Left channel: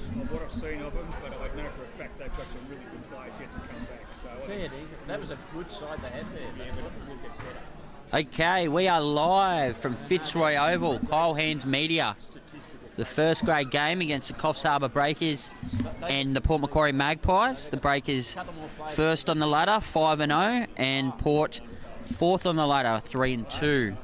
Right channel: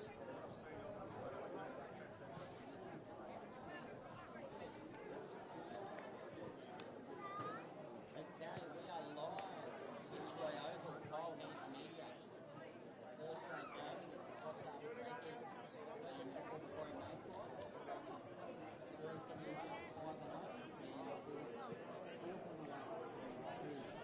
glimpses of what I've seen of them, but I know for a fact they've got some really good players yet to come back. So that was a good side they had there. Yeah, but it will get better. Okay, we are live from Fitzroy Oval, Kyle Hands Media. The first grade game against the Coffs Harbour Breakers and the Port Macquarie Magpies. The Breakers first on the ladder, 5-0, and Port fourth on the ladder, 3-2.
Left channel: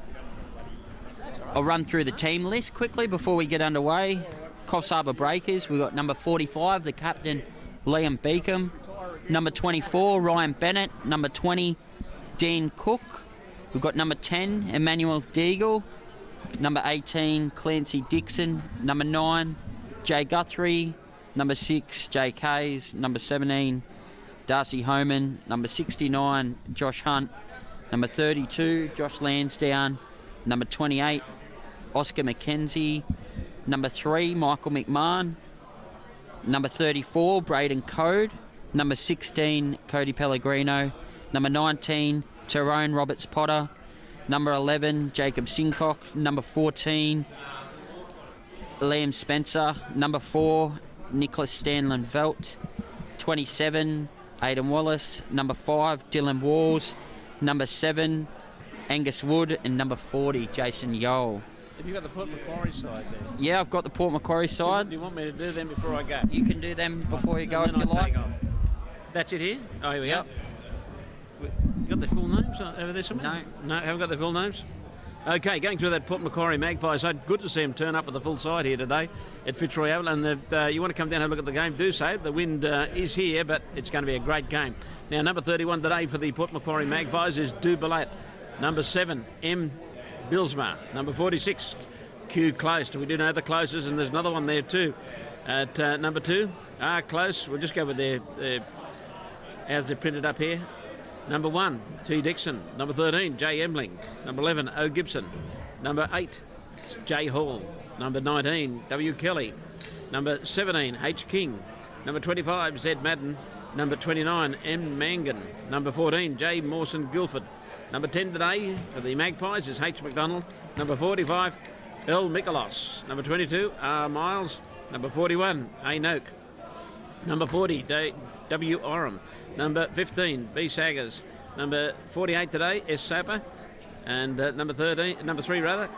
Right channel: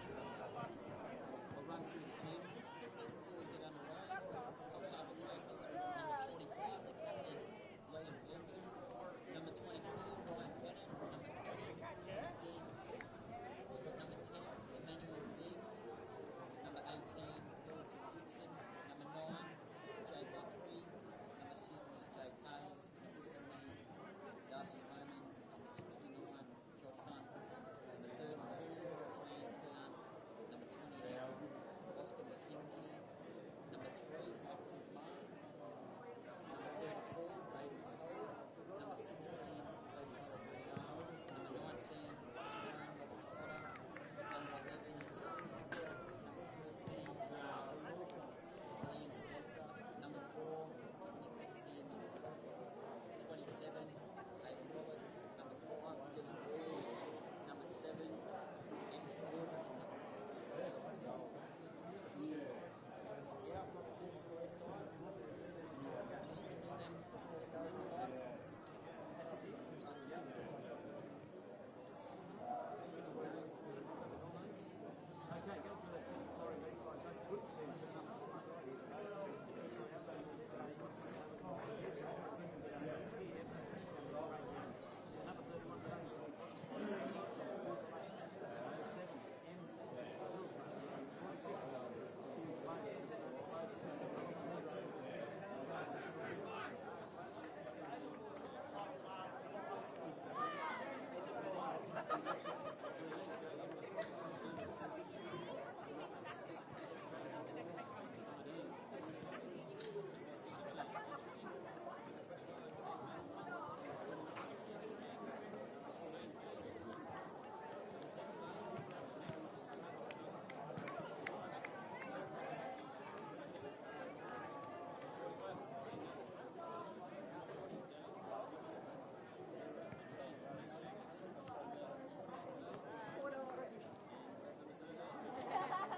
I'll run through the team list quickly before we get underway. Coffs Harbour Breakers, we've got number 45, the captain, Liam Beacom. Number 24, Ryan Bennett. Number 20, Dean Cook. We've got number 10, Emmanuel Deagle. Number 18, Clancy Dixon. Number 9, Jay Guthrie. Number 6, Jake Hayes. Number 17, Darcy Homan. Number 69, Josh Hunt. Number 32, Josh Lansdowne. Number 28, Oscar McKenzie. Number 3, Michael McMahon. Number 34, Braden Code. Number 16, Cody Pellegrino. Number 19, Tyrone Roberts-Potter. Number 11, Jacob Sincock. Number 14, Liam Spencer. Number 4, Nicholas Stanlin-Velt. 27, Aidan Wallace. Number 5, Dylan Walls. Number 7, Angus Wood. And number 40, Jason Yole. Have you got the Port Macquarie side there? Yeah, I've got the Port Macquarie side. Do you want me to do them before I go? You can do them before you go if you like. That's it here? Oh, here we go. You got the full names over there somewhere? No, haven't got the full names? Okay, going through that Port Macquarie Magpies side, good to see them turn up with the full side here today at Fitzroy Oval. And you want to come down and have a look at the game, do so. The wind is here, but it's going to be a great game. Now, number 31 today for the Port Macquarie Magpies is Dubalat. Number 7, M. Bilsma. Number 46, Q Close. We do know the closest, and there's another one there too. At number 2, Close. We'll just go with their as they're printed up here. Number 1, T. Dixon. Number 13, J. Emling. Number 11, O. Gibson. Number 8, J. Hall. Number 19, W. Kelly. Number 17, H. King. Number 25, Z. Madden. Number 29, M. Mangan. Number 14, J. Mawson Guilford. Number 10 today for the Magpies is H. McDonald. Number 45, L. Mikolos. Number 22, R. Miles. Number 41, A. Noak. Number 40, W. Oram. Number 15, B. Saggers. Number 48 today, S. Sapper. And number 3,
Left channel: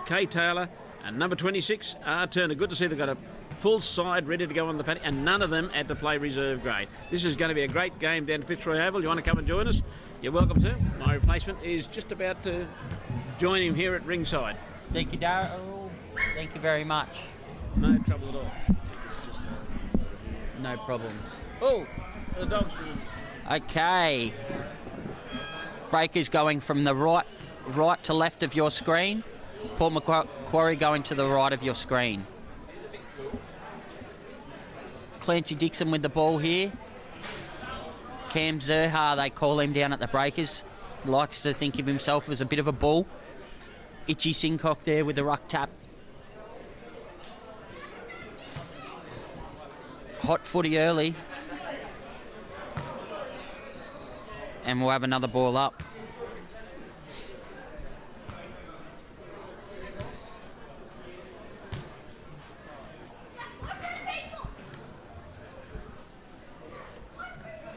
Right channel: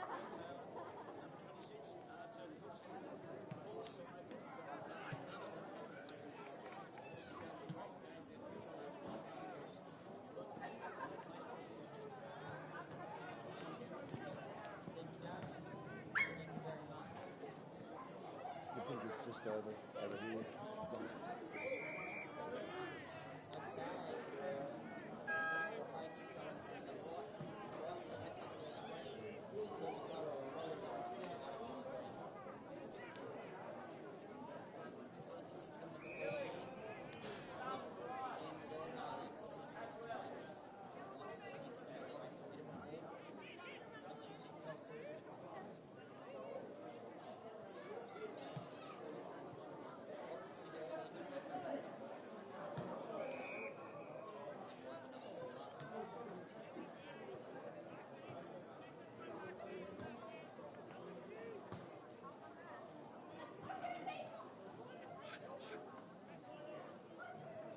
K. Taylor. And number 26, R. Turner. Good to see they've got a full side ready to go on the paddock, and none of them had to play reserve grade. This is going to be a great game down at Fitzroy Oval. You want to come and join us? You're welcome to. My replacement is just about to join him here at ringside. Thank you, Darryl. Thank you very much. No trouble at all. I think it's just No problems. Oh, the dog's... Okay. Breakers going from the right to left of your screen. Port Macquarie going to the right of your screen. Clancy Dixon with the ball here. Cam Zerha, they call him down at the Breakers. Likes to think of himself as a bit of a bull. Itchy Sincock there with the ruck tap. Hot footy early. And we'll have another ball up.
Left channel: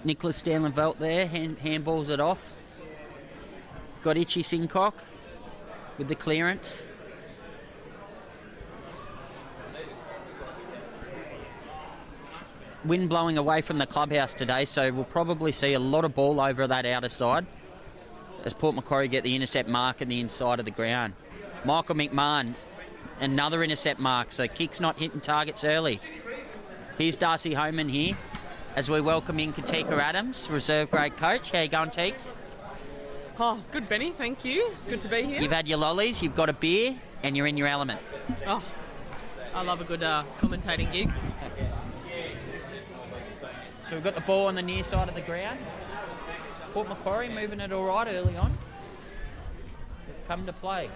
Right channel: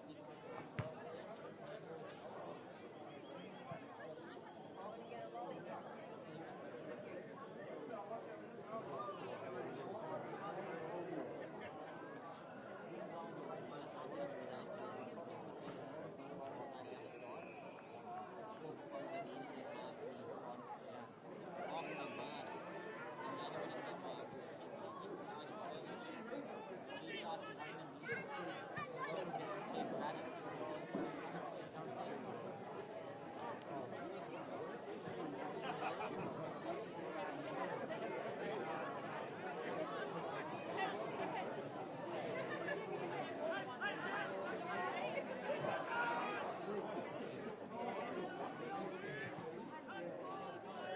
Nicholas Stanley-Velt there, handballs it off. Got Itchy Sincock with the clearance. Wind blowing away from the clubhouse today, so we'll probably see a lot of ball over that outer side as Port Macquarie get the intercept mark in the inside of the ground. Michael McMahon, another intercept mark, so kick's not hitting targets early. Here's Darcy Homan here as we welcome in Katika Adams, reserve grade coach. How you going, Teeks? Oh, good, Benny. Thank you. It's good to be here. You've had your lollies, you've got a beer, and you're in your element. Oh, I love a good commentating gig. So we've got the ball on the near side of the ground. Port Macquarie moving it all right early on. Come to play.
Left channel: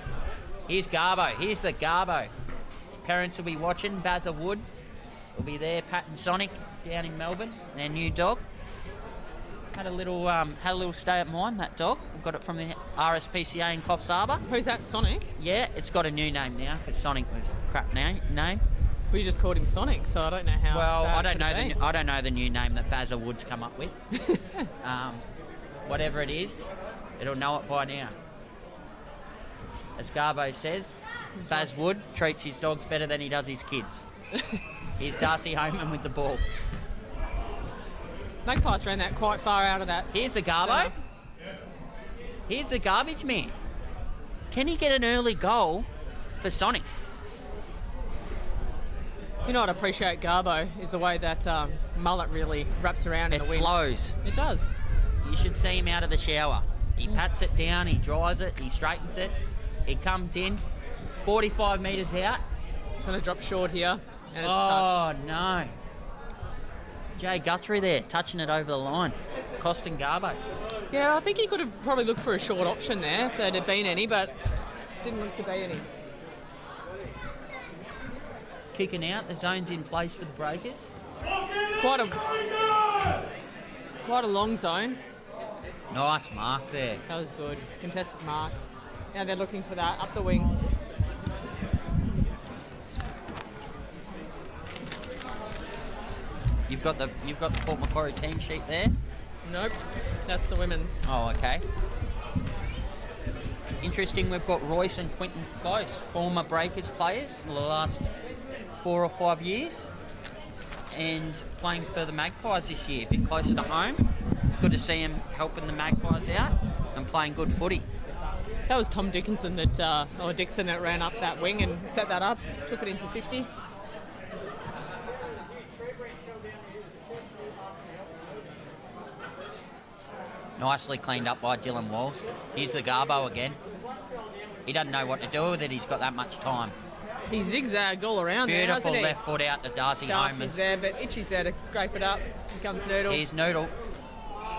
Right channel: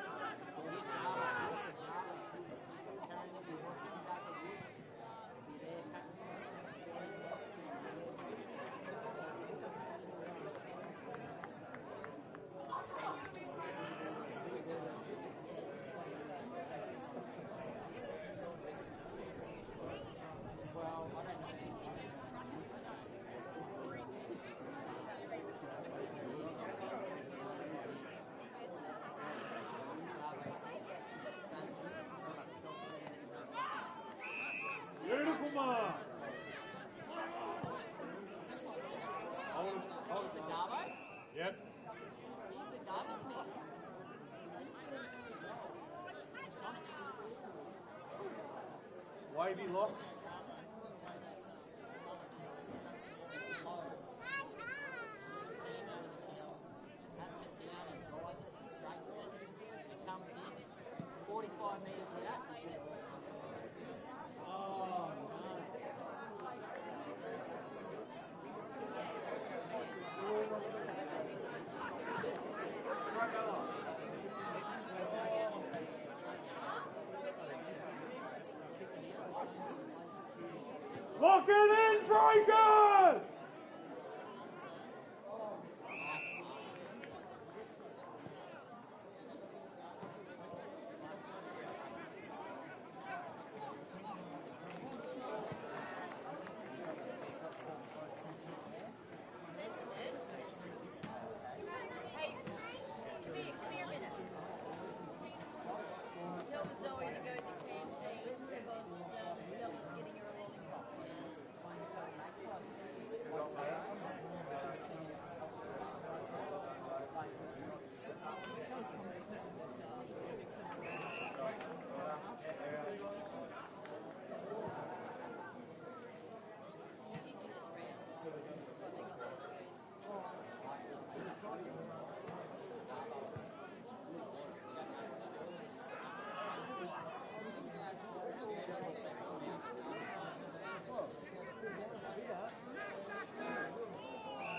Here's Garbo. Here's the Garbo. His parents will be watching. Bazza Wood will be there. Pat and Sonic down in Melbourne. Their new dog. Had a little stay at mine, that dog. We got it from the RSPCA in Coffs Harbour. Who's that, Sonic? Yeah, it's got a new name now because Sonic was a crap name. We just called him Sonic, so I don't know how. Well, bad I don't could know it be. I don't know the new name that Bazza Wood's come up with. Whatever it is, it'll know it by now. As Garbo says, Baz Wood treats his dogs better than he does his kids. Here's Darcy Homan with the ball. Magpies ran that quite far out of that. Here's the Garbo. Here's the garbage man. Can he get an early goal for Sonic? You know what I appreciate Garbo is the way that mullet really wraps around in It the wind. flows. It does. You should see him out of the shower. He pats it down, he dries it, he straightens it. He comes in, 45 metres out. It's going to drop short here, and it's Oh, touched. no. Jay Guthrie there, touching it over the line. Costing Garbo. Yeah, I think he could have probably looked for a short option there if there had been any, but didn't look to be any. Kicking out, the zone's in place for the Breakers. Quite a long zone. Nice mark there. That was good. Contested mark. Now they're looking for that up the wing. You've got the Port Macquarie team sheet there. Nope, that's the women's. Oh, okay. Interesting, we've got Royce and Quentin Close, former Breakers players the last 4 or 5 years, and playing for the Magpies this year, a bit closer to home. It's good to see him helping the Magpies out and playing good footy. That was Tom Dixon that ran up that wing and set that up, took it into 50. Nicely cleaned up by Dylan Walsh. Here's the Garbo again. He doesn't know what to do with it, he's got that much time. He zigzagged all around there, Beautiful hasn't he? left foot out to Darcy Homan. Darcy's there, but Itchy's there to scrape it up. Here comes Noodle. Here's Noodle.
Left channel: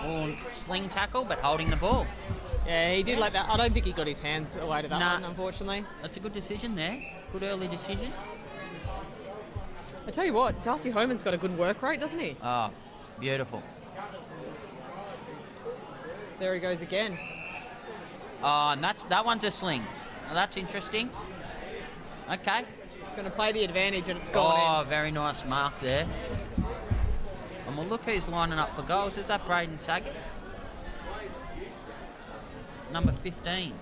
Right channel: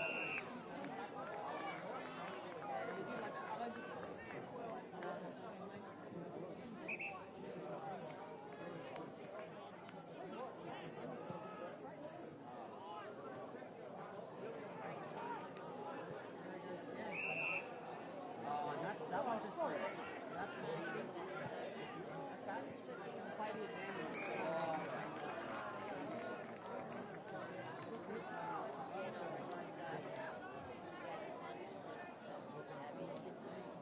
Oh, sling tackle, but holding the ball. Yeah, he did like that. I don't think he got his hands away to that Nah. one, unfortunately. That's a good decision there. Good early decision. I tell you what, Darcy Homan's got a good work rate, doesn't he? Oh, beautiful. There he goes again. Oh, and that one's a sling. Now, that's interesting. Okay. He's going to play the advantage and it's gone Oh, very nice mark there. And we'll look who's lining up for goals. Is that Braden Saggers? Number 15.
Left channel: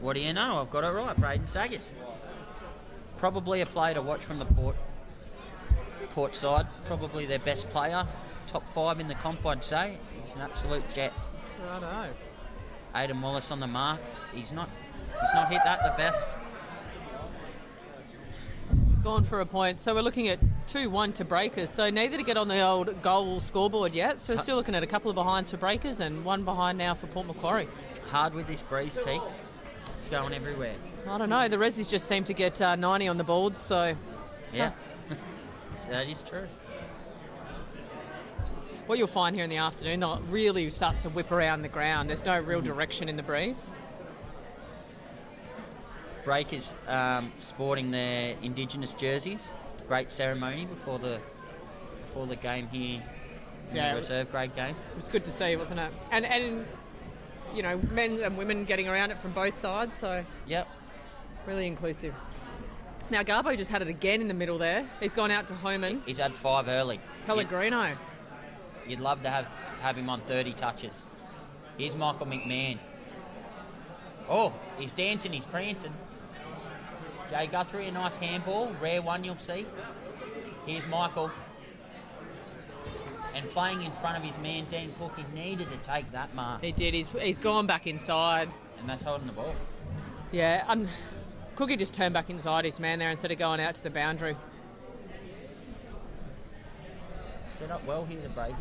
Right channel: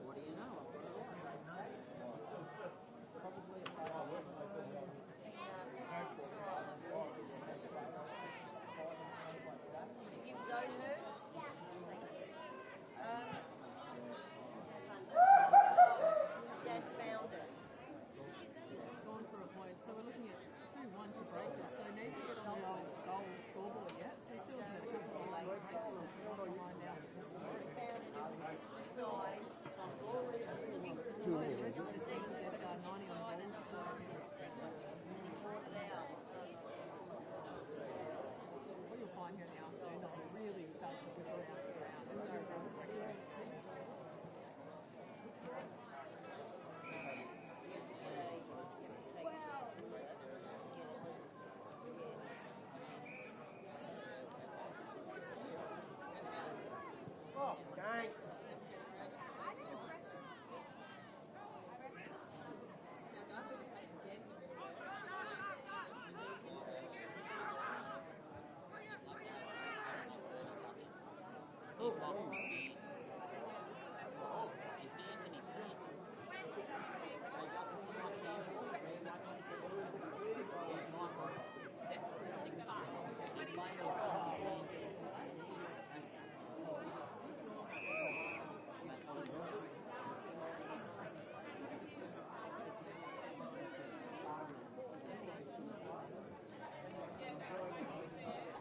What do you know? I've got it right, Braden Saggers. Probably a player to watch from the Port side. Probably their best player. Top 5 in the comp, I'd say. He's an absolute jet. in. Righto. Aidan Wallace on the mark. He's not hit that the best. It's gone for a point. So we're looking at 2-1 to Breakers. So neither to get on the old goal scoreboard yet. So we're still looking at a couple of behinds for Breakers and one behind now for Port Macquarie. Hard with this breeze, Teeks. It's going everywhere. I don't know. The Resis just seem to get 90 on the board. So Yeah. That is true. what you'll find here in the afternoon, they'll really starts to whip around the ground. There's no real direction in the breeze. Breakers sporting their Indigenous jerseys. Great ceremony before the game here in Yeah. the reserve grade game. It was good to see, wasn't it? And you know, men and women getting around it from both sides. So Yep. really inclusive. Now Garbo just had it again in the middle there. He's gone out to Homan. He's had 5 early. Pellegrino. You'd love to have him on 30 touches. Here's Michael McMahon. Oh, he's dancing, he's prancing. Jay Guthrie, a nice handball. Rare one you'll see. Here's Michael. And playing in front of his man, Dean Cook, he needed to take that mark. He did. He's gone back inside. And that's holding the ball. Yeah, Cookie just turned back inside his man there instead of going out to the boundary. Set up well here, the Breakers.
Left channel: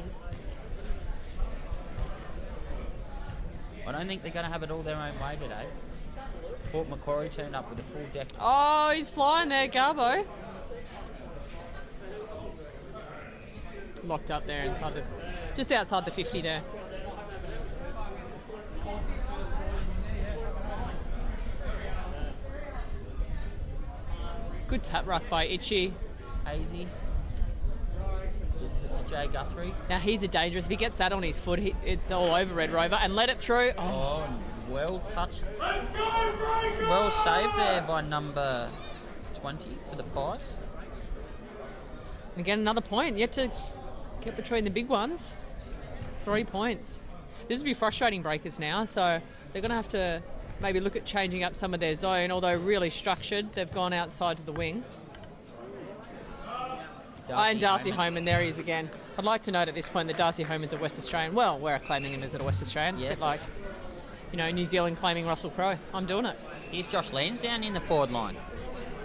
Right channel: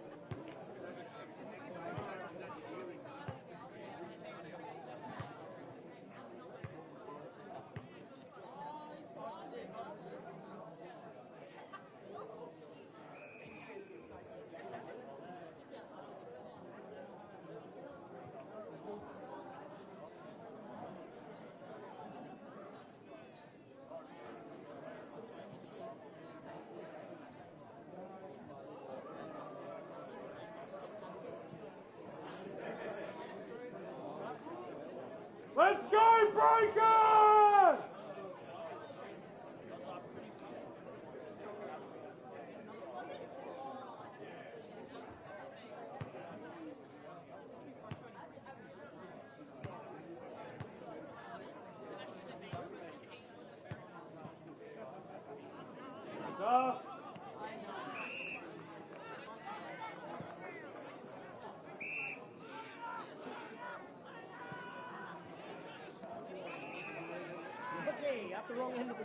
I don't think they're going to have it all their own way today. Port Macquarie turned up with a full deck. Oh, he's flying there, Garbo. Locked up there just outside the 50 there. Good tap ruck by Itchy. Hazy. Jay Guthrie. Now he's a dangerous. If he gets that on his foot, it's all over Red Rover. And let it through. Oh, Oh, well touched. Let's go, Breakers! Well saved there by number 20 for the Pies. Again, another point. Yet to get between the big ones. 3 points. This will be frustrating breakers now, so they're going to have to maybe look at changing up some of their zone, although really structured. They've gone outside to the wing. And Darcy Homan, there he is again. I'd like to note at this point that Darcy Homan's a West Australian. Well, we're claiming him as a West Australian. It's a bit like, New Zealand claiming Russell Crowe. I'm doing it. Here's Josh Lansdowne in the forward line.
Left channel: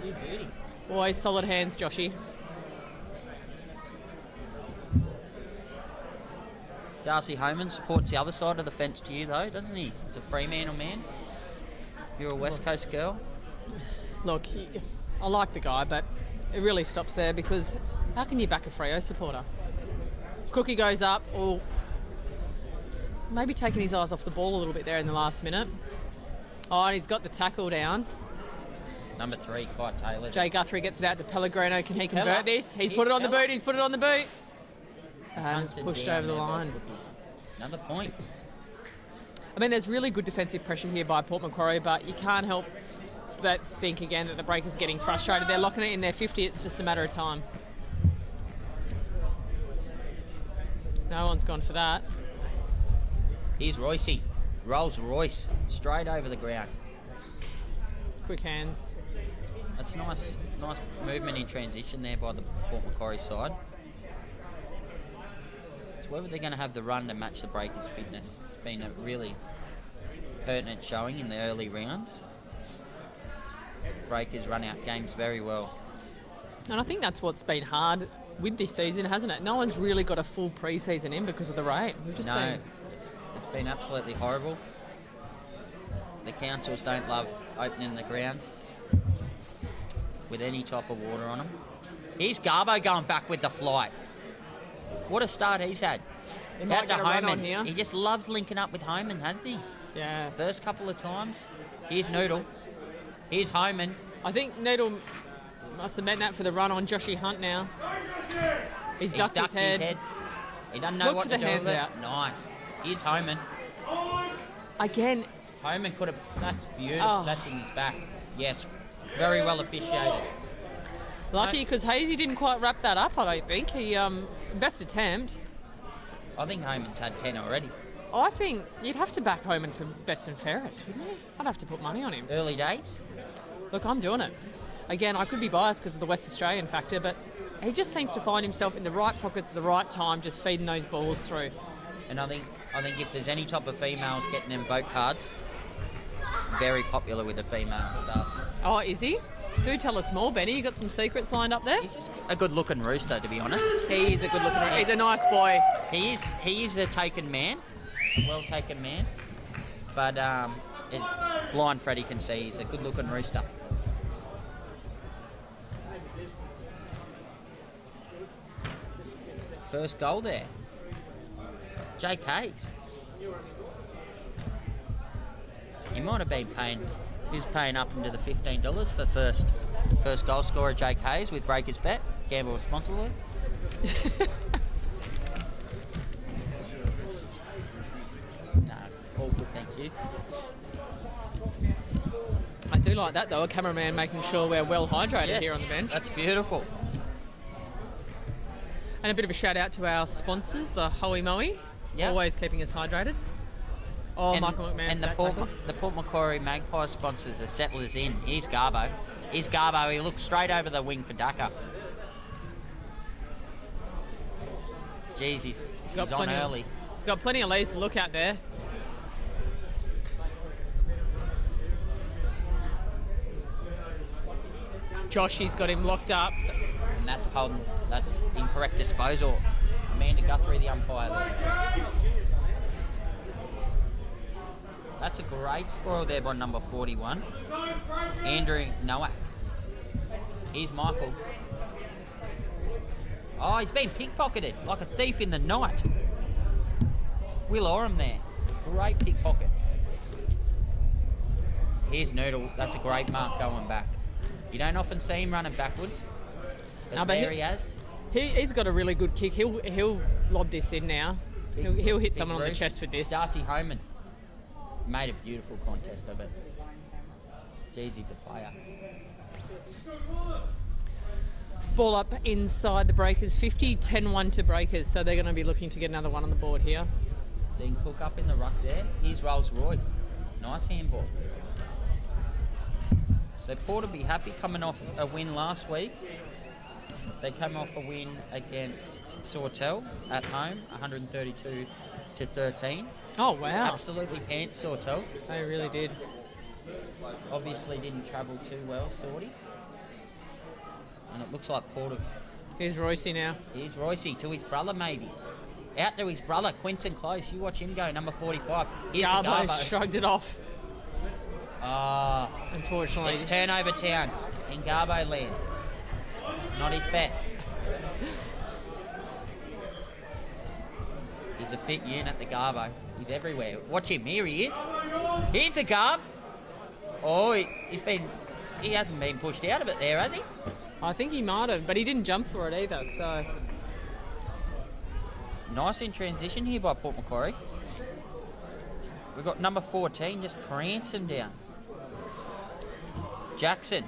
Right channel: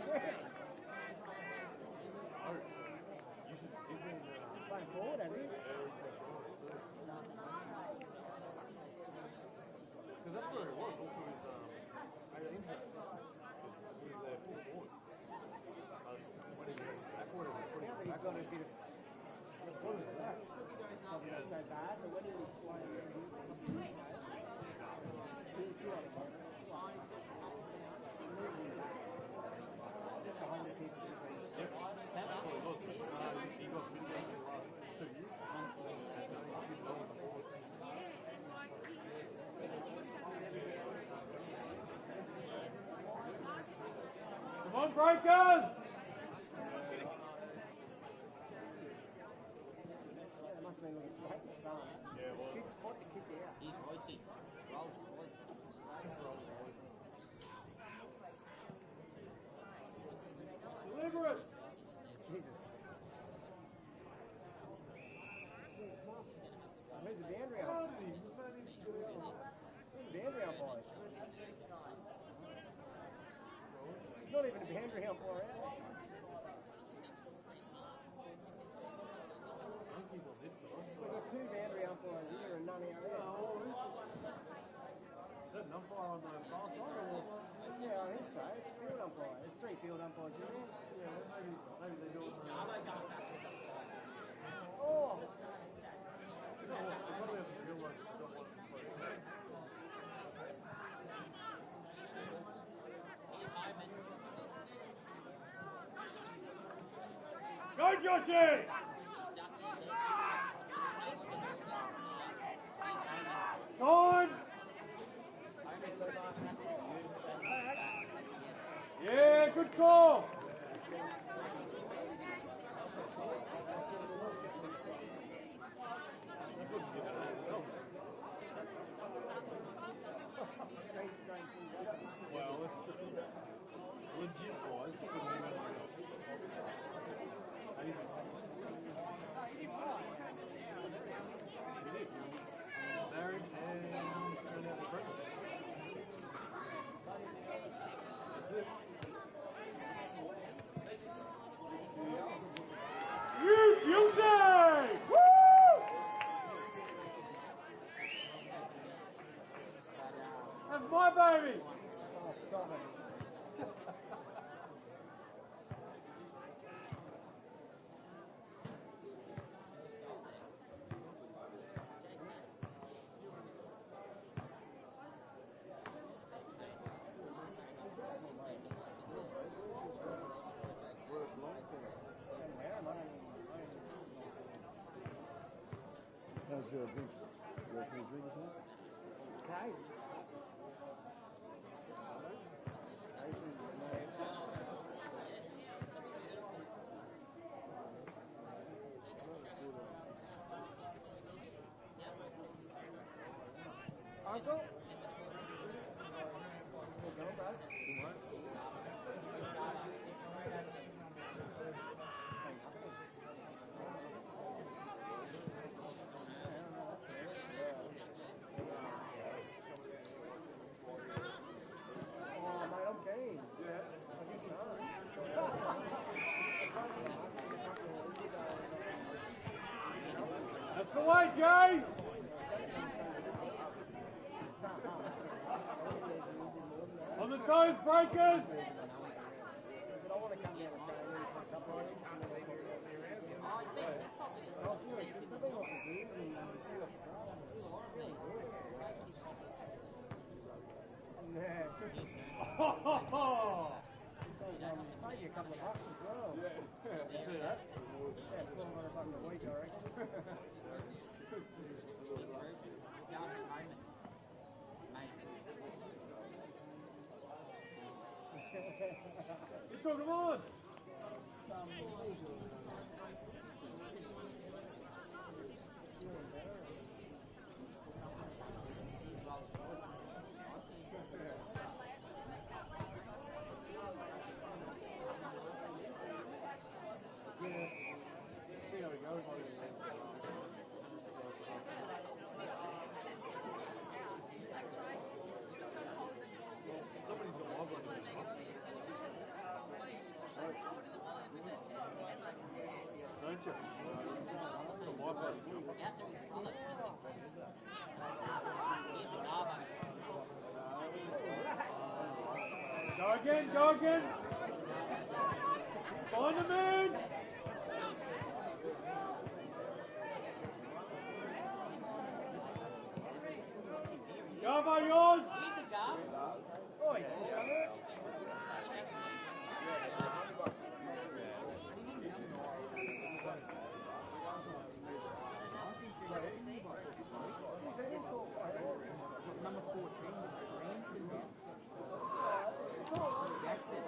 You beauty. Always solid hands, Joshy. Darcy Homan supports the other side of the fence to you, though, doesn't he? He's a Fremantle man. You're a West Coast girl. Look, I like the guy, but it really stops there because how can you back a Freo supporter? Cookie goes up, or maybe taking his eyes off the ball a little bit there in the last minute. Oh, and he's got the tackle down. Number 3, Kai Taylor. Jay Guthrie gets it out to Pellegrino. Can he convert this? He's put it on the boot. He's put it on the boot. And it's pushed over the line. Another point. I mean, there's really good defensive pressure here by Port Macquarie, but you can't help but think again that the Breakers getting frustrated. They're locking it in their 50. It's just a matter of time. No one's gone for that. Here's Roycey. Rolls Royce straight over the ground. Quick hands. That's nice movement in transition there by the Port Macquarie side. It's whether they're going to have the run to match the Breakers' fitness. It's been a really pertinent showing in the early rounds. Breakers run out games very well. And I think that's what's been hard with this season, hasn't it? No one's really got a full pre-season in because of the rain. It's been absolutely horrible. The councils don't love opening the grounds with any type of water on them. Here's Garbo going back with the flight. What a start he's had. He might get a run on here. He just loves linking up with Homan, hasn't he? Yeah. First couple of times. Here's Noodle. Here's Homan. I think Noodle must have meant that for the run on Joshy Hunt now. He's ducked his head. He doesn't know what to do with it. Out. Nice. Here's Homan. Again. Homan could have... That's beautiful. Oh. That's in his back. Yes. Very well officiated. Lucky because Hazy didn't quite wrap that up, I don't think. He, best attempt. I think Homan's had 10 already. I think you'd have to back Homan for best and fairest, wouldn't you? I'd have to put money on him. Early days? Look, I'm doing it. Again, I could be biased because of the West Australian factor, but he just seems to find himself in the right pockets at the right time, just feeding those balls through. And I think if there's any type of females getting them vote cards, very popular with the female staff. Oh, is he? Do tell us more, Benny. You got some secrets lined up there? He's just a good-looking rooster, to be honest. He is a good-looking rooster. He's a nice boy. He is a taken man, well-taken man. But blind Freddie can see he's a good-looking rooster. First goal there. Jake Hayes. He might have been paying... Who's paying up into the $15 for first goal scorer Jake Hayes with Breakers Bet? Gamble responsibly. No, all good, thank you. I do like that though, a cameraman making sure we're well hydrated here on the bench. That's beautiful. And a bit of a shout out to our sponsors, the Hoey Moey, always keeping us hydrated. Oh, and Michael McMahon. And the Port Macquarie Magpies sponsors, the Settlers Inn. Here's Garbo. He looks straight over the wing for Daka. Jeez, he's on early. He's got plenty of leads to look at there. Josh, he's got him locked up. And that's incorrect disposal. Amanda Guthrie, the umpire. That's a great score there by number 41. Andrew Nowak. Here's Michael. Oh, he's been pickpocketed like a thief in the night. Will Oram there. Great pickpocket. Here's Noodle. That's a great mark going back. You don't often see him running backwards. But there he has. He's got a really good kick. He'll lob this in now. He'll hit someone on the chest with this. Darcy Homan made a beautiful contest of it. Jeez, he's a player. Ball up inside the Breakers 50, 10-1 to Breakers, so they're going to be looking to get another one on the board here. Dean Cook up in the ruck there. Here's Rolls Royce. Nice handball. So Port will be happy coming off a win last week. They came off a win against Sawtell at home, 132 to 13. Oh, wow. Absolutely pants Sawtell. They really did. Obviously didn't travel too well, Sawty. And it looks like Port have... Here's Roycey now. Here's Roycey to his brother, maybe. Out to his brother, Quinton Close. You watch him go, number 45. Here's Garbo Garbo. shrugged it off. Unfortunately. It's turnover town in Garbo land. Not his best. He's a fit unit, the Garbo. He's everywhere. Watch him. Here he is. Here's a Garb. Oh, he hasn't been pushed out of it there, has he? I think he might have, but he didn't jump for it either, so... Nice in transition here by Port Macquarie. We've got number 14 just prancing down. Jackson.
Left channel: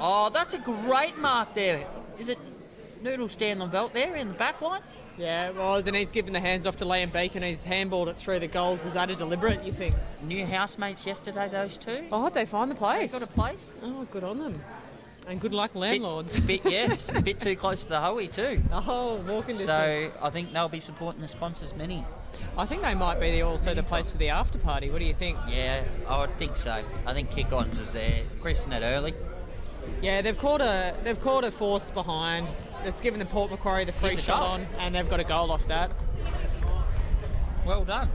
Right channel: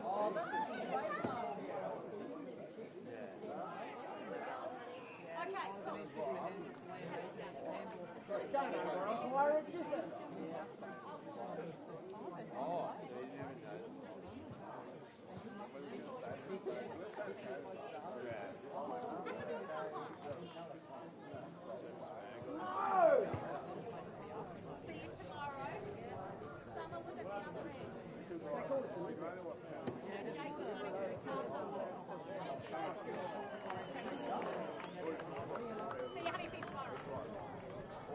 Oh, that's a great mark there. Is it Noodle Stanley-Velt there in the back line? Yeah, it was, and he's given the hands off to Liam Beacon. He's handballed it through the goals. Is that a deliberate, you think? New housemates yesterday, those two. Oh, how'd they find the place? They got a place. Oh, good on them. And good luck, landlords. Yes, a bit too close to the Hoey too. Oh, walking distance. So I think they'll be supporting the sponsors many. I think they might be also the place for the after party. What do you think? Yeah, I would think so. I think Kick-Ons was there, christened it early. Yeah, they've caught a force behind. It's given the Port Macquarie the free shot on, and they've got a goal off that. Well done.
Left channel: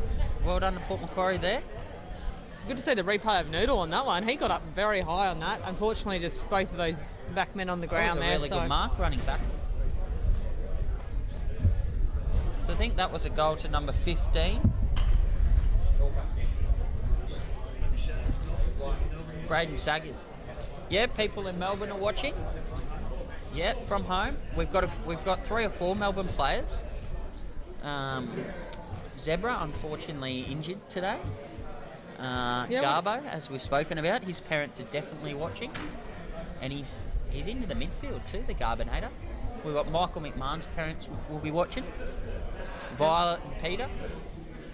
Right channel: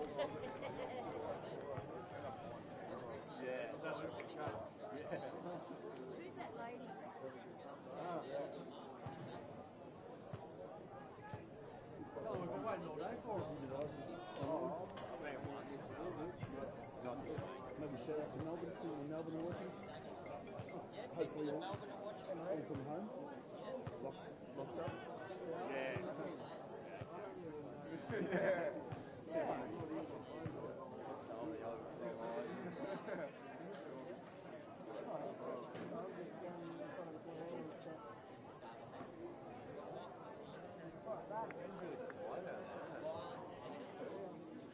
Well done to Port Macquarie there. Good to see the replay of Noodle on that one. He got up very high on that. Unfortunately, just both of those backmen on the ground there. That was a really good mark running back. So I think that was a goal to number 15. Braden Saggers. Yeah, people in Melbourne are watching. Yeah, from home. We've got 3 or 4 Melbourne players. Zebra, unfortunately, injured today. Garbo, as we've spoken about, his parents are definitely watching, and he's into the midfield too, the Garbonator. We've got Michael McMahon's parents will be watching. Violet and Peter.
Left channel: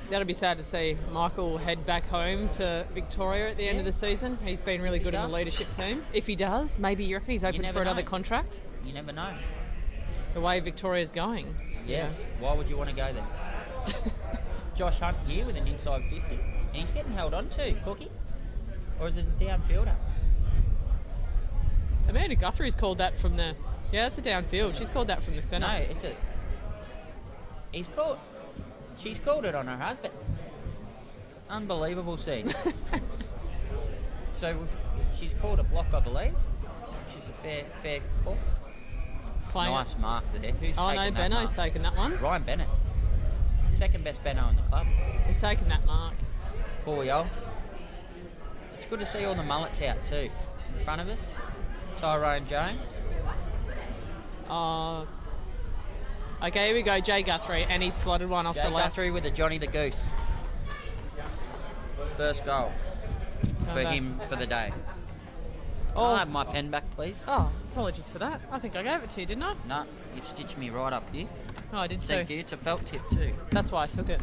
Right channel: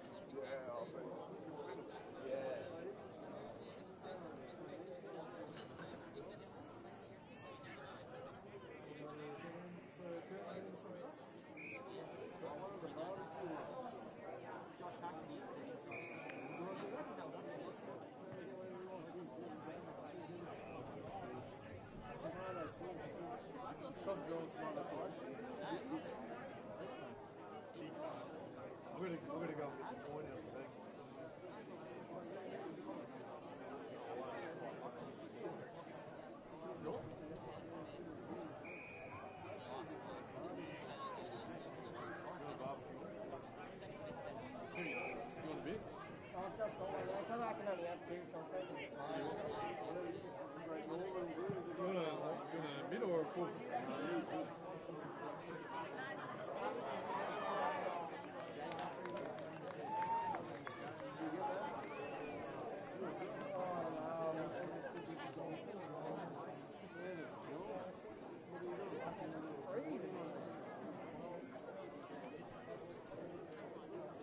That'll be sad to see Michael head back home to Victoria at the end of the season. He's been really good in the leadership team. If he does, maybe you reckon he's open for another contract? You never know. The way Victoria's going. Yes. Yeah. Why would you want to go there? Josh Hunt here with an inside 50. And he's getting held on to, Cookie. Or is it a downfielder? Amanda Guthrie's called that from the... Yeah, it's a downfield. She's called that from the centre. No, it's a... She's called it on her husband. Unbelievable scene. So she's called a block, I believe. She's a fair call. Nice mark there. Who's taken that Benno's taken that one. Ryan Bennett. Second best Benno in the club. He's taken that mark. Poor yo. It's good to see all the mullets out too. In front of us, Tyrone Jones. Okay, here we go, Jay Guthrie, and he's slotted one off the left. Guthrie with the Johnny the Goose. First goal for him for the day. I'll have my pen back, please. Oh, apologies for that. I think I gave it to you, didn't I? No, you've stitched me right up here. Oh, I did too. Thank you. It's a felt tip too. That's why I took it.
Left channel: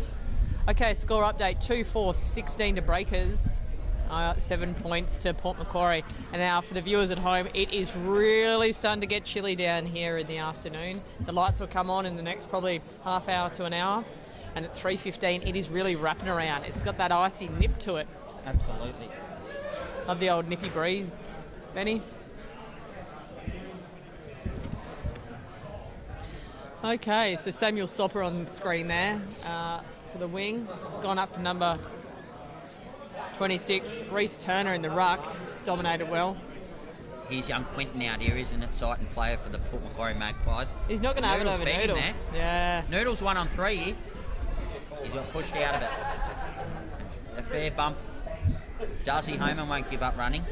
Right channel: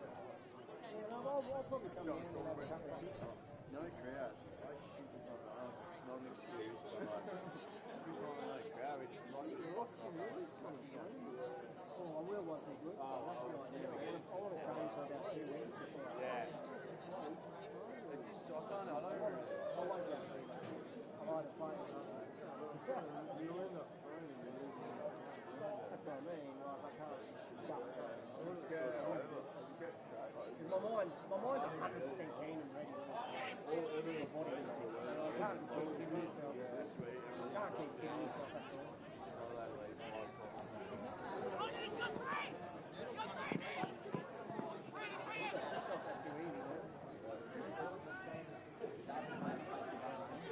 Okay, score update 2-4-16 to Breakers. 7 points to Port Macquarie. And now for the viewers at home, it is really starting to get chilly down here in the afternoon. The lights will come on in the next probably half hour to an hour. And at 3:15, it is really wrapping around. It's got that icy nip to it. Absolutely. Love the old nippy breeze, Benny. Okay, so Samuel Sopper on the screen there for the wing. It's gone up for number 26. Reece Turner in the ruck, dominated well. Here's young Quinton out here, isn't it? Sighting player for the Port Macquarie Magpies. He's not going to have it over Noodle. Yeah. Noodle's 1 on 3 here. He's got pushed out of it. A fair bump. Darcy Homan won't give up running.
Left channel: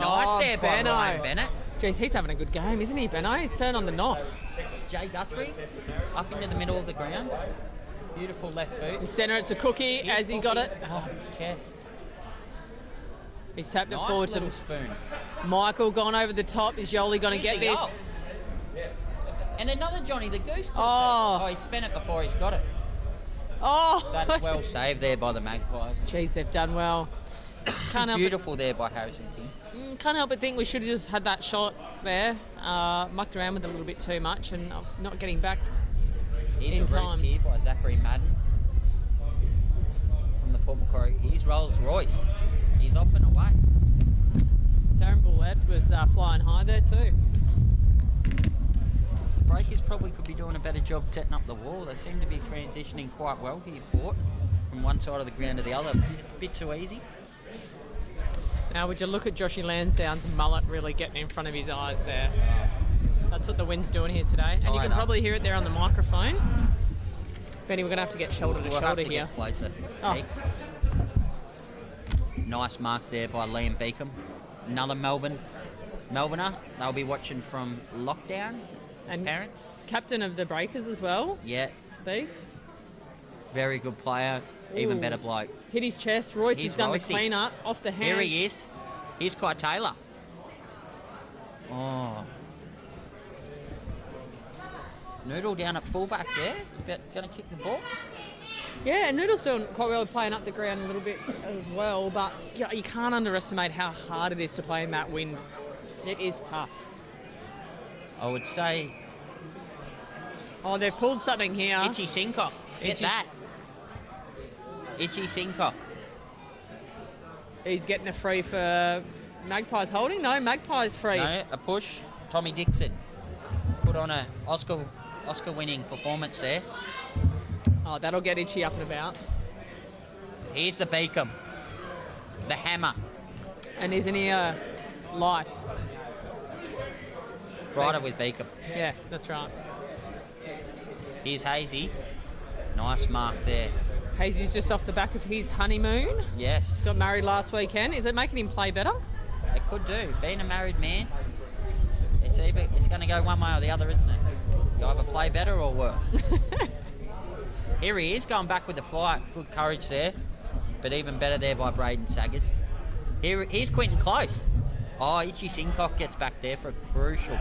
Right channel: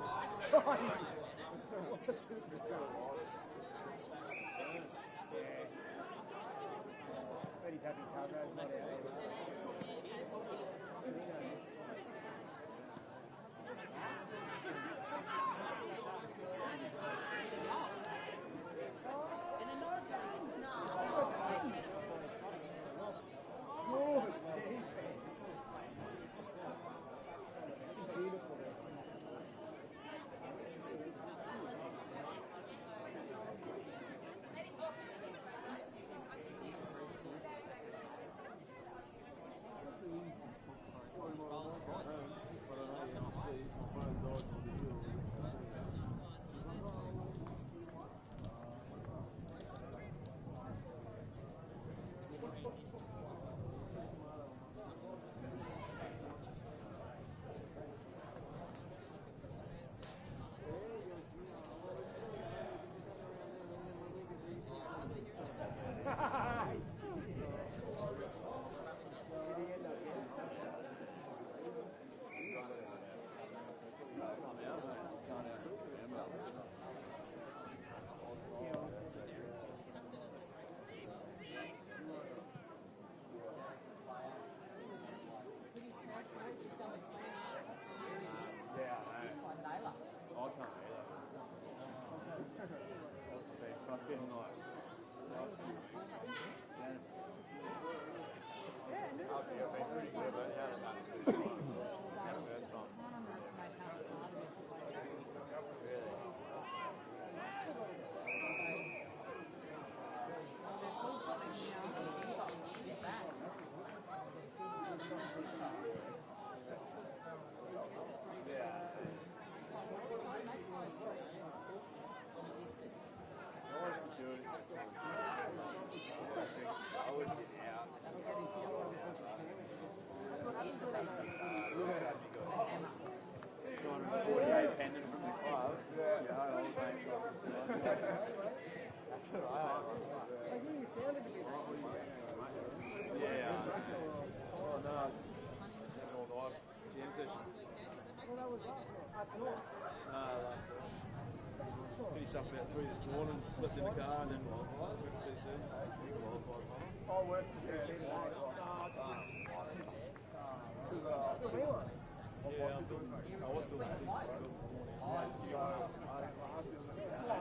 Nice there by Ryan Bennett. Jeez, he's having a good game, isn't he, Benno? He's turned on the nos. Jay Guthrie up into the middle of the ground. Beautiful left boot. The centre it to Cookie as he got it. Oh, his chest. He's tapped it Nice forward to little spoon. Michael, gone over the top. Is Yoli going to get Easy this? And another Johnny the Goose. Oh. He spent it before he's got it. Oh, That's well saved there by the Magpies. Jeez, they've done well. Can't help, Beautiful there by Harrison King. can't help but think we should have just had that shot there. Mucked around with it a little bit too much and not getting back Here's in a time. roost here by Zachary Madden from the Port Macquarie. Here's Rolls Royce. He's off and away. Darren Bullett was flying high there too. The Breakers probably could be doing a better job setting up the wall. They seem to be transitioning quite well here, Port, from one side of the ground to the other. A bit too easy. Now, would you look at Joshy Lansdowne's mullet really getting in front of his eyes there? That's what the wind's doing here today. And you Tied can up. probably hear it there on the microphone. Benny, we're going to have to get shoulder to We'll shoulder have to here. get closer. Oh. Thanks. Nice mark there by Liam Beacom. Another Melbourner. They'll be watching from lockdown. His And- parents. Captain of the Breakers as well, Yeah, Beeks. very good player. Even Ooh. better bloke. It's hit his chest. Royce Here's has done Roycey. the clean up off the hand. Here he is. Here's Kai Taylor. Oh. Noodle down at fullback there. Going to kick the ball. Yeah, and Noodle's doing quite well playing up the ground a little bit as well, but yeah, you can't underestimate how hard it is to play in that wind. It is tough. I would say Oh, they've pulled something here. Itchy Sincock. Get Itchy- that. Itchy Sincock. He's getting a free for Magpies holding. No, Magpies free. No, a push. Tommy Dixon put on a Oscar-winning performance there. Oh, that'll get Itchy up and about. Here's the Beacom. The hammer. And isn't he light? Rider with Beacom. Yeah, that's right. Here's Hazy. Nice mark there. Hazy's just off the back of his honeymoon. Yes. Got married last weekend. Is it making him play better? It could do. Being a married man, it's going to go one way or the other, isn't it? You either play better or worse. Here he is, going back with the flight. Good courage there. But even better there by Braden Saggers. Here's Quentin Close. Oh, Itchy Sincock gets back there for a crucial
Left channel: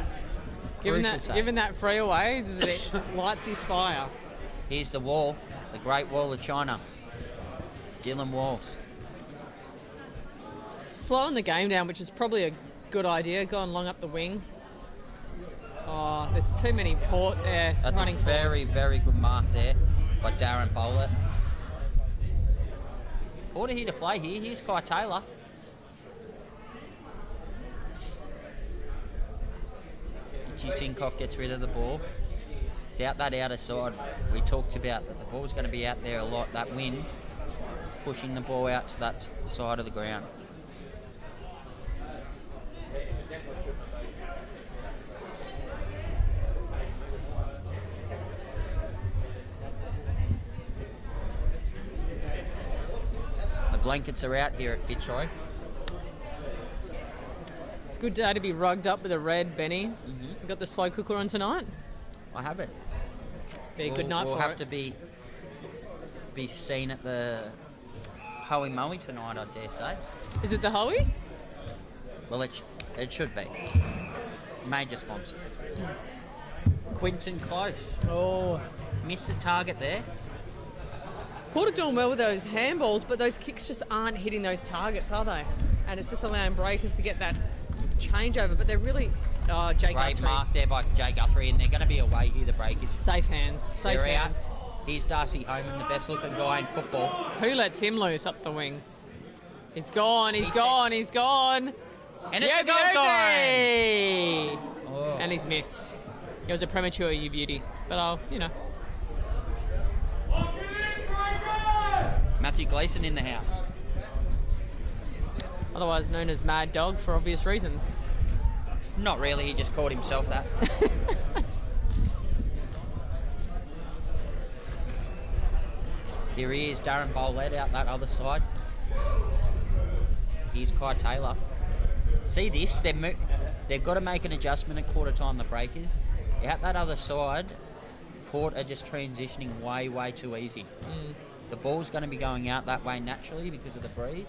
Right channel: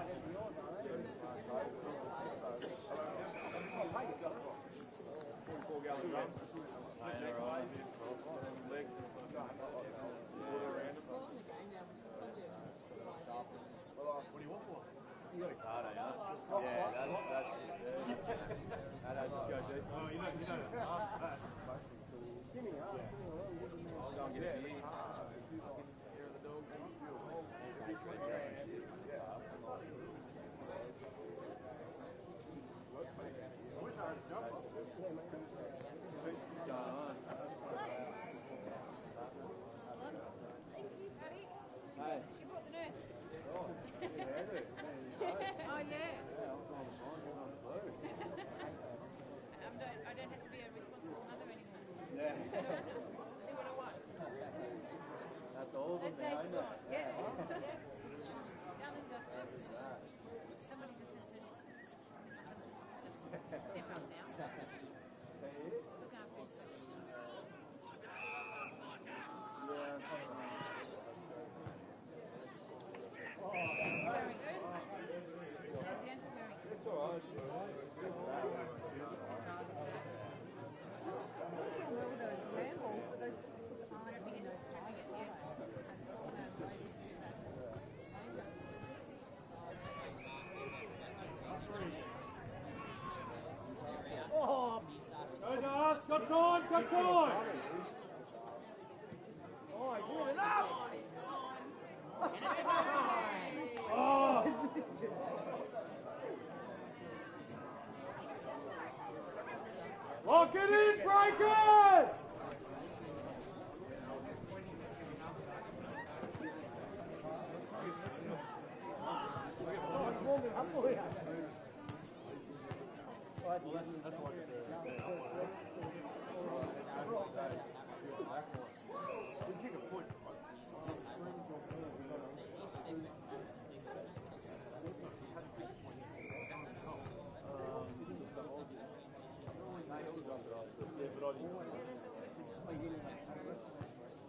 save. Given that free away, it lights his fire. Here's the wall, the Great Wall of China. Dylan Walls. Slowing the game down, which is probably a good idea. Going long up the wing. Oh, there's too many Port there That's running a very, very good mark there by Darren Bowler. Order here to play here. Here's Kai Taylor. Itchy Sincock gets rid of the ball. It's out that outer side. We talked about that the ball's going to be out there a lot. That wind pushing the ball out to that side of the ground. The blankets are out here at Fitzroy. It's a good day to be rugged up with a red, Benny. You got the slow cooker on tonight? I have it. Be a good night we'll for have it. to be seen at the Hoey Moey tonight, I dare say. Is it the Hoey? Well, it should be. Major sponsors. Quinton Close. Oh. Missed the target there. Port are doing well with those handballs, but those kicks just aren't hitting those targets, are they? And it's just allowing Breakers to get that changeover, but they're really... Oh, Jay Great Guthrie. mark there by Jay Guthrie, and they're going to be away here, the Breakers. Safe hands. Safe They're hands. out. Here's Darcy Holman, the best looking guy in football. Who lets him loose up the wing? He's gone, he's gone, he's gone. And it's Yeah, a goal beauty! Oh. And he's missed. It was a premature you beauty. But I'll, Matthew Gleeson in the house. otherwise known as Mad Dog for obvious reasons. Not really, he just called himself that. Here he is, Darren Bolett out that other side. Here's Kai Taylor. See this? They've got to make an adjustment at quarter time, the Breakers. Out that other side, Port are just transitioning way, way too easy. The ball's going to be going out that way naturally because of the breeze.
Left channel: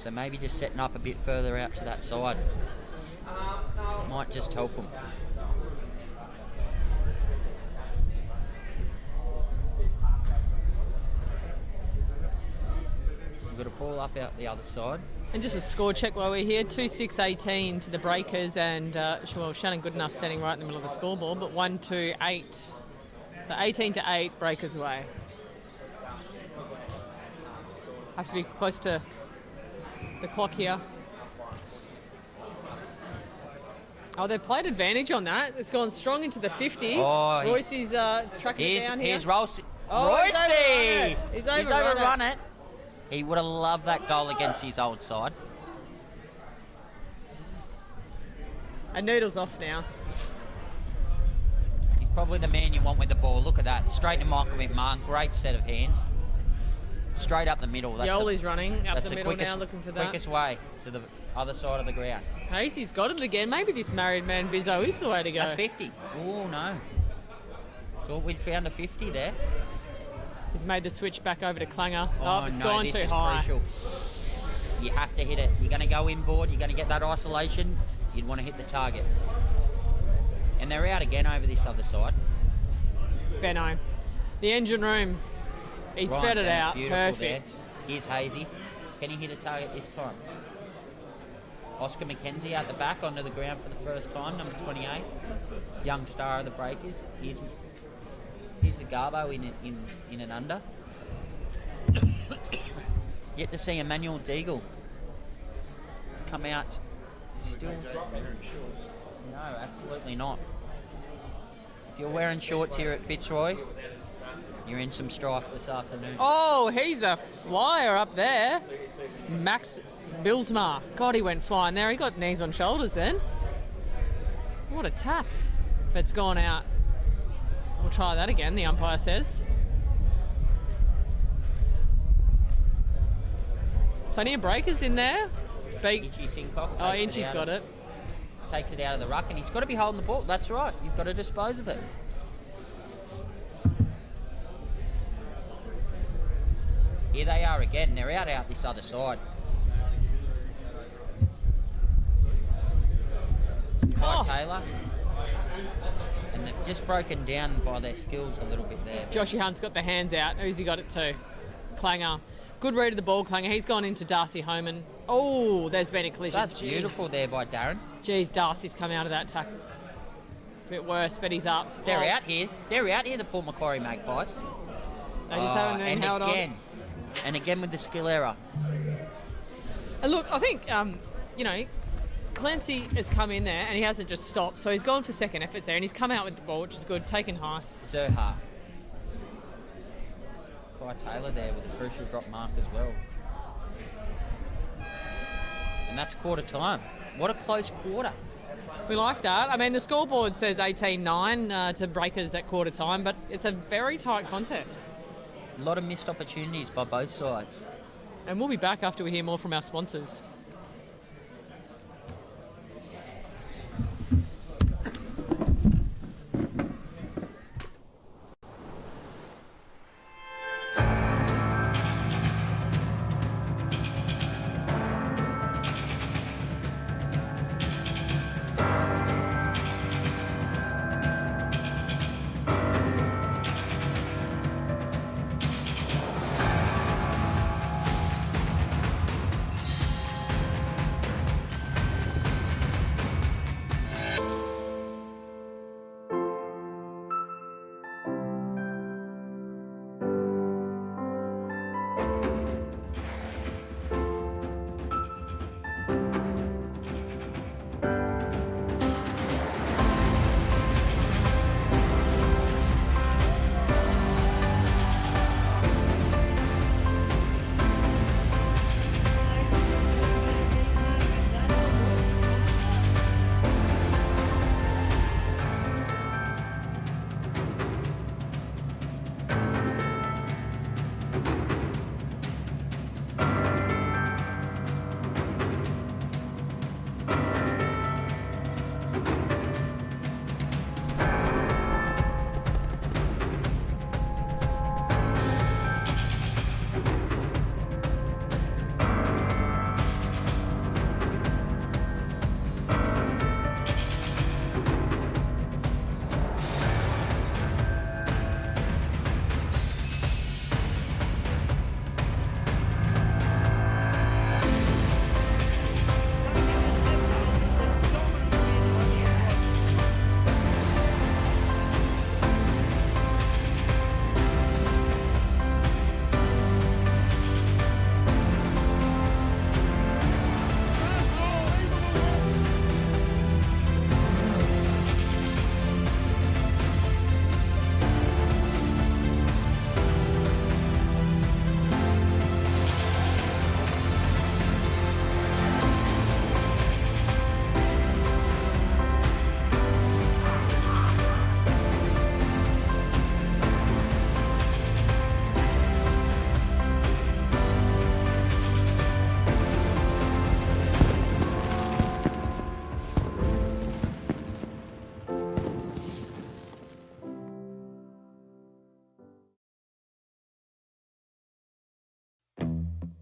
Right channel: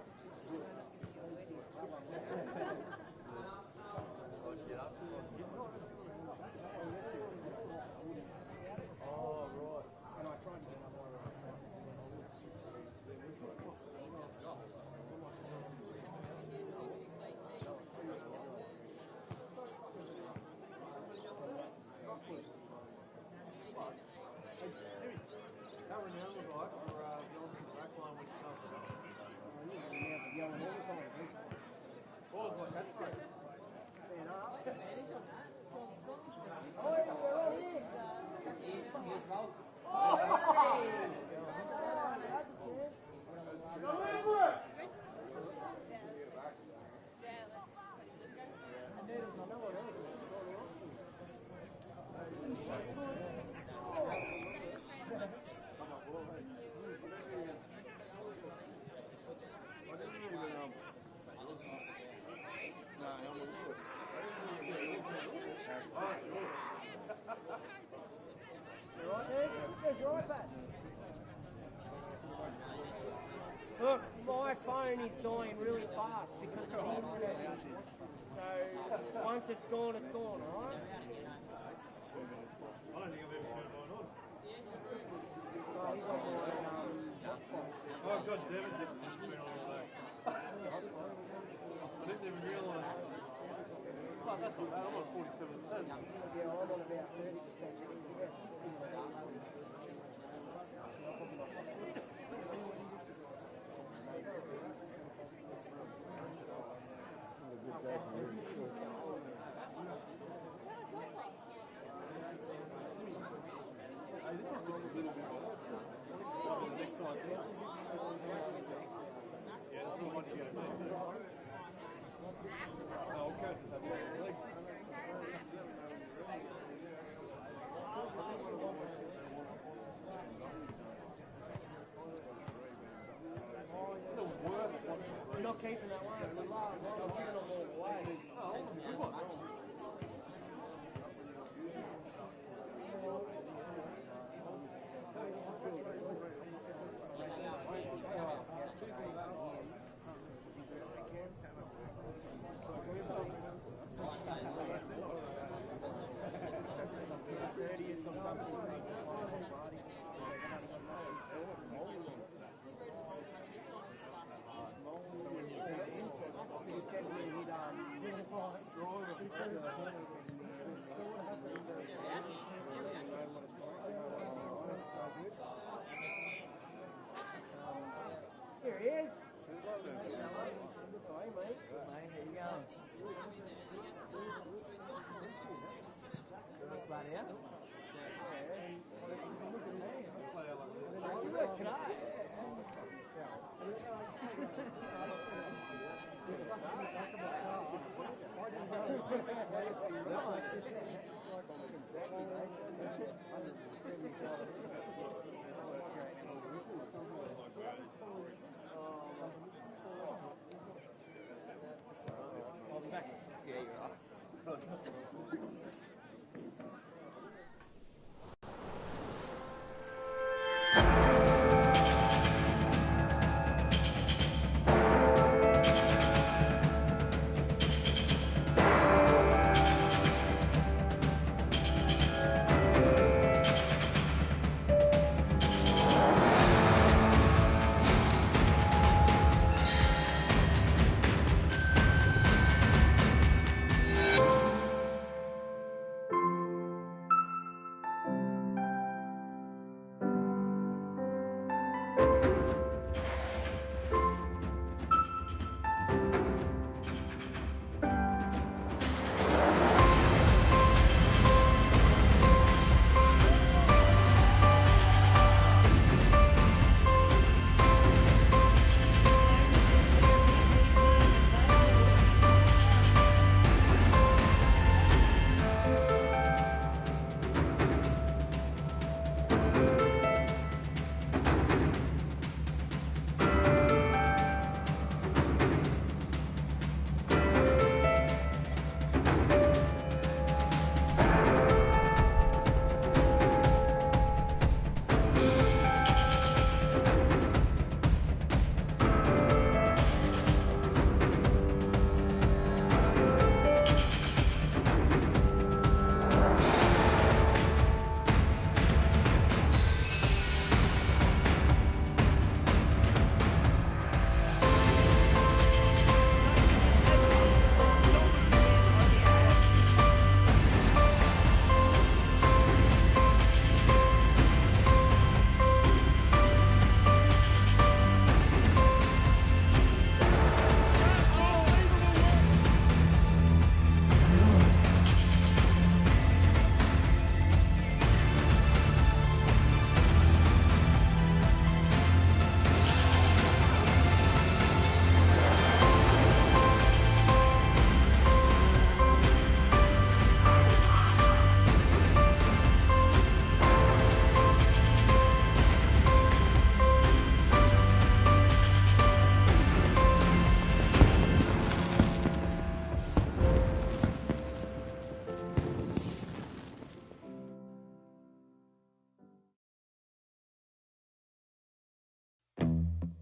So maybe just setting up a bit further out to that side might just help them. We've got a ball up out the other side. And just a score check while we're here, 2-6-18 to the Breakers, and well, Shannon Goodenough standing right in the middle of the scoreboard, but 1-2-8. So 18-8, Breakers away. Have to be close to the clock here. Oh, they've played advantage on that. It's gone strong into the 50. Oh, Royce is tracking it down here. Here's Royce. Oh, Royce! He's overrun it. He would have loved that goal against his old side. And Noodle's off now. He's probably the man you want with the ball. Look at that. Straight to Michael McMahon. Great set of hands. Straight up the middle. Yoli's running up the middle quickest, now, looking for that. Quickest way to the other side of the ground. Casey's got it again. Maybe this married man Bizzo is the way to go. That's 50. Oh, no. Thought we'd found a 50 there. He's made the switch back over to Klanger. Oh, It's no, gone this too is high. crucial. You have to hit it. You're going to go inboard. You're going to get that isolation. You'd want to hit the target. And they're out again over this other side. Benno. The engine room. He's Right, fed it Benno, out. beautiful Perfect. there. Here's Hazy. Can he hit a target this time? Oscar McKenzie out the back onto the ground for the first time, number 28. Young star of the Breakers. Here's the Garbo in an under. Yet to see Emmanuel Deagle come out still. No, absolutely not. If you're wearing shorts here at Fitzroy, you're in some strife this afternoon. Oh, he's a flyer up there. Max Bilsma. God, he went flying there. He got knees on shoulders then. What a tap. But it's gone out. We'll try that again, the umpire says. Plenty of breakers in there. Inchy Sincock Oh, Inchy's got it. Takes it out of the ruck, and he's got to be holding the ball. That's right. You've got to dispose of it. Here they are again. They're out this other side. By Taylor. And they've just broken down by their skills a little bit there. Joshy Hunt's got the hands out. Who's he got it to? Klanger. Good read of the ball, Klanger. He's gone into Darcy Homan. Oh, there's been a collision. That's beautiful there by Darren. Jeez, Darcy's come out of that tackle. A bit worse, but he's up. They're out here. They're out here, the Port Macquarie Magpies. They just haven't been held on. And again with the skill error. And look, I think, Clancy has come in there and he hasn't just stopped. So he's gone for second efforts there and he's come out with the ball, which is good, taken high. Zerha. Kai Taylor there with a crucial drop mark as well. And that's quarter time. What a close quarter. We like that. I mean, the scoreboard says 18-9 to Breakers at quarter time, but it's a very tight contest. A lot of missed opportunities by both sides. And we'll be back after we hear more from our sponsors.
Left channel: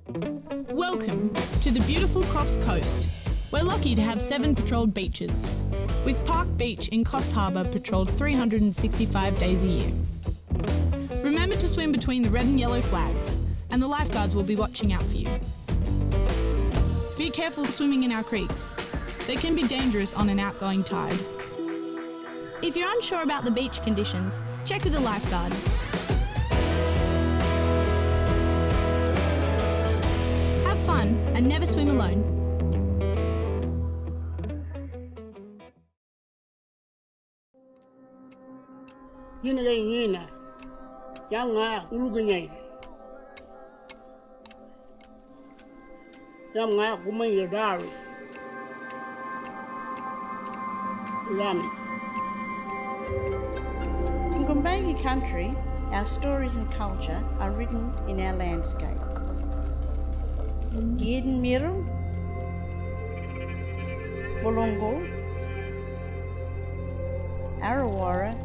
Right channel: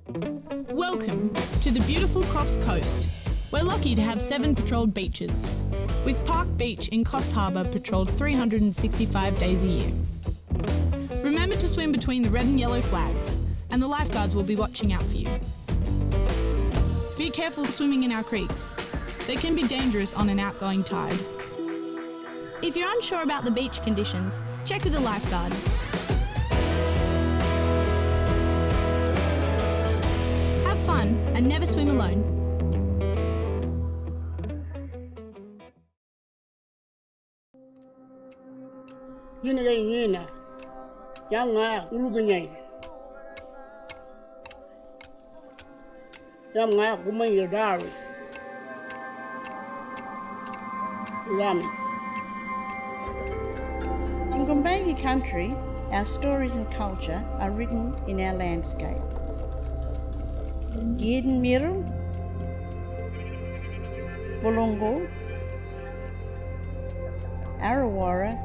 Welcome to the beautiful Coffs Coast. We're lucky to have 7 patrolled beaches, with Park Beach in Coffs Harbour patrolled 365 days a year. Remember to swim between the red and yellow flags, and the lifeguards will be watching out for you. Be careful swimming in our creeks. They can be dangerous on an outgoing tide. If you're unsure about the beach conditions, check with a lifeguard. Have fun and never swim alone. In Gumbaynggirr country, our stories and culture are written in our landscape. Giden Miru, Bolongo, Arawara,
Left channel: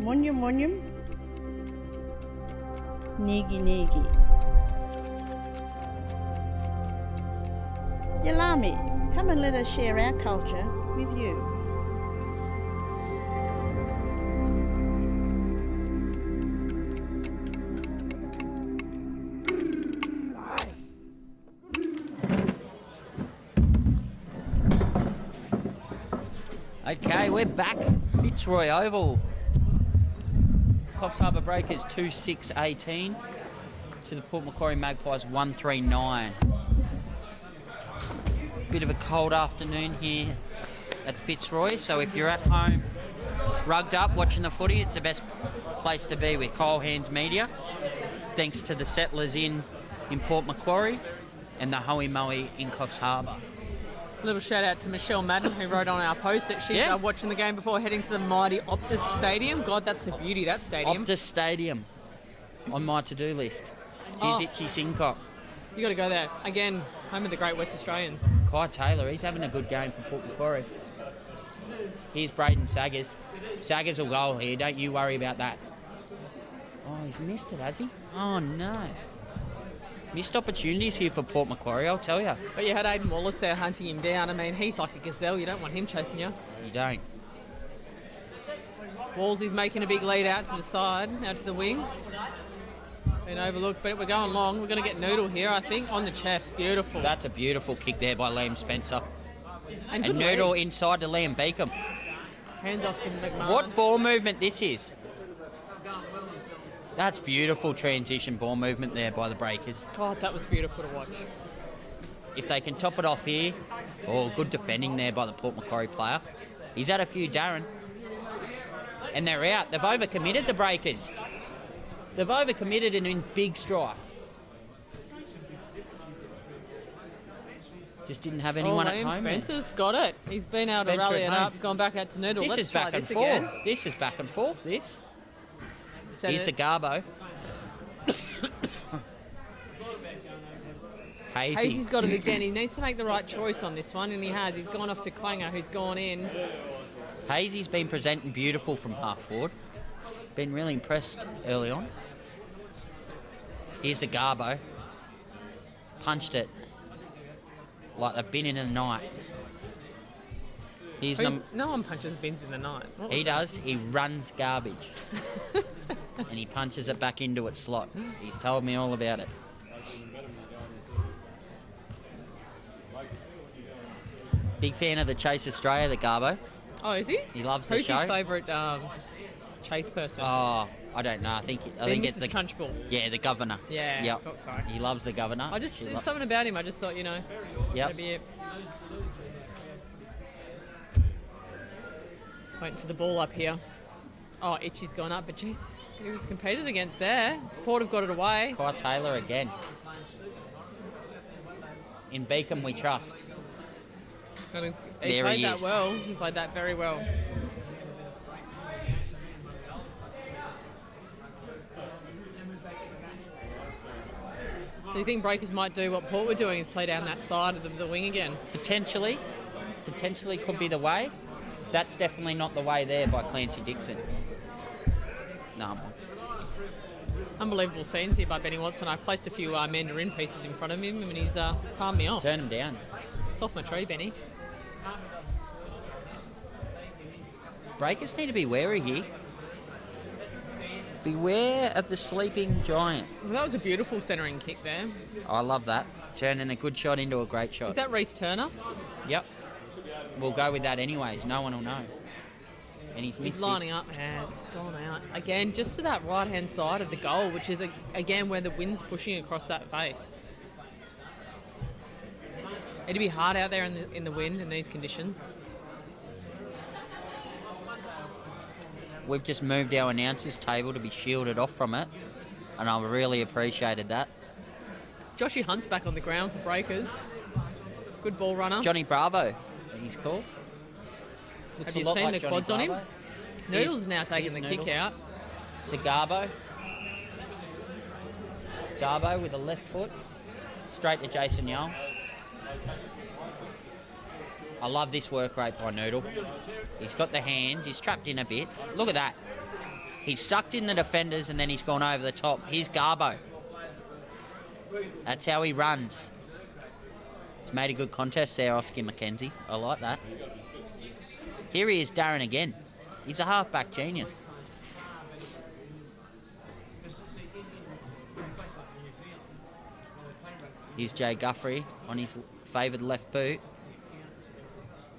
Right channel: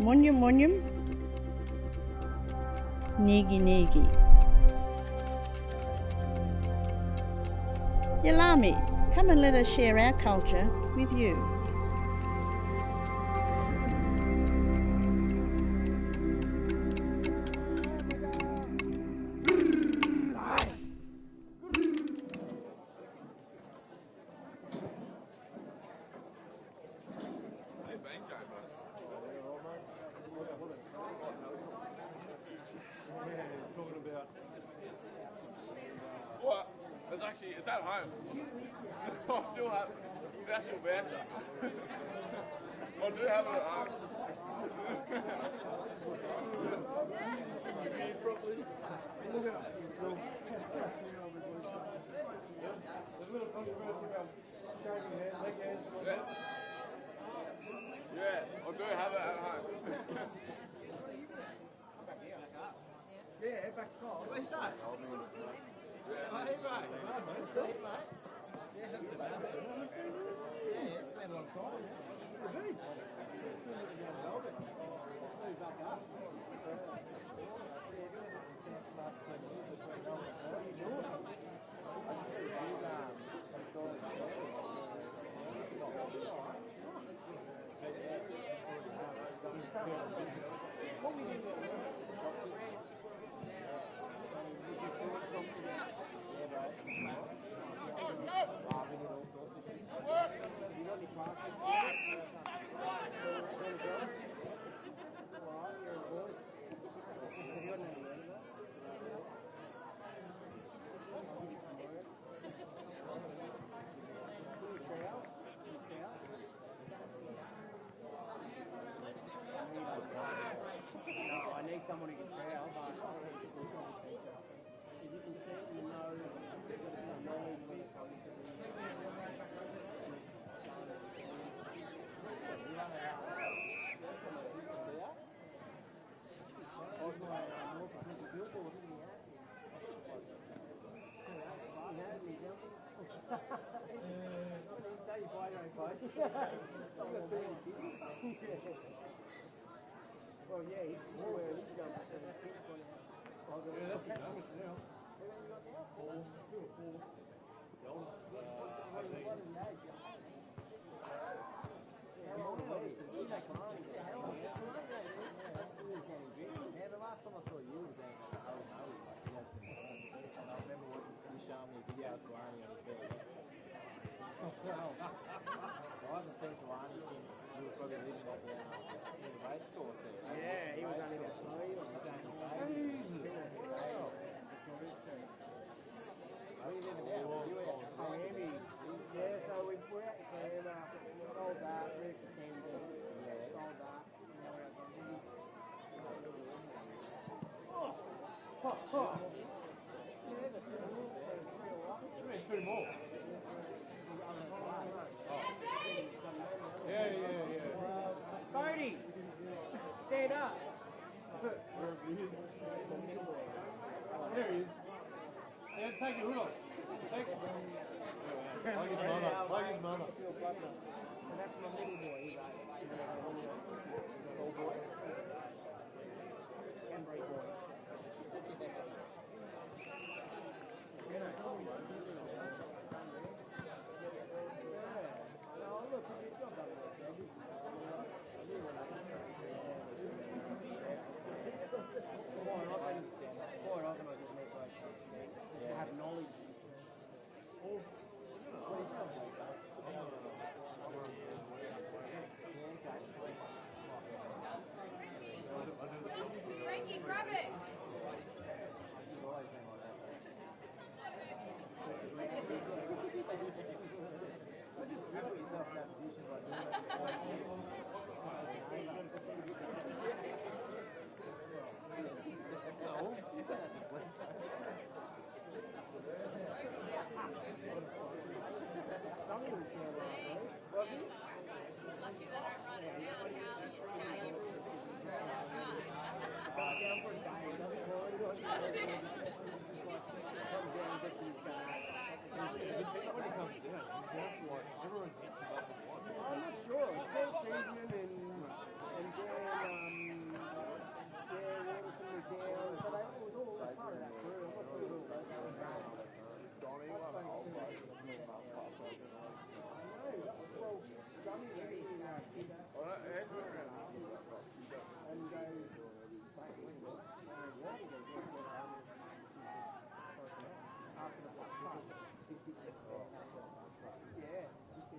Munyum Munyum, Negi Negi. Yalami, come and let us share our culture with you. Okay, we're back. Fitzroy Oval. Coffs Harbour Breakers 2-6-18 to the Port Macquarie Magpies 1-3-9. Bit of a cold afternoon here at Fitzroy, so if you're at home rugged up watching the footy, it's the best place to be with Coffs Harbour Media. Thanks to the settlers in Port Macquarie and the Hoey Moey in Coffs Harbour. Little shout out to Michelle Madden, who wrote on our post that she's watching the game before heading to the mighty Optus Stadium. God, that's a beauty, that stadium. Optus Stadium on my to-do list. Here's Itchy Sincock. You got to go there. Again, home of the great West Australians. Kai Taylor, he's having a good game for Port Macquarie. Here's Braden Saggers. Saggers will goal here, don't you worry about that. Oh, he's missed it, has he? Oh, no. Missed opportunities here for Port Macquarie, I'll tell you. But you had Aiden Wallace there hunting him down. I mean, he's like a gazelle. You don't want him chasing you. You don't. Wallsy's making a big lead out to the side, out to the wing. Been overlooked, but we're going long. We're going to get Noodle here, I think, on the chest. Beautiful. That's a beautiful kick there by Liam Spencer. And good Noodle inside to Liam Beacom. Hands off to McMahon. What ball movement this is. That's beautiful transition ball movement there by the Breakers. God, that was beautiful to watch. If they can top it off here, good defending there by the Port Macquarie player. He's had a few, Darren. And they're out. They've overcommitted, the Breakers. They've overcommitted and in big strife. Just didn't have anyone at home. Spencer's got it. He's been able to rally it up, gone back out to Noodle. This is back and forth. Again. This is back and forth, this. Here's the Garbo. Hazy's got it again. He needs to make the right choice on this one, and he has. He's gone off to Klanger, who's gone in. Hazy's been presenting beautiful from half forward. Been really impressed early on. Here's the Garbo. Punched it like a bin in the night. No one punches bins in the night. He does. He runs garbage. And he punches it back into its slot. He's told me all about it. Big fan of the Chase Australia, the Garbo. Oh, is he? He loves the show. Who's his favourite chase person? Oh, I don't know. I think it's the Trunchbull. Yeah, the governor. Yeah. Yep. Thought so. He loves the governor. There's something about him. I just thought, Yep. that'd be it. Waiting for the ball up here. Oh, Itchy's gone up, but jeez, he was competed against there. Port have got it away. Kai Taylor again. In Beacom we trust. He played that well. He played that very well. So you think Breakers might do what Port were doing, is play down that side of the wing again? Potentially could be the way. That's definitely not the way there by Clancy Dixon. No. Unbelievable scenes here by Benny Watson. I placed a few mandarin pieces in front of him and he's palmed me off. Turn him down. It's off my tree, Benny. Breakers need to be wary here. Beware of the sleeping giant. Well, that was a beautiful centering kick there. I love that. Turning a good shot into a great shot. Is that Reece Turner? Yep. We'll go with that anyways. No one will know. And he's lining up and it's gone out. Again, just to that right-hand side of the goal, which is, again, where the wind's pushing across that face. It'd be hard out there in the wind in these conditions. We've just moved our announcers table to be shielded off from it, and I really appreciated that. Joshy Hunt's back on the ground for Breakers. Good ball runner. Johnny Bravo, he's called. Have you seen the quads on him? Noodles is now taking the kick out. To Garbo. Garbo with a left foot. Straight to Jason Young. I love this work rate by Noodle. He's got the hands. He's trapped in a bit. Look at that. He's sucked in the defenders and then he's gone over the top. Here's Garbo. That's how he runs. He's made a good contest there, Oscar McKenzie. I like that. Here he is, Darren again. He's a halfback genius. Here's Jay Guthrie on his favoured left boot.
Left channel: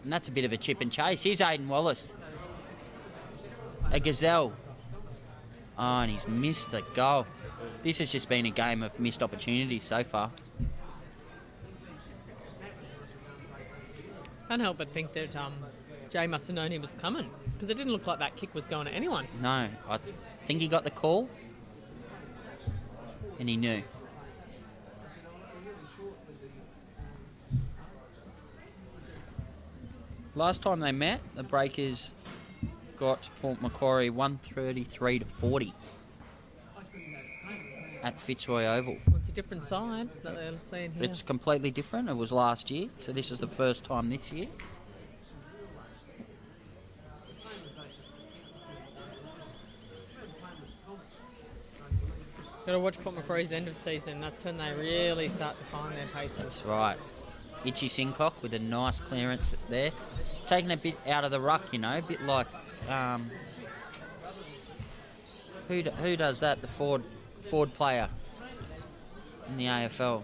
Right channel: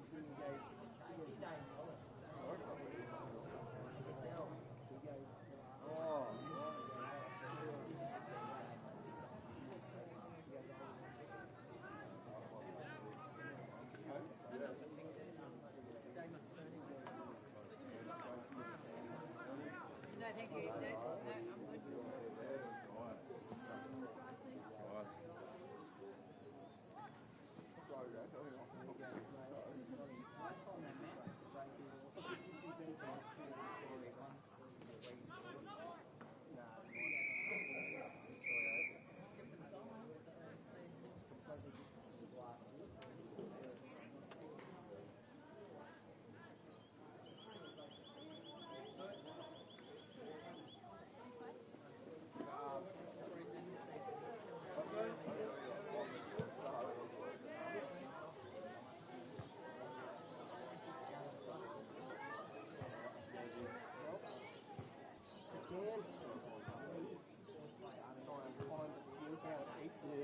And that's a bit of a chip and chase. Here's Aidan Wallace. A gazelle. Oh, and he's missed the goal. This has just been a game of missed opportunities so far. Can't help but think that Jay must have known he was coming because it didn't look like that kick was going to anyone. No, I think he got the call and he knew. Last time they met, the Breakers got Port Macquarie 133 to 40 at Fitzroy Oval. It's a different side that they're seeing here. It's completely different. It was last year, so this is the first time this year. Got to watch Port Macquarie's end of season. That's when they really start to find their pace. That's right. Itchy Sincock with a nice clearance there. Taking a bit out of the ruck, you know, a bit like... who does that? The Ford player in the AFL.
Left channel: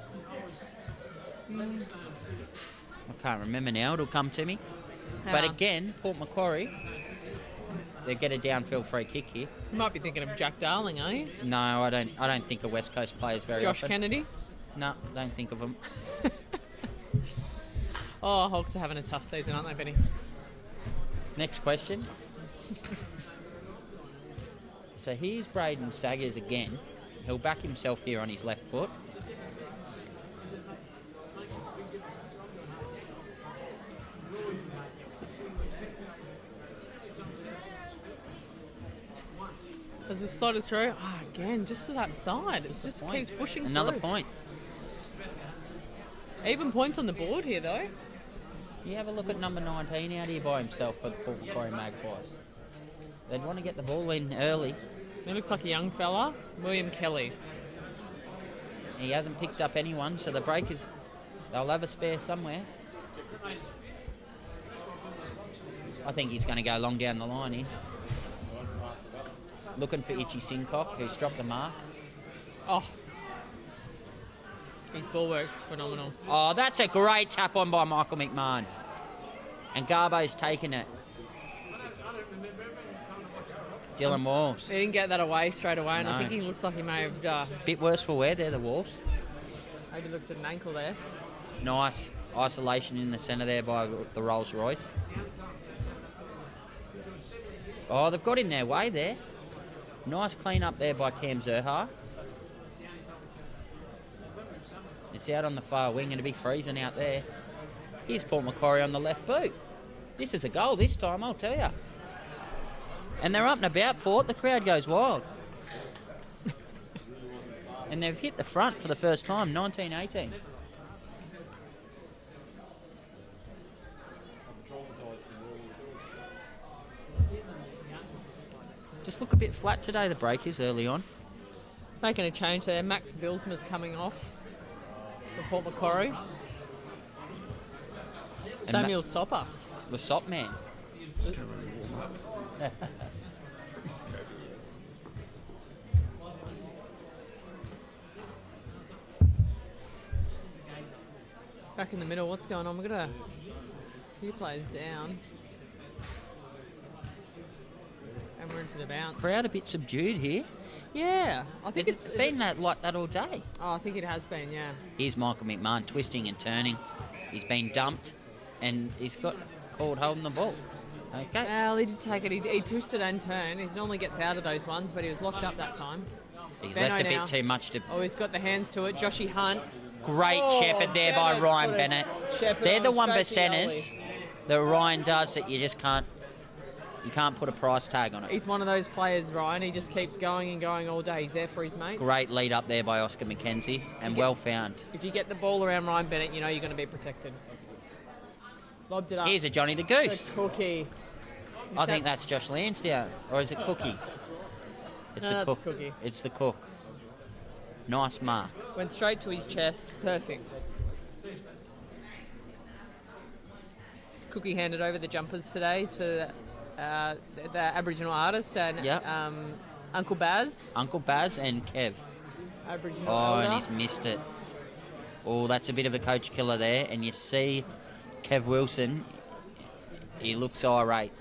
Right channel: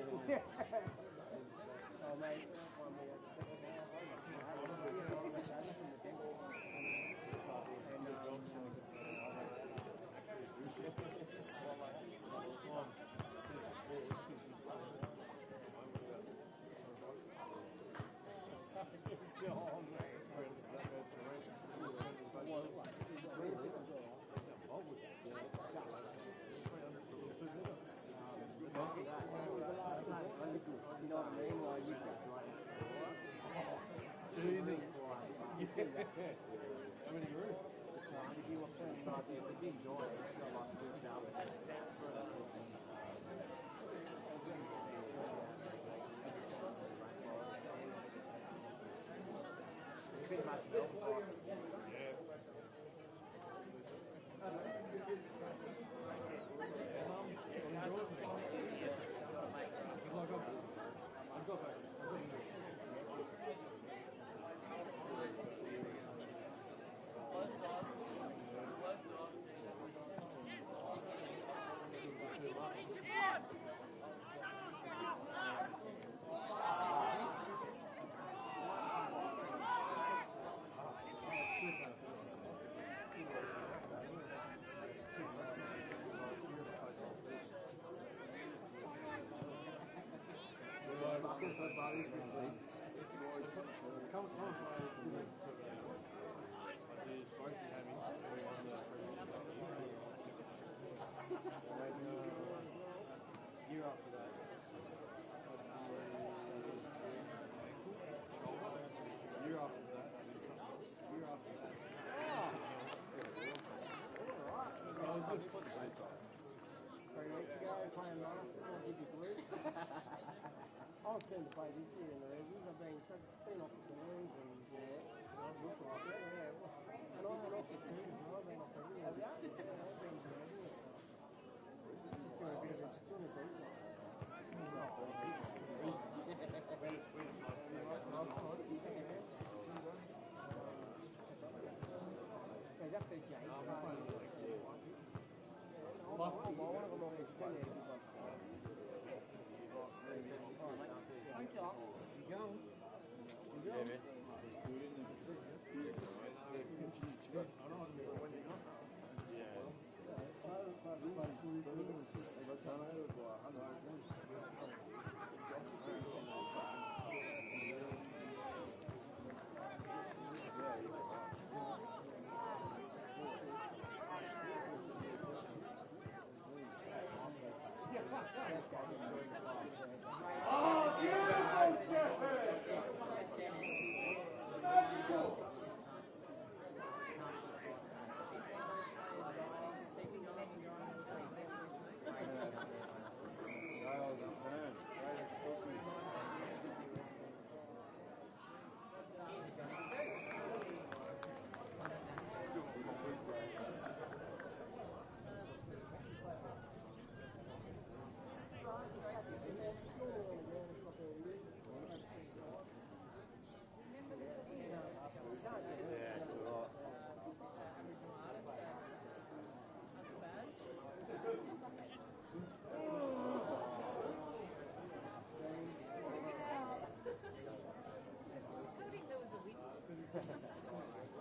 I can't remember now. It'll come to me. But again, Port Macquarie, they get a downfield free kick here. You might be thinking of Jack Darling, are you? No, I don't think of West Coast players very Josh often. Kennedy? No, don't think of them. Oh, Hawks are having a tough season, aren't they, Benny? Next question. So here's Braden Saggers again. He'll back himself here on his left foot. As it started through, again, just to that side. It just keeps pushing Another through. point. Even points on the board here, though. You have a look at number 19 out here by himself for the Port Macquarie Magpies. They'd want to get the ball in early. He looks like a young fella, William Kelly. He hasn't picked up anyone, so the Breakers, they'll have a spare somewhere. I think he's going to go long down the line here. Looking for Itchy Sincock, who's dropped the mark. Oh. His ball work's phenomenal. Oh, that's a great tap on by Michael McMahon. And Garbo's taken it. Dylan Walsh. He didn't get that away straight away, and No. I think he looks like he may have... Bit worse for wear there, the Wolves. maybe looked at an ankle there. Nice isolation in the centre there by the Rolls Royce. Oh, they've got in their way there. Nice clean up there by Cam Zerha. It's out on the far wing and it'll be freezing out there. Here's Port Macquarie on the left boot. This is a goal this time, I'll tell you. And they're up and about, Port. The crowd goes wild. And they've hit the front for the first time, 19-18. Just look a bit flat today, the Breakers, early on. Making a change there. Max Bilsma's coming off for Port Macquarie. Samuel Sopper. The Sop man. Back in the middle, what's going on? We've got a few players down. And we're in for the bounce. Crowd a bit subdued here. Yeah, I think It's been like that all day. Oh, I think it has been, yeah. Here's Michael McMahon twisting and turning. He's been dumped and he's got called holding the ball. Okay. Well, he did take it. He twisted and turned. He normally gets out of those ones, but he was locked up that time. He's Benno left a now. bit too much to... Oh, he's got the hands to it. Joshy Hunt. Great shepherd there by Bennett's Ryan got a Bennett. shepherd They're the on one straight to percenters goalie. that Ryan does that you just can't... You can't put a price tag on it. He's one of those players, Ryan. He just keeps going and going all day. He's there for his mates. Great lead up there by Oscar McKenzie and well found. If you get the ball around Ryan Bennett, you know you're going to be protected. Lobbed it up. Here's a Johnny the The Goose. Cookie. I think that's Josh Lansdowne. Or is it Cookie? It's No, the that's cook. Cookie. It's the cook. Nice mark. Went straight to his chest. Perfect. Cookie handed over the jumpers today to the Aboriginal artist and Yep. Uncle Baz. Uncle Baz and Kev. Aboriginal Oh, and elder. he's missed it. Oh, that's a bit of a coach killer there. And you see Kev Wilson, he looks irate.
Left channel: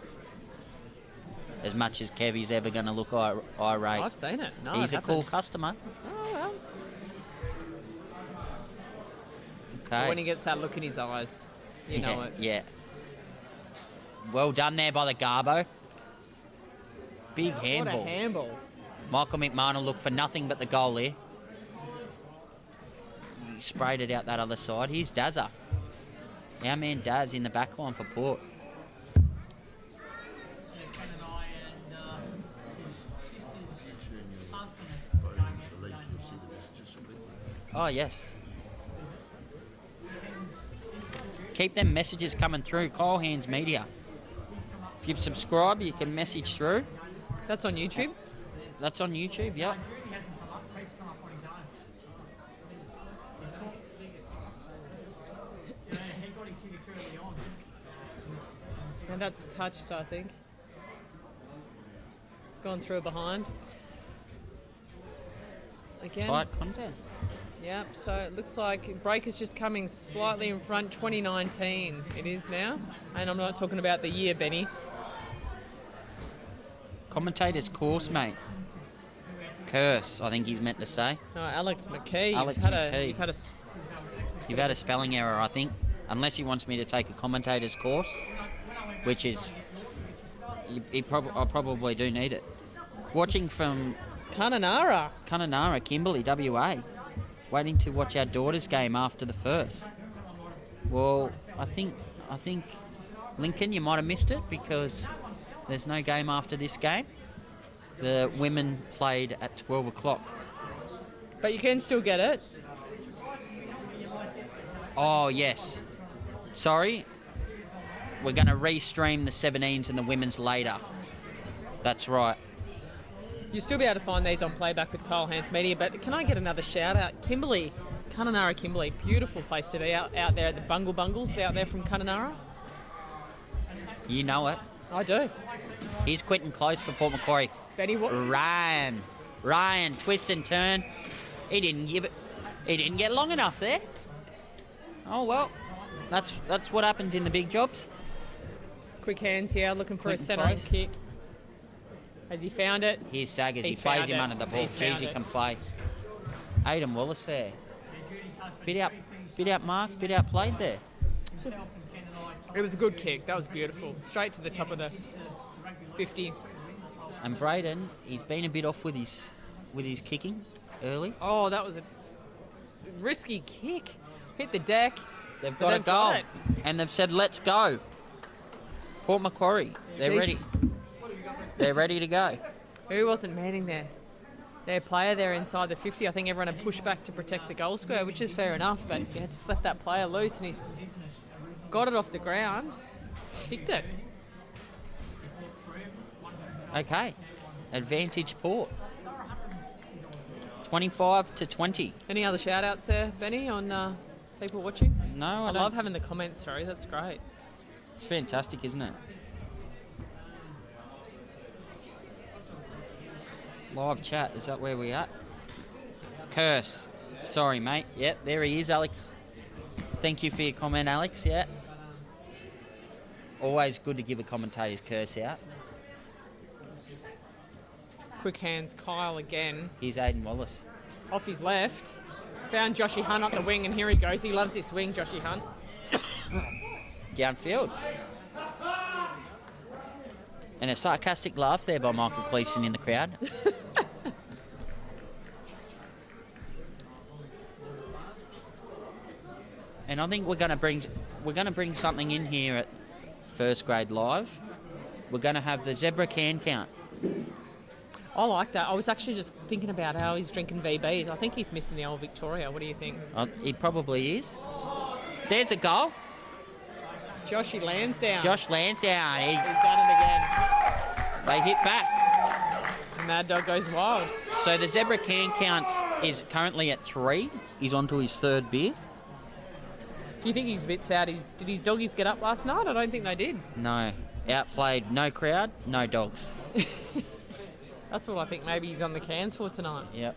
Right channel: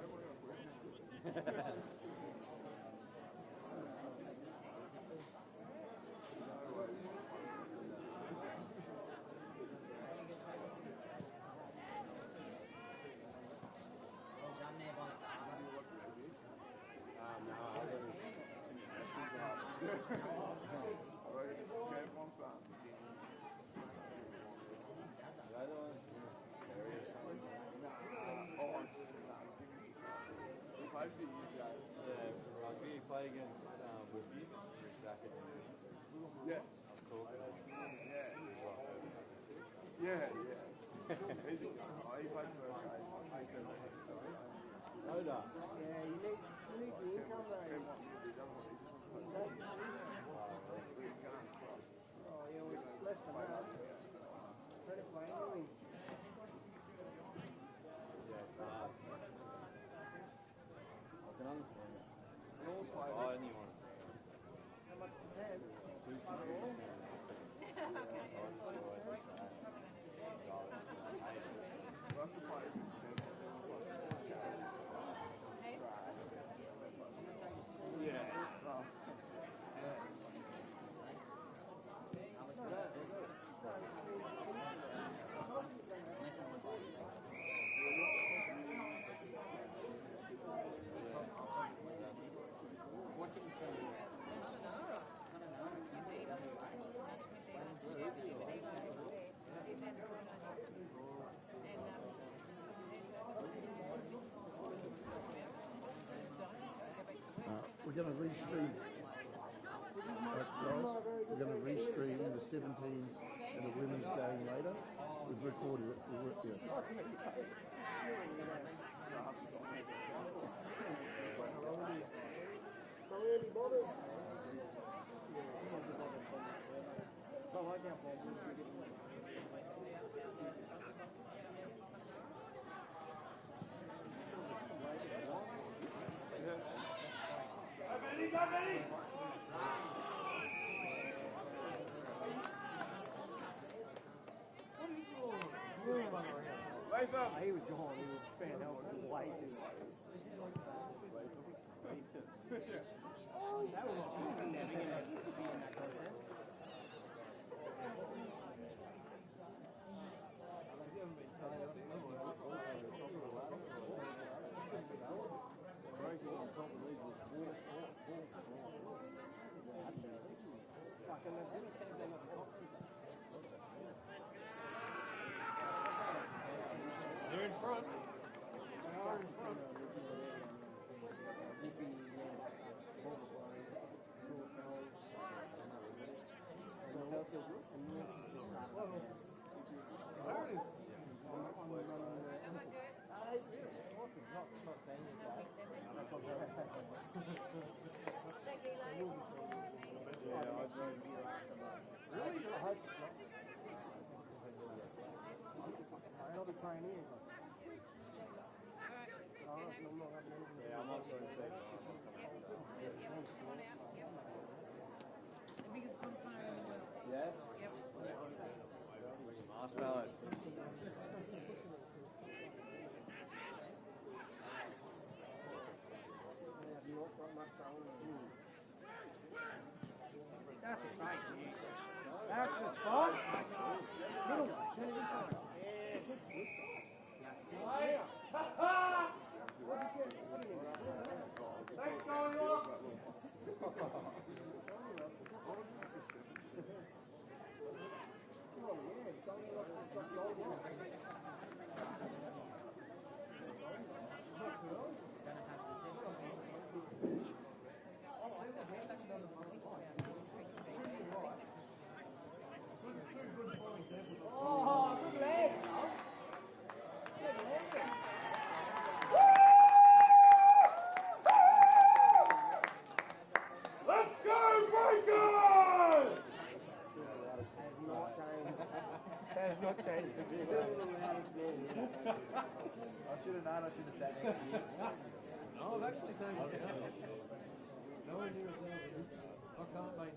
As much as Kev is ever going to look irate. I've seen it. No, He's it a cool happens. customer. Oh, well. Okay. When he gets that look in his eyes, you know it. Yeah. Well done there by the Garbo. Big handball. What a handball. Michael McMahon will look for nothing but the goal here. He sprayed it out that other side. Here's Dazza. Our man Daz in the back line for Port. Oh, yes. Keep them messages coming through. Kyle Hands Media. If you've subscribed, you can message through. That's on YouTube. That's on YouTube, yeah. And that's touched, I think. Gone through behind. Again. Tight contest. Yep, so it looks like Breaker's just coming slightly in front. 2019 it is now. And I'm not talking about the year, Benny. Commentator's course, mate. Curse, I think he's meant to say. No, Alex McKee. Alex you've had McKee. You've had a spelling error, I think. Unless he wants me to take a commentator's course, which is... I probably do need it. Watching from Kununurra. Kununurra, Kimberley, WA. Waiting to watch our daughter's game after the first. Well, I think Lincoln, you might have missed it because there's no game after this game. The women played at 12 o'clock. But you can still get it. Oh, yes. Sorry. We're going to restream the 17s and the women's later. That's right. You'll still be able to find these on playback with Kyle Hands Media, but can I get another shout out? Kimberley, Kununurra Kimberley, beautiful place to be out there at the Bungle Bungles out there from Kununurra. You know it. I do. Here's Quentin Close for Port Macquarie. Betty, what? Ryan, twist and turn. He didn't give it. He didn't get long enough there. Oh well, that's what happens in the big jobs. Quick hands here, looking for Quentin a centre Close. kick. Has he found it? Here's Saggers. He He's plays found him it. under the ball. He's found Jeez, he it. can play. Aidan Wallace there. Bit out marked, bit out played there. It was a good kick. That was beautiful. Straight to the top of the 50. And Braden, he's been a bit off with his kicking early. Oh, that was a risky kick. Hit the deck. They've But got a they've goal, got it. and they've said, "Let's go." Port Macquarie, they're Jeez. ready. They're ready to go. Who wasn't manning there? Their player there inside the 50. I think everyone had pushed back to protect the goal square, which is fair enough, but you had just left that player loose and he's got it off the ground. Kicked it. Okay, advantage Port. 25-20. Any other shout outs there, Benny, on people watching? No, I love having the comments through. That's great. It's fantastic, isn't it? Live chat, is that where we at? Curse. Sorry, mate. Yep, there he is, Alex. Thank you for your comment, Alex. Yeah. Always good to give a commentator's curse out. Quick hands, Kyle again. Here's Aiden Wallace. Off his left. Found Joshy Hunt up the wing, and here he goes. He loves this wing, Joshy Hunt. Downfield. And a sarcastic laugh there by Michael Gleeson in the crowd. And I think we're going to bring something in here at First Grade Live. We're going to have the zebra can count. I like that. I was actually just thinking about how he's drinking VBs. I think he's missing the old Victoria. What do you think? He probably is. There's a goal. Joshy Lansdowne. Josh Lansdowne. He's done it again. They hit back. Mad Dog goes wild. So the zebra can counts is currently at 3. He's on to his 3rd beer. Do you think he's a bit sad? Did his doggies get up last night? I don't think they did. No. Outplayed. No crowd, no dogs. That's what I think maybe he's on the cans for tonight. Yep.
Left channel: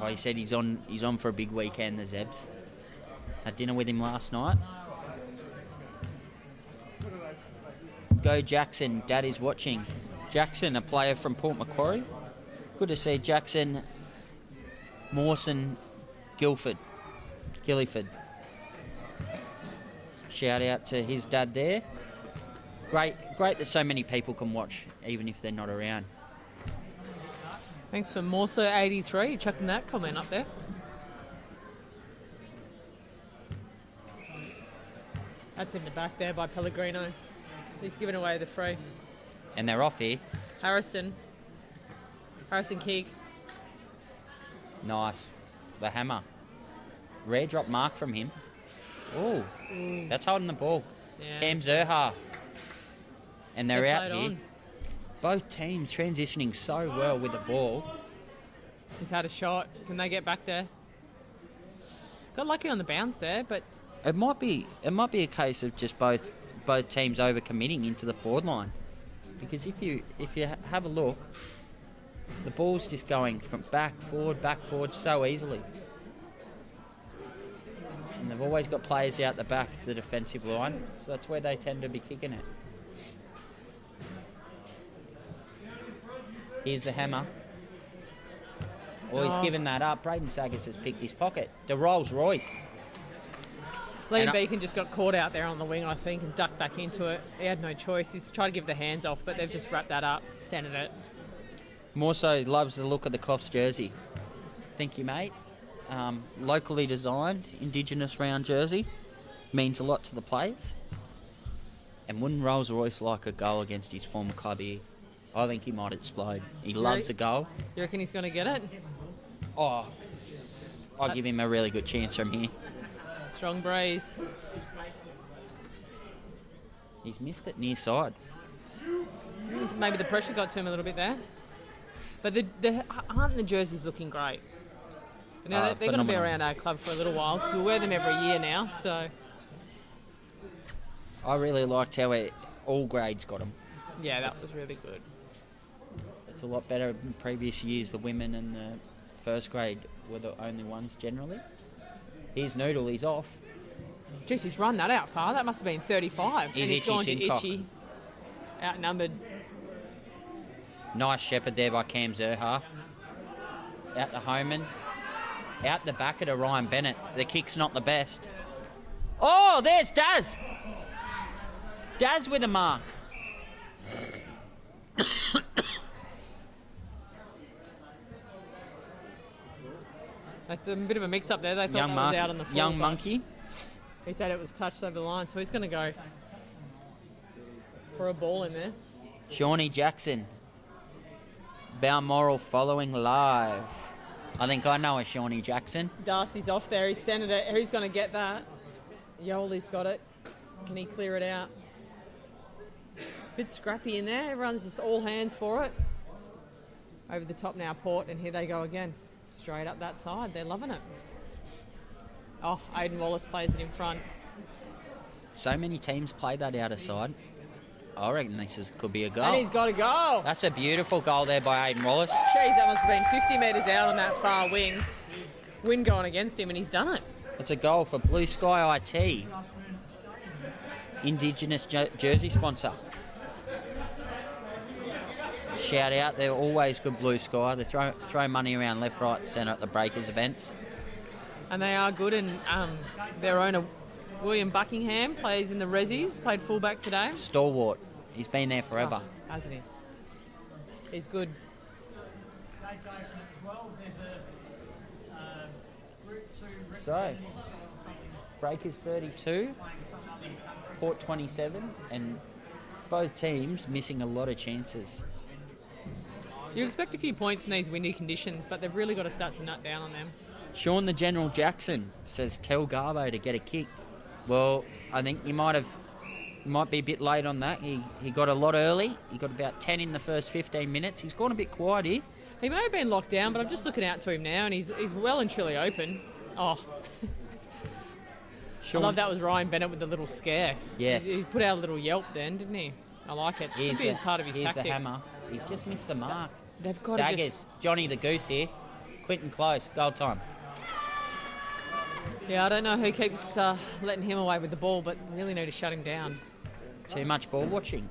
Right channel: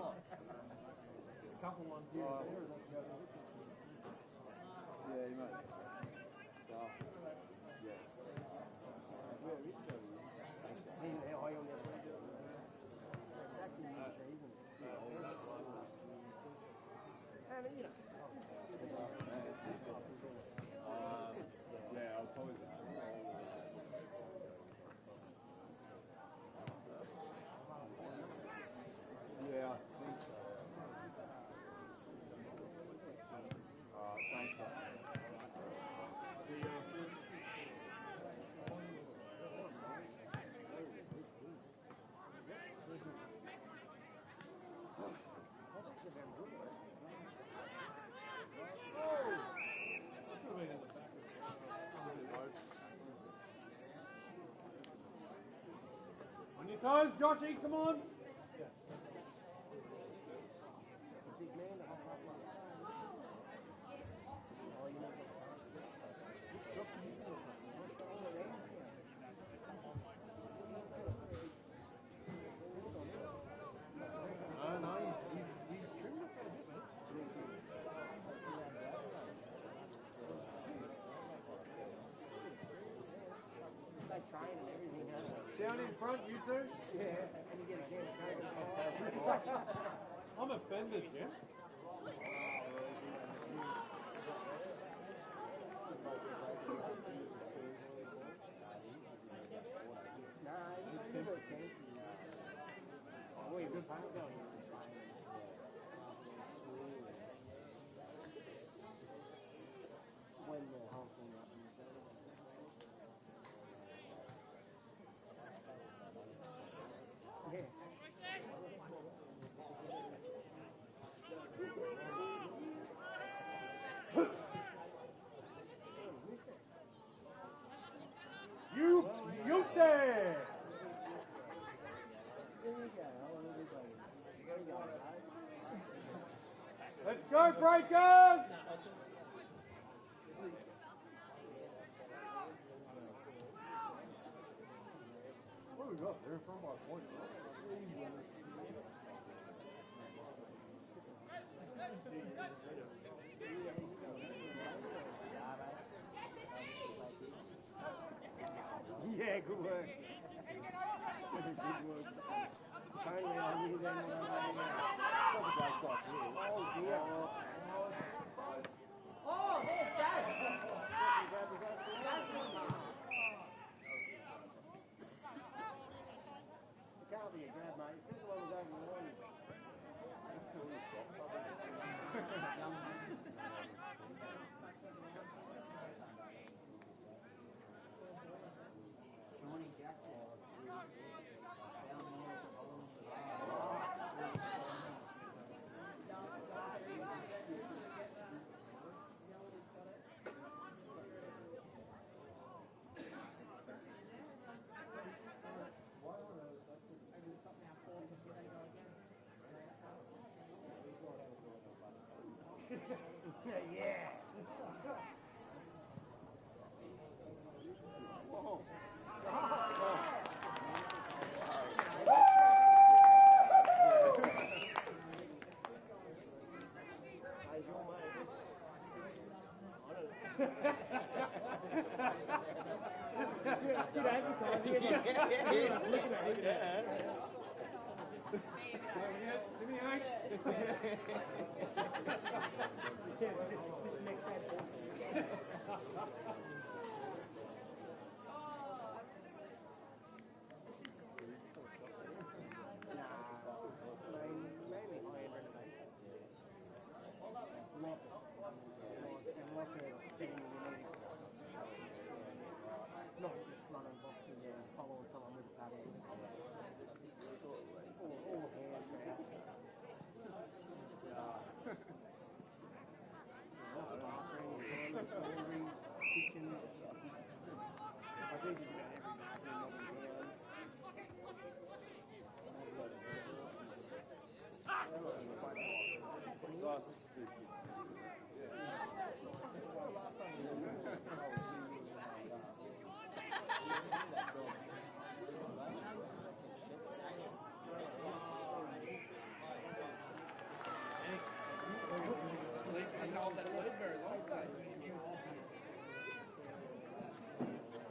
Oh, he said he's on for a big weekend, the Zebs. Had dinner with him last night. Go Jackson, Dad is watching. Jackson, a player from Port Macquarie. Good to see Jackson, Mawson, Gilliford. Shout out to his dad there. Great that so many people can watch, even if they're not around. Thanks for Morso83 chucking that comment up there. That's in the back there by Pellegrino. He's giving away the free. And they're off here. Harrison kick. Nice. The hammer. Rare drop mark from him. Ooh. That's holding the ball. Yeah. Cam Zerha. And they're out here. On. Both teams transitioning so well with the ball. He's had a shot. Can they get back there? Got lucky on the bounce there, but It might be a case of just both teams overcommitting into the forward line. Because if you have a look, the ball's just going from back forward so easily. And they've always got players out the back, the defensive line, so that's where they tend to be kicking it. Here's the hammer. Well, he's given that up. Braden Saggers has picked his pocket. The Rolls Royce. Liam Beacon just got caught out there on the wing, I think, and ducked back into it. He had no choice. He's tried to give the hands off, but they've just wrapped that up, centred it. More so loves the look of the Coffs jersey. Thank you, mate. Locally designed, Indigenous round jersey. Means a lot to the players. And wouldn't Rolls Royce like a goal against his former club here? I think he might explode. He loves a goal. You reckon he's going to get it? Oh, I'll give him a really good chance from here. Strong breeze. He's missed it near side. Maybe the pressure got to him a little bit there. But aren't the jerseys looking great? You know, they're going to be around our club for a little while because we wear them every year now. So I really liked how all grades got them. yeah, that was really good. It's a lot better than previous years. The women and the first grade were the only ones generally. Here's Noodle, he's off. Jeez, he's run that out far. That must have been 35. He's and he's Itchy gone to Simcock. Itchy. Outnumbered. Nice shepherd there by Cam Zerha. Out to Homan. Out the back of Ryan Bennett. The kick's not the best. Oh, there's Daz. Daz with a mark. Like a bit of a mix-up there. They thought that was out on the floor. Young Monkey. He said it was touched over the line, so he's going to go for a ball in there. Shawnee Jackson. Balmoral following live. I think I know a Shawnee Jackson. Darcy's off there. He's centred it. Who's going to get that? Yoli's got it. Can he clear it out? Bit scrappy in there. Everyone's just all hands for it. Over the top now, Port, and here they go again. Straight up that side. They're loving it. Oh, Aidan Wallace plays it in front. So many teams play that outer side. I reckon could be a goal. And he's got a goal. That's a beautiful goal there by Aidan Wallace. Jeez, that must have been 50 metres out on that far wing. Wind going against him, and he's done it. It's a goal for Blue Sky IT, Indigenous jersey sponsor. Shout out, they're always good, Blue Sky. They throw money around left, right, centre at the Breakers events. And they are good, and their owner, William Buckingham, plays in the Rezzies, played fullback today. Stalwart. He's been there forever. Oh, hasn't he? He's good. So, Breakers 32, Port 27, and both teams missing a lot of chances. You expect a few points in these windy conditions, but they've really got to start to nut down on them. Sean the General Jackson says, tell Garbo to get a kick. Well, I think you might be a bit late on that. He got a lot early. He got about 10 in the first 15 minutes. He's gone a bit quiet here. He may have been locked down, but I'm just looking out to him now, and he's well and truly open. Oh. Sean, I love that was Ryan Bennett with the little scare. Yes. He put out a little yelp then, didn't he? I like it. It could be as part of his tactic. Here's the hammer. He's just missed the mark. They've got Saggers, to just... Johnny the Goose here. Quentin Close, goal time. Yeah, I don't know who keeps letting him away with the ball, but really need to shut him down. Too much ball watching.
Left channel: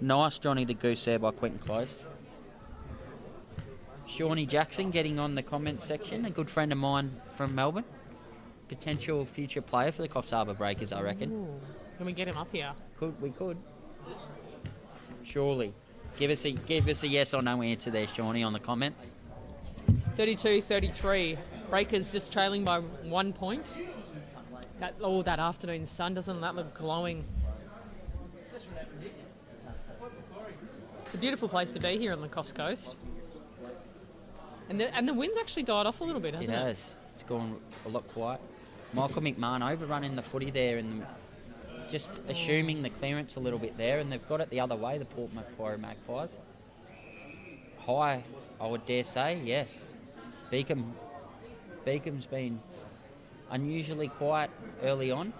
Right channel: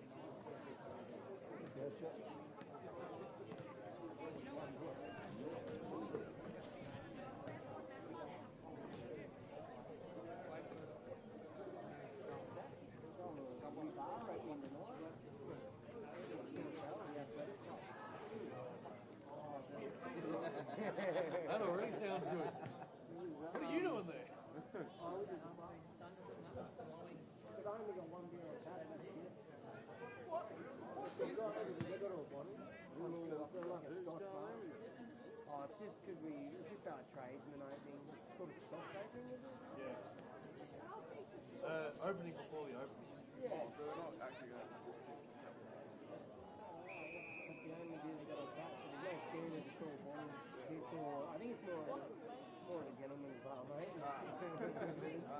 Nice Johnny the Goose there by Quentin Close. Shawnee Jackson getting on the comments section, a good friend of mine from Melbourne. Potential future player for the Coffs Harbour Breakers, I reckon. Ooh. Can we get him up here? We could. Surely. Give us a yes or no answer there, Shawnee, on the comments. 32-33. Breakers just trailing by 1 point. That afternoon sun, doesn't that look glowing? It's a beautiful place to be here on the Coffs Coast. And the wind's actually died off a little bit, hasn't it? It has. It's gone a lot quiet. Michael McMahon overrunning the footy there and just assuming the clearance a little bit there, and they've got it the other way, the Port Macquarie Magpies. High, I would dare say, yes. Beacom's been unusually quiet early on.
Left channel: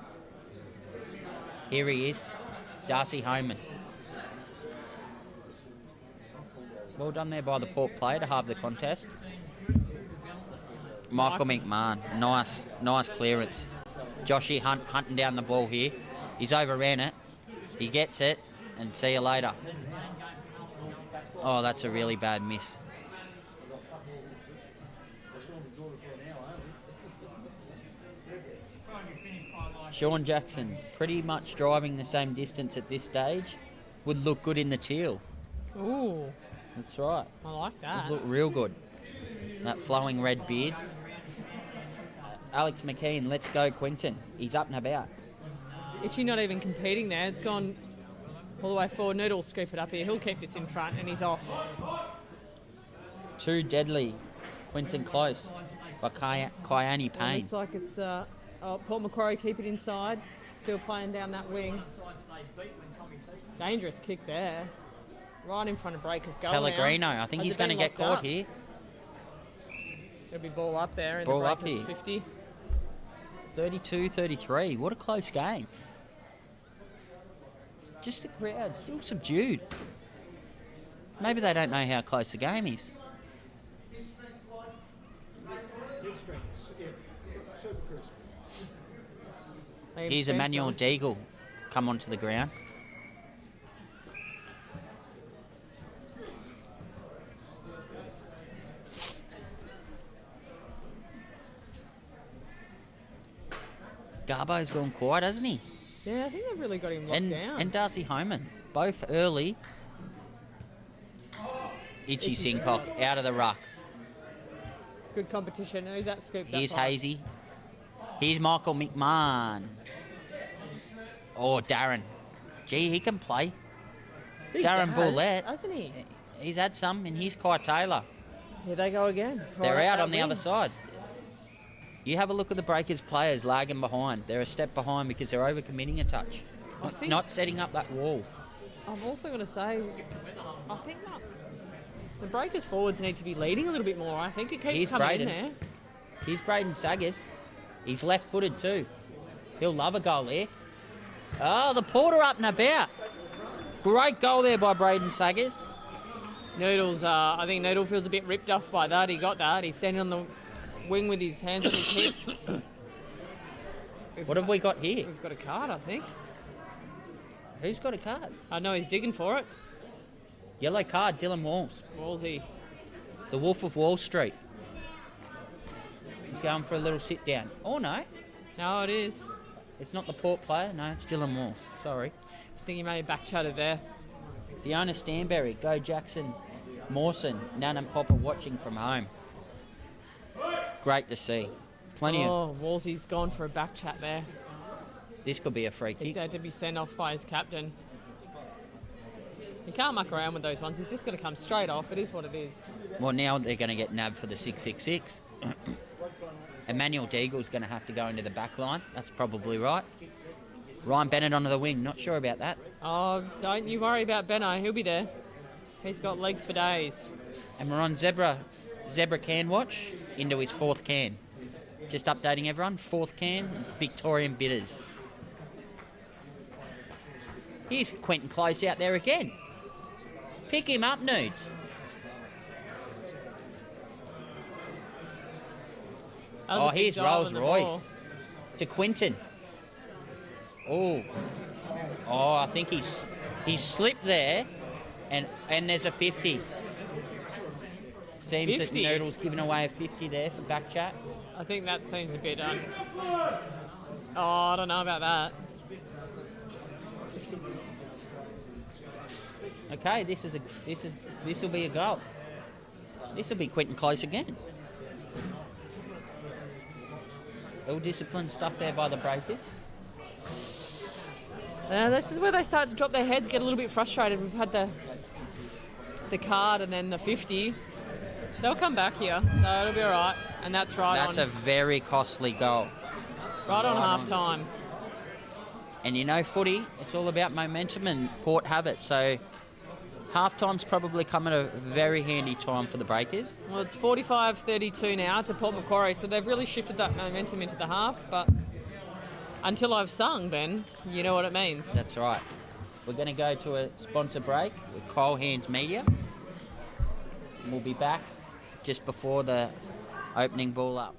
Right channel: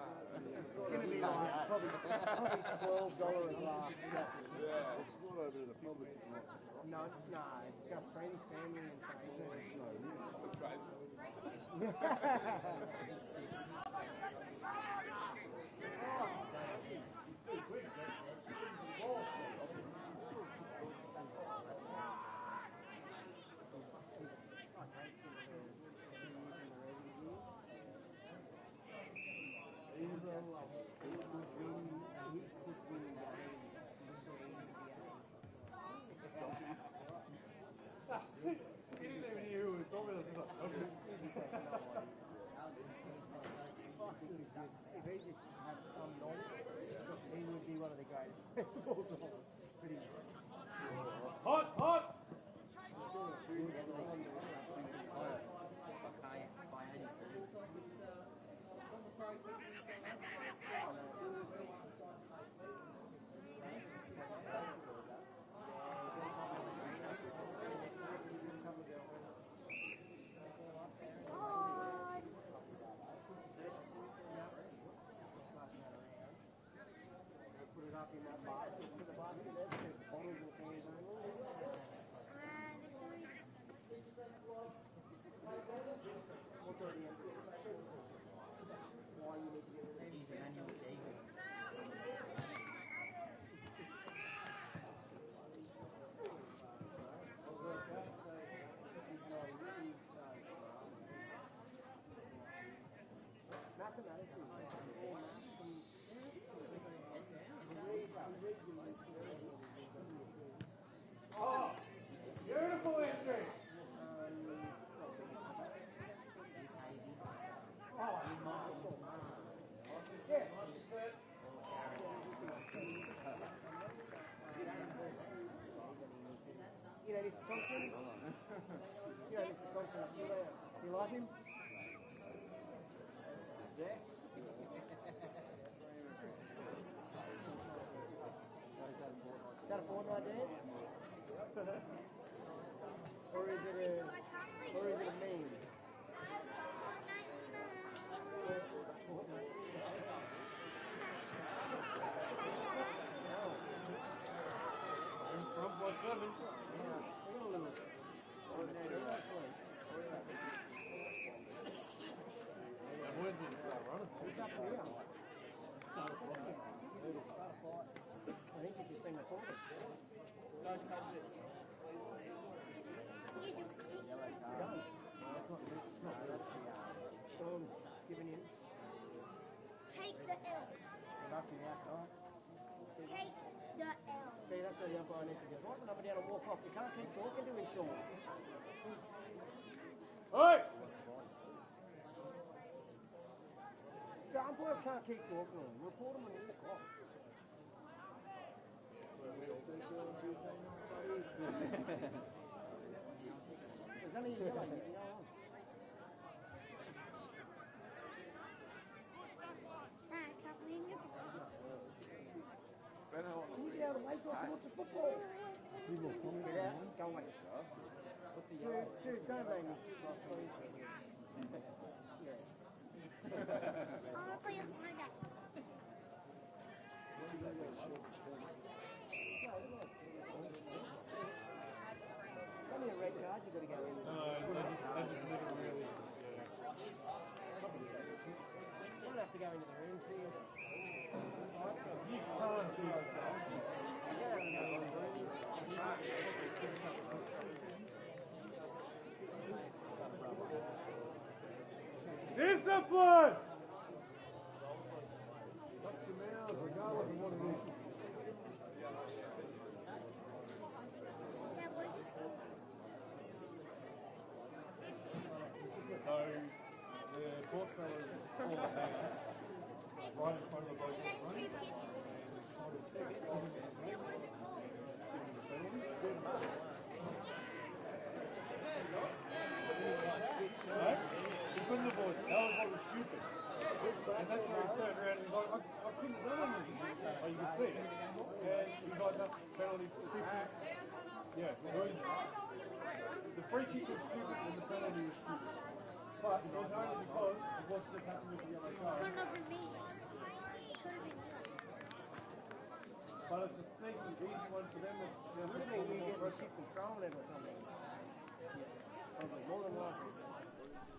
Here he is, Darcy Homan. Well done there by the Port player to halve the contest. Michael McMahon, nice clearance. Joshy hunting down the ball here. He's overran it. He gets it, and see you later. Oh, that's a really bad miss. Sean Jackson, pretty much driving the same distance at this stage. Would look good in the teal. Ooh. That's right. I like that. Would look real good. That flowing red beard. Alex McKean, let's go Quentin. He's up and about. Itchy not even competing there. It's gone all the way forward. Noodle will scoop it up here. He'll keep this in front, and he's off. Too deadly. Quentin Close by Kyani Payne. Looks like it's Port Macquarie keep it inside. Still playing down that wing. Dangerous kick there. Right in front of Breakers' goal. Pellegrino, I think he's going to get caught here. There'll be ball up there in ball the up Breakers here. 50. 32-33. What a close game. Just the crowd still subdued. Maybe they don't know how close the game is. Here's Emmanuel Deagle come onto the ground. Garbo's gone quiet, hasn't he? Yeah, I think they've really got him locked down. And Darcy Homan, both early. Itchy Sincock out of the ruck. Good competition. Who's that scooped Here's up by? Hazy. Here's Michael McMahon. Oh, Darren. Gee, he can play. He Darren does, Boulette. hasn't he? He's had some, and here's Kai Taylor. Here they go again. They're Right out that on the wing. other side. You have a look at the Breakers players lagging behind. They're a step behind because they're overcommitting a touch. I think- Not setting up that wall. I'm also going to say, I think The Breakers forwards need to be leading a little bit more. I think it keeps Here's coming Braden. in there. Here's Braden Saggers. He's left-footed too. He'll love a goal there. Oh, the Porter up and about. Great goal there by Braden Saggers. Noodles, I think Noodle feels a bit ripped off by that. He got that. He's standing on the wing with his hands on his hip. What have we got here? We've got a card, I think. Who's got a card? I know he's digging for it. Yellow card, Dylan Walls. Wallsy. The Wolf of Wall Street. He's going for a little sit down. Oh no, No, it is. it's not the Port player. No, it's Dylan Walls. Sorry. I think he may have back-chatted there. Fiona Stanberry, Go Jackson, Mawson, Nan and Papa watching from home. Great to see. Plenty of. Oh, Wallsy's gone for a back chat there. This could be a free He's kick. had to be sent off by his captain. He can't muck around with those ones. He's just going to come straight off. It is what it is. Well, now they're going to get nabbed for the 666. Emmanuel Deagle's going to have to go into the back line. That's probably right. Ryan Bennett onto the wing. Not sure about that. Oh, don't you worry about Benno. He'll be there. He's got legs for days. And we're on Zebra can watch into his fourth can. Just updating everyone. Fourth can, Victorian Bitters. Here's Quentin Close out there again. Pick him up, Nudes. That was Oh, a big here's dive Rolls on the Royce ball. to Quinton. Oh, I think he's slipped there, and there's a 50. Seems 50? that Noodle's given away a 50 there for back chat. I think that seems a bit. Oh, I don't know about that. Okay, this will be a goal. This will be Quentin Close again. Ill disciplined stuff there by the Breakers. This is where they start to drop their heads, get a little bit frustrated. We've had the card and then the 50. They'll come back here, so it'll be all right. And that's right That's on. a very costly goal. Right on half time. And you know, footy, it's all about momentum, and Port have it. So half-time's probably come at a very handy time for the Breakers. Well, it's 45-32 now to Port Macquarie, so they've really shifted that momentum into the half. But until I've sung, Ben, you know what it means. That's right. We're going to go to a sponsor break with Coffs Harbour Media. We'll be back just before the opening ball up.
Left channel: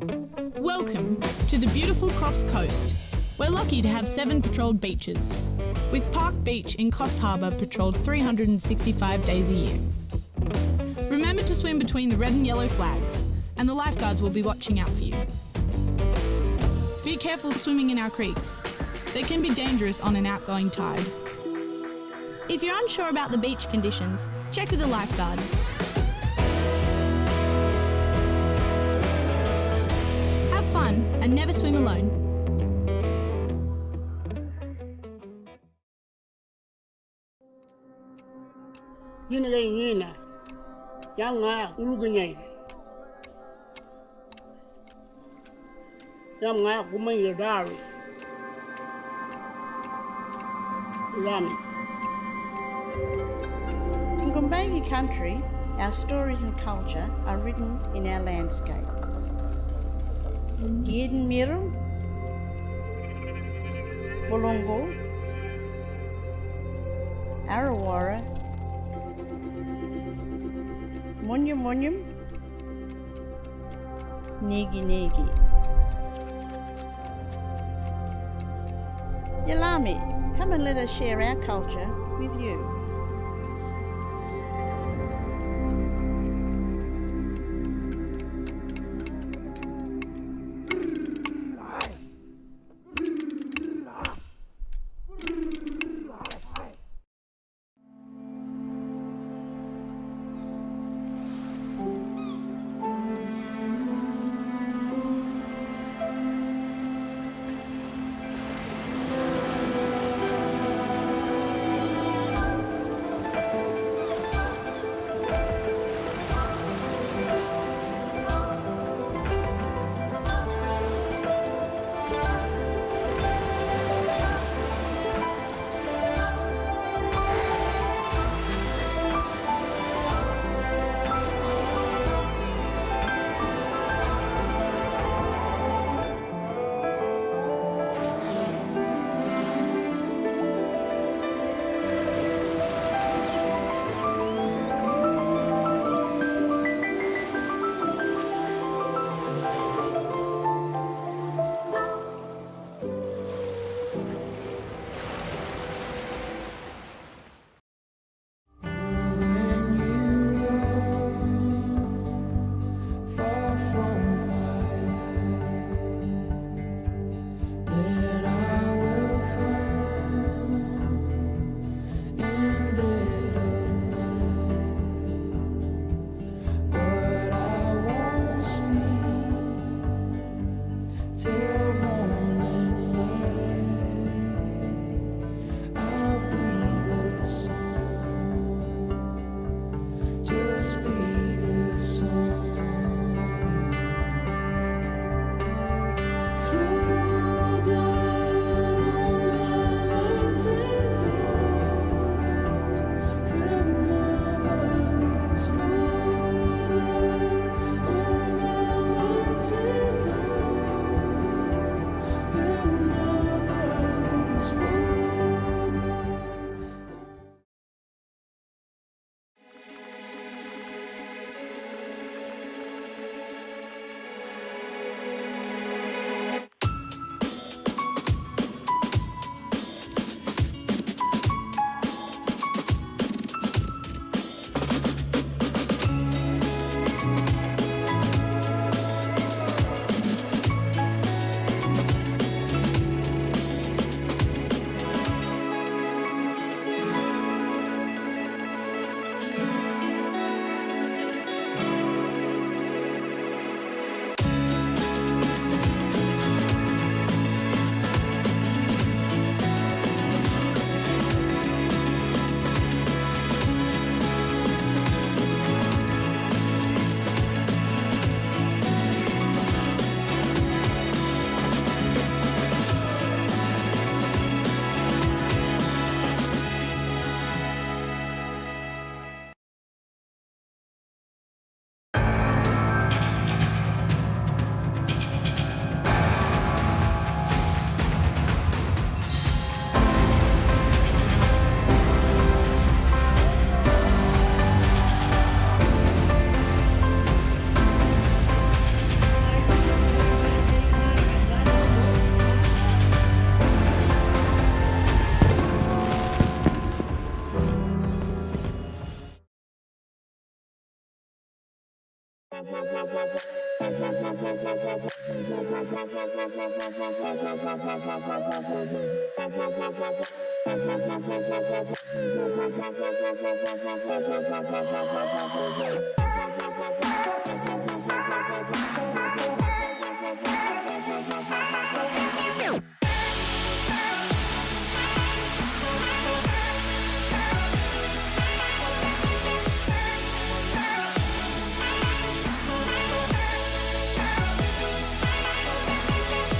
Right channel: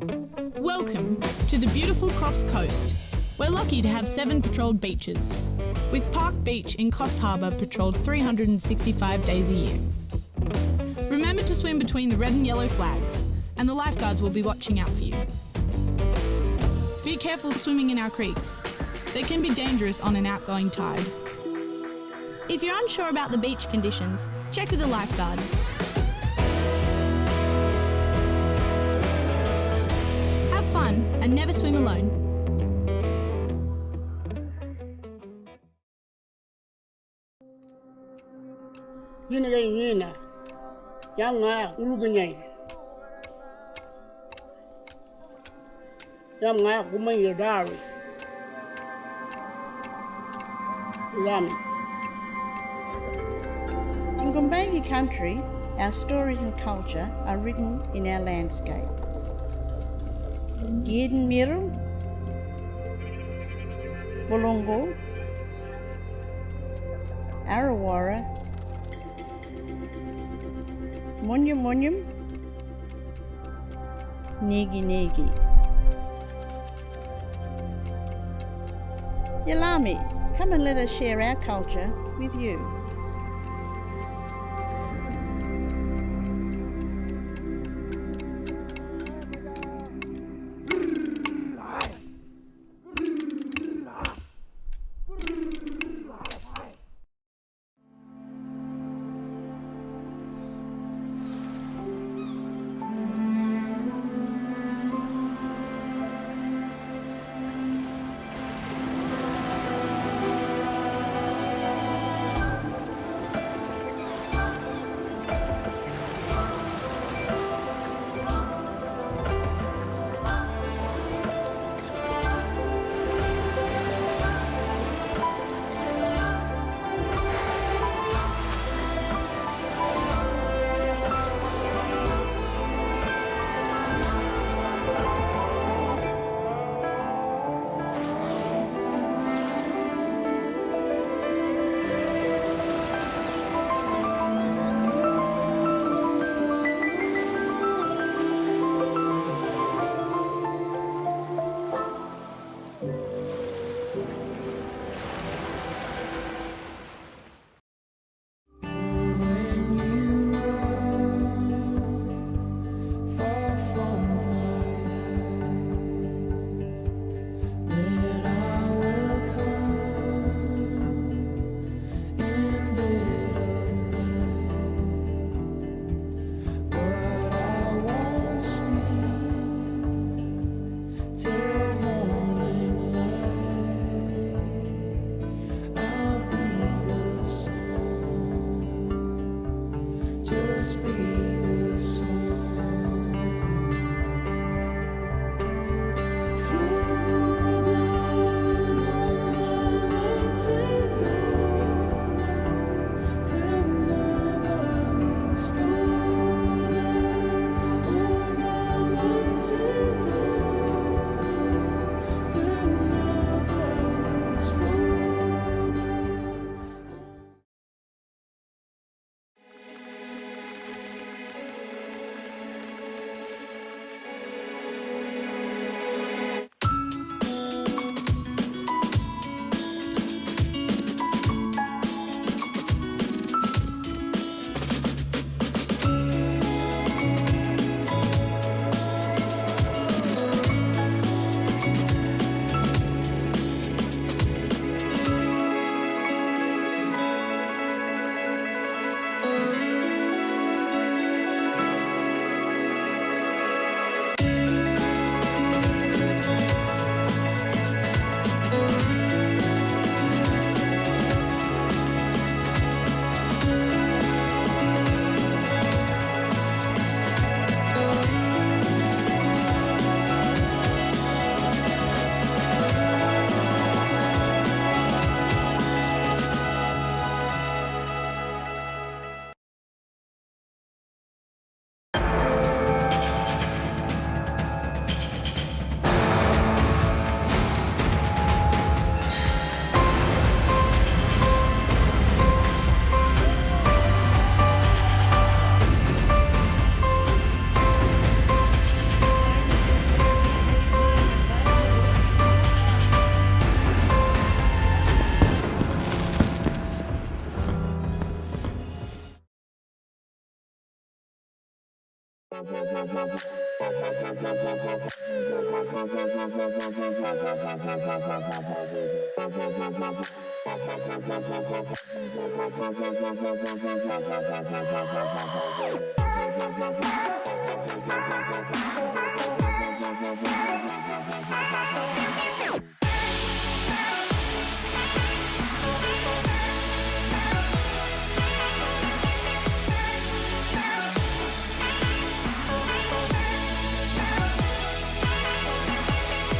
Welcome to the beautiful Coffs Coast. We're lucky to have 7 patrolled beaches, with Park Beach in Coffs Harbour patrolled 365 days a year. Remember to swim between the red and yellow flags, and the lifeguards will be watching out for you. Be careful swimming in our creeks. They can be dangerous on an outgoing tide. If you're unsure about the beach conditions, check with a lifeguard. Have fun and never swim alone. Yina Yanga Uruguay Yanga Gumay Dari Rami. In Gumbayi country, our stories and culture are written in our landscape. Giden Miru, Bolongo, Arawara, Munyum Munyum, Negi Negi. Yalami, come and let us share our culture with you.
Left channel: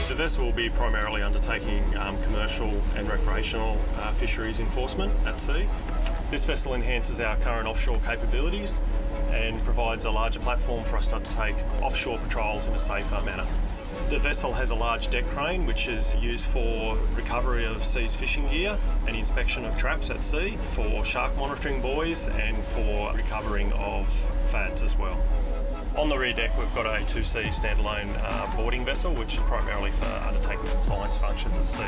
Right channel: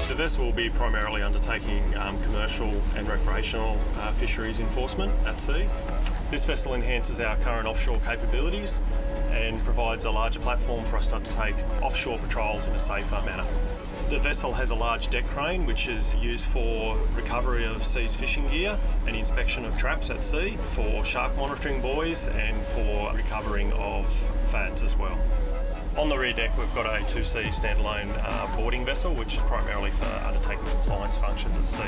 The vessel will be primarily undertaking commercial and recreational fisheries enforcement at sea. This vessel enhances our current offshore capabilities and provides a larger platform for us to undertake offshore patrols in a safer manner. The vessel has a large deck crane which is used for recovery of seized fishing gear and inspection of traps at sea, for shark monitoring buoys and for recovering of fads as well. On the rear deck we've got a 2C standalone boarding vessel which is primarily for undertaking compliance functions at sea.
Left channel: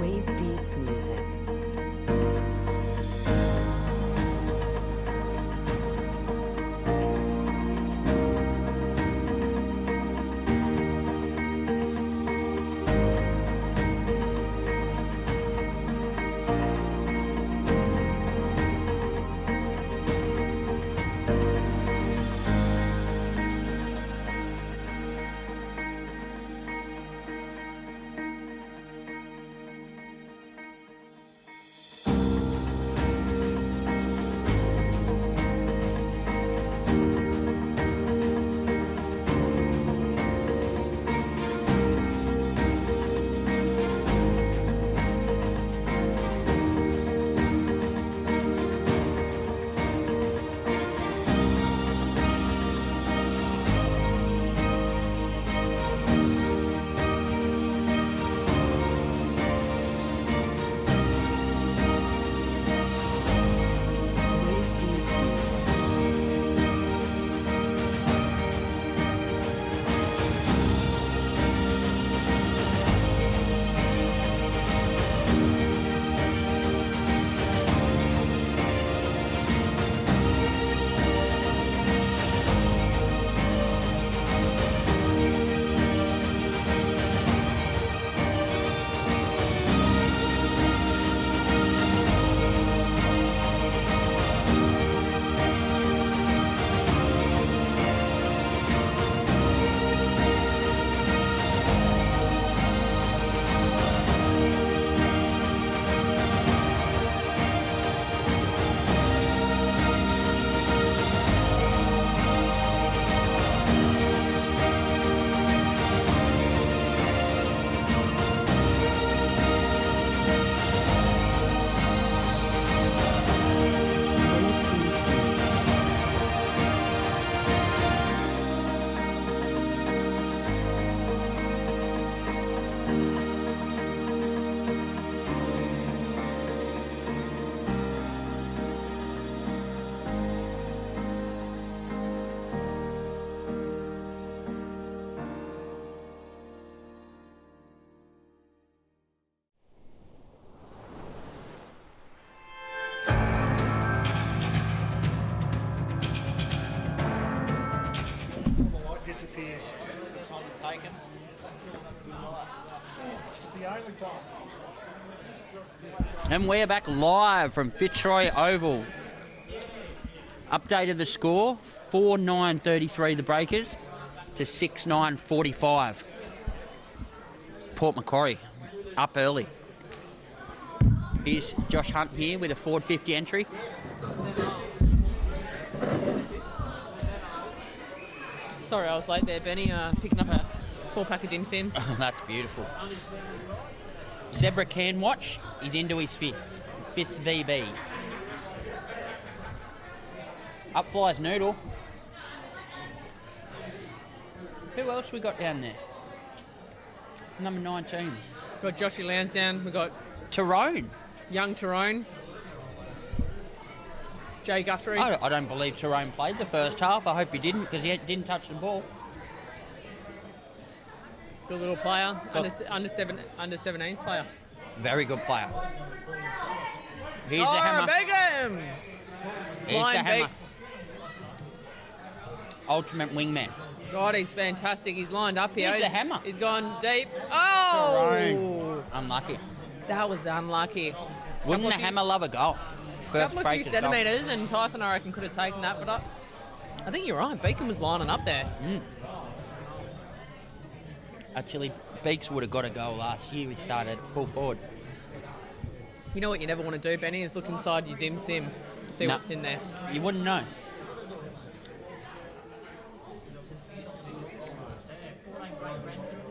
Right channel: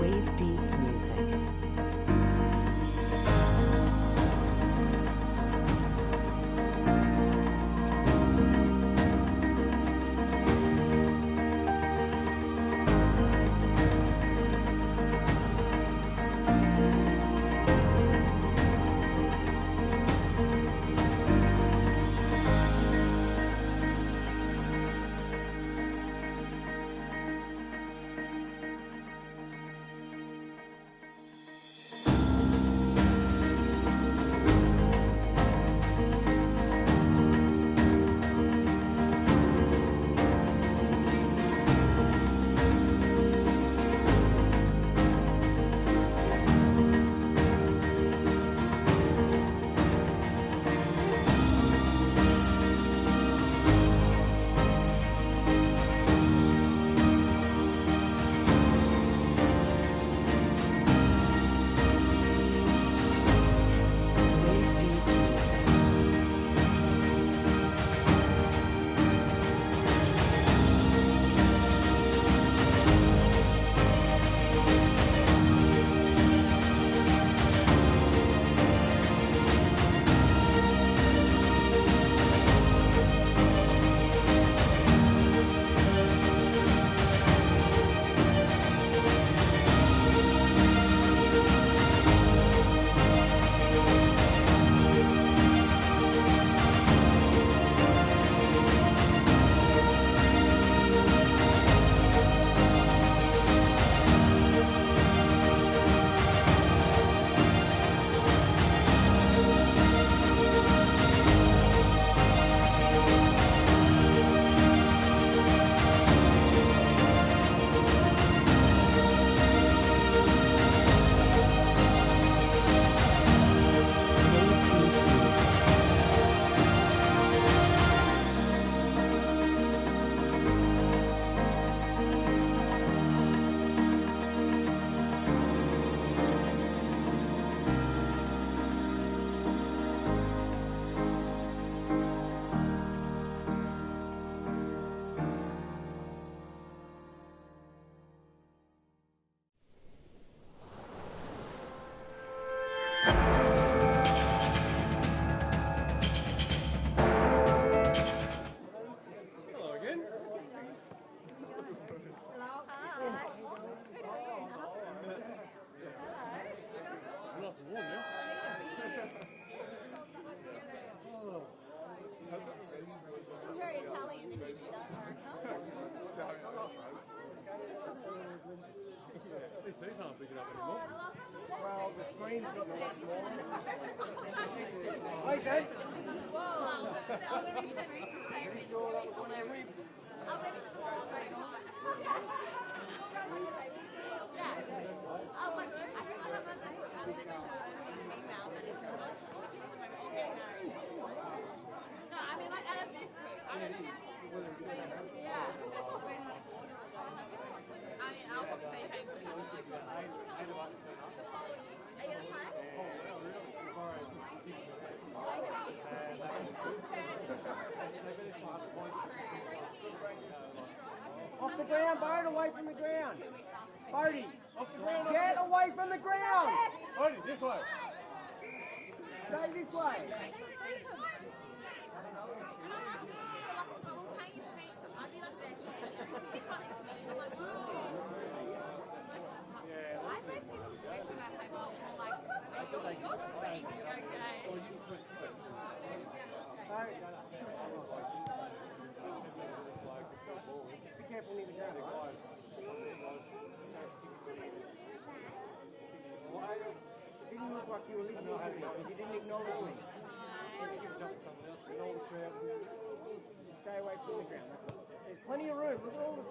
Wave Beats Music. And we're back live from Fitzroy Oval. Update of the score, 4-9-33 the Breakers to 6-9-45. Port Macquarie up early. Here's Josh Hunt here with a Ford 50 entry. Sorry, I was late there, Benny. Picking up a 4-pack of dim sims. Oh, that's beautiful. Zebra can watch. He's into his fifth VB. Up flies Noodle. Who else we got down there? Number 19. We've got Joshy Lansdowne. We've got Tyrone. young Tyrone. Jay Guthrie. I don't believe Tyrone played the first half. I hope he didn't, because he didn't touch the ball. Good little player. Under 17s player. Very good player. Here's the Oh, hammer. Beckham! Here's the Flying hammer. beaks. Ultimate wingman. God, he's fantastic. He's lined up here. Here's the hammer. He's gone deep. Oh! Tyrone. Unlucky. That was unlucky. Wouldn't the hammer love a goal? First Couple of few Breakers goal. centimetres, and Tyson, I reckon, could have taken that, but I think you're right. Beacon was lining up there. Actually, Beaks would have got a goal last year. He started full forward. You know what you never want to do, Benny, is look inside your dim sim, see No. what's in there. You wouldn't know.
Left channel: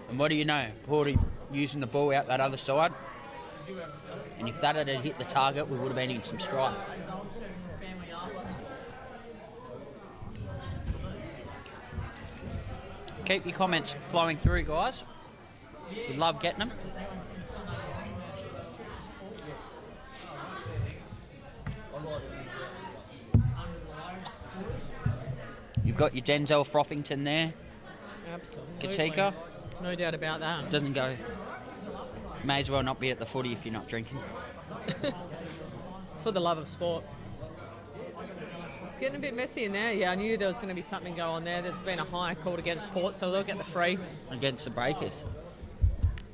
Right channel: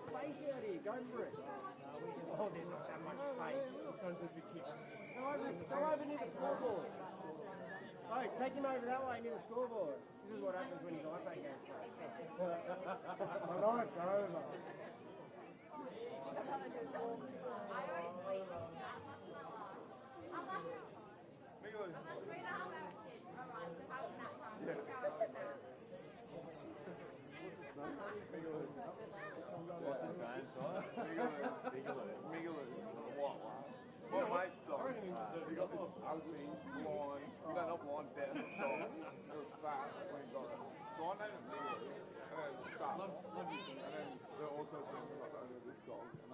And what do you know? Porty using the ball out that other side. And if that had hit the target, we would have been in some strife. Keep your comments flowing through, guys. We love getting them. You've got your Denzel Frothington there. Absolutely. Katika. No doubt about that. Doesn't go. May as well not be at the footy if you're not drinking. It's for the love of sport. It's getting a bit messy in there. Yeah, I knew there was going to be something going on there. There's been a high called against Port, so they'll get the free. Against the Breakers.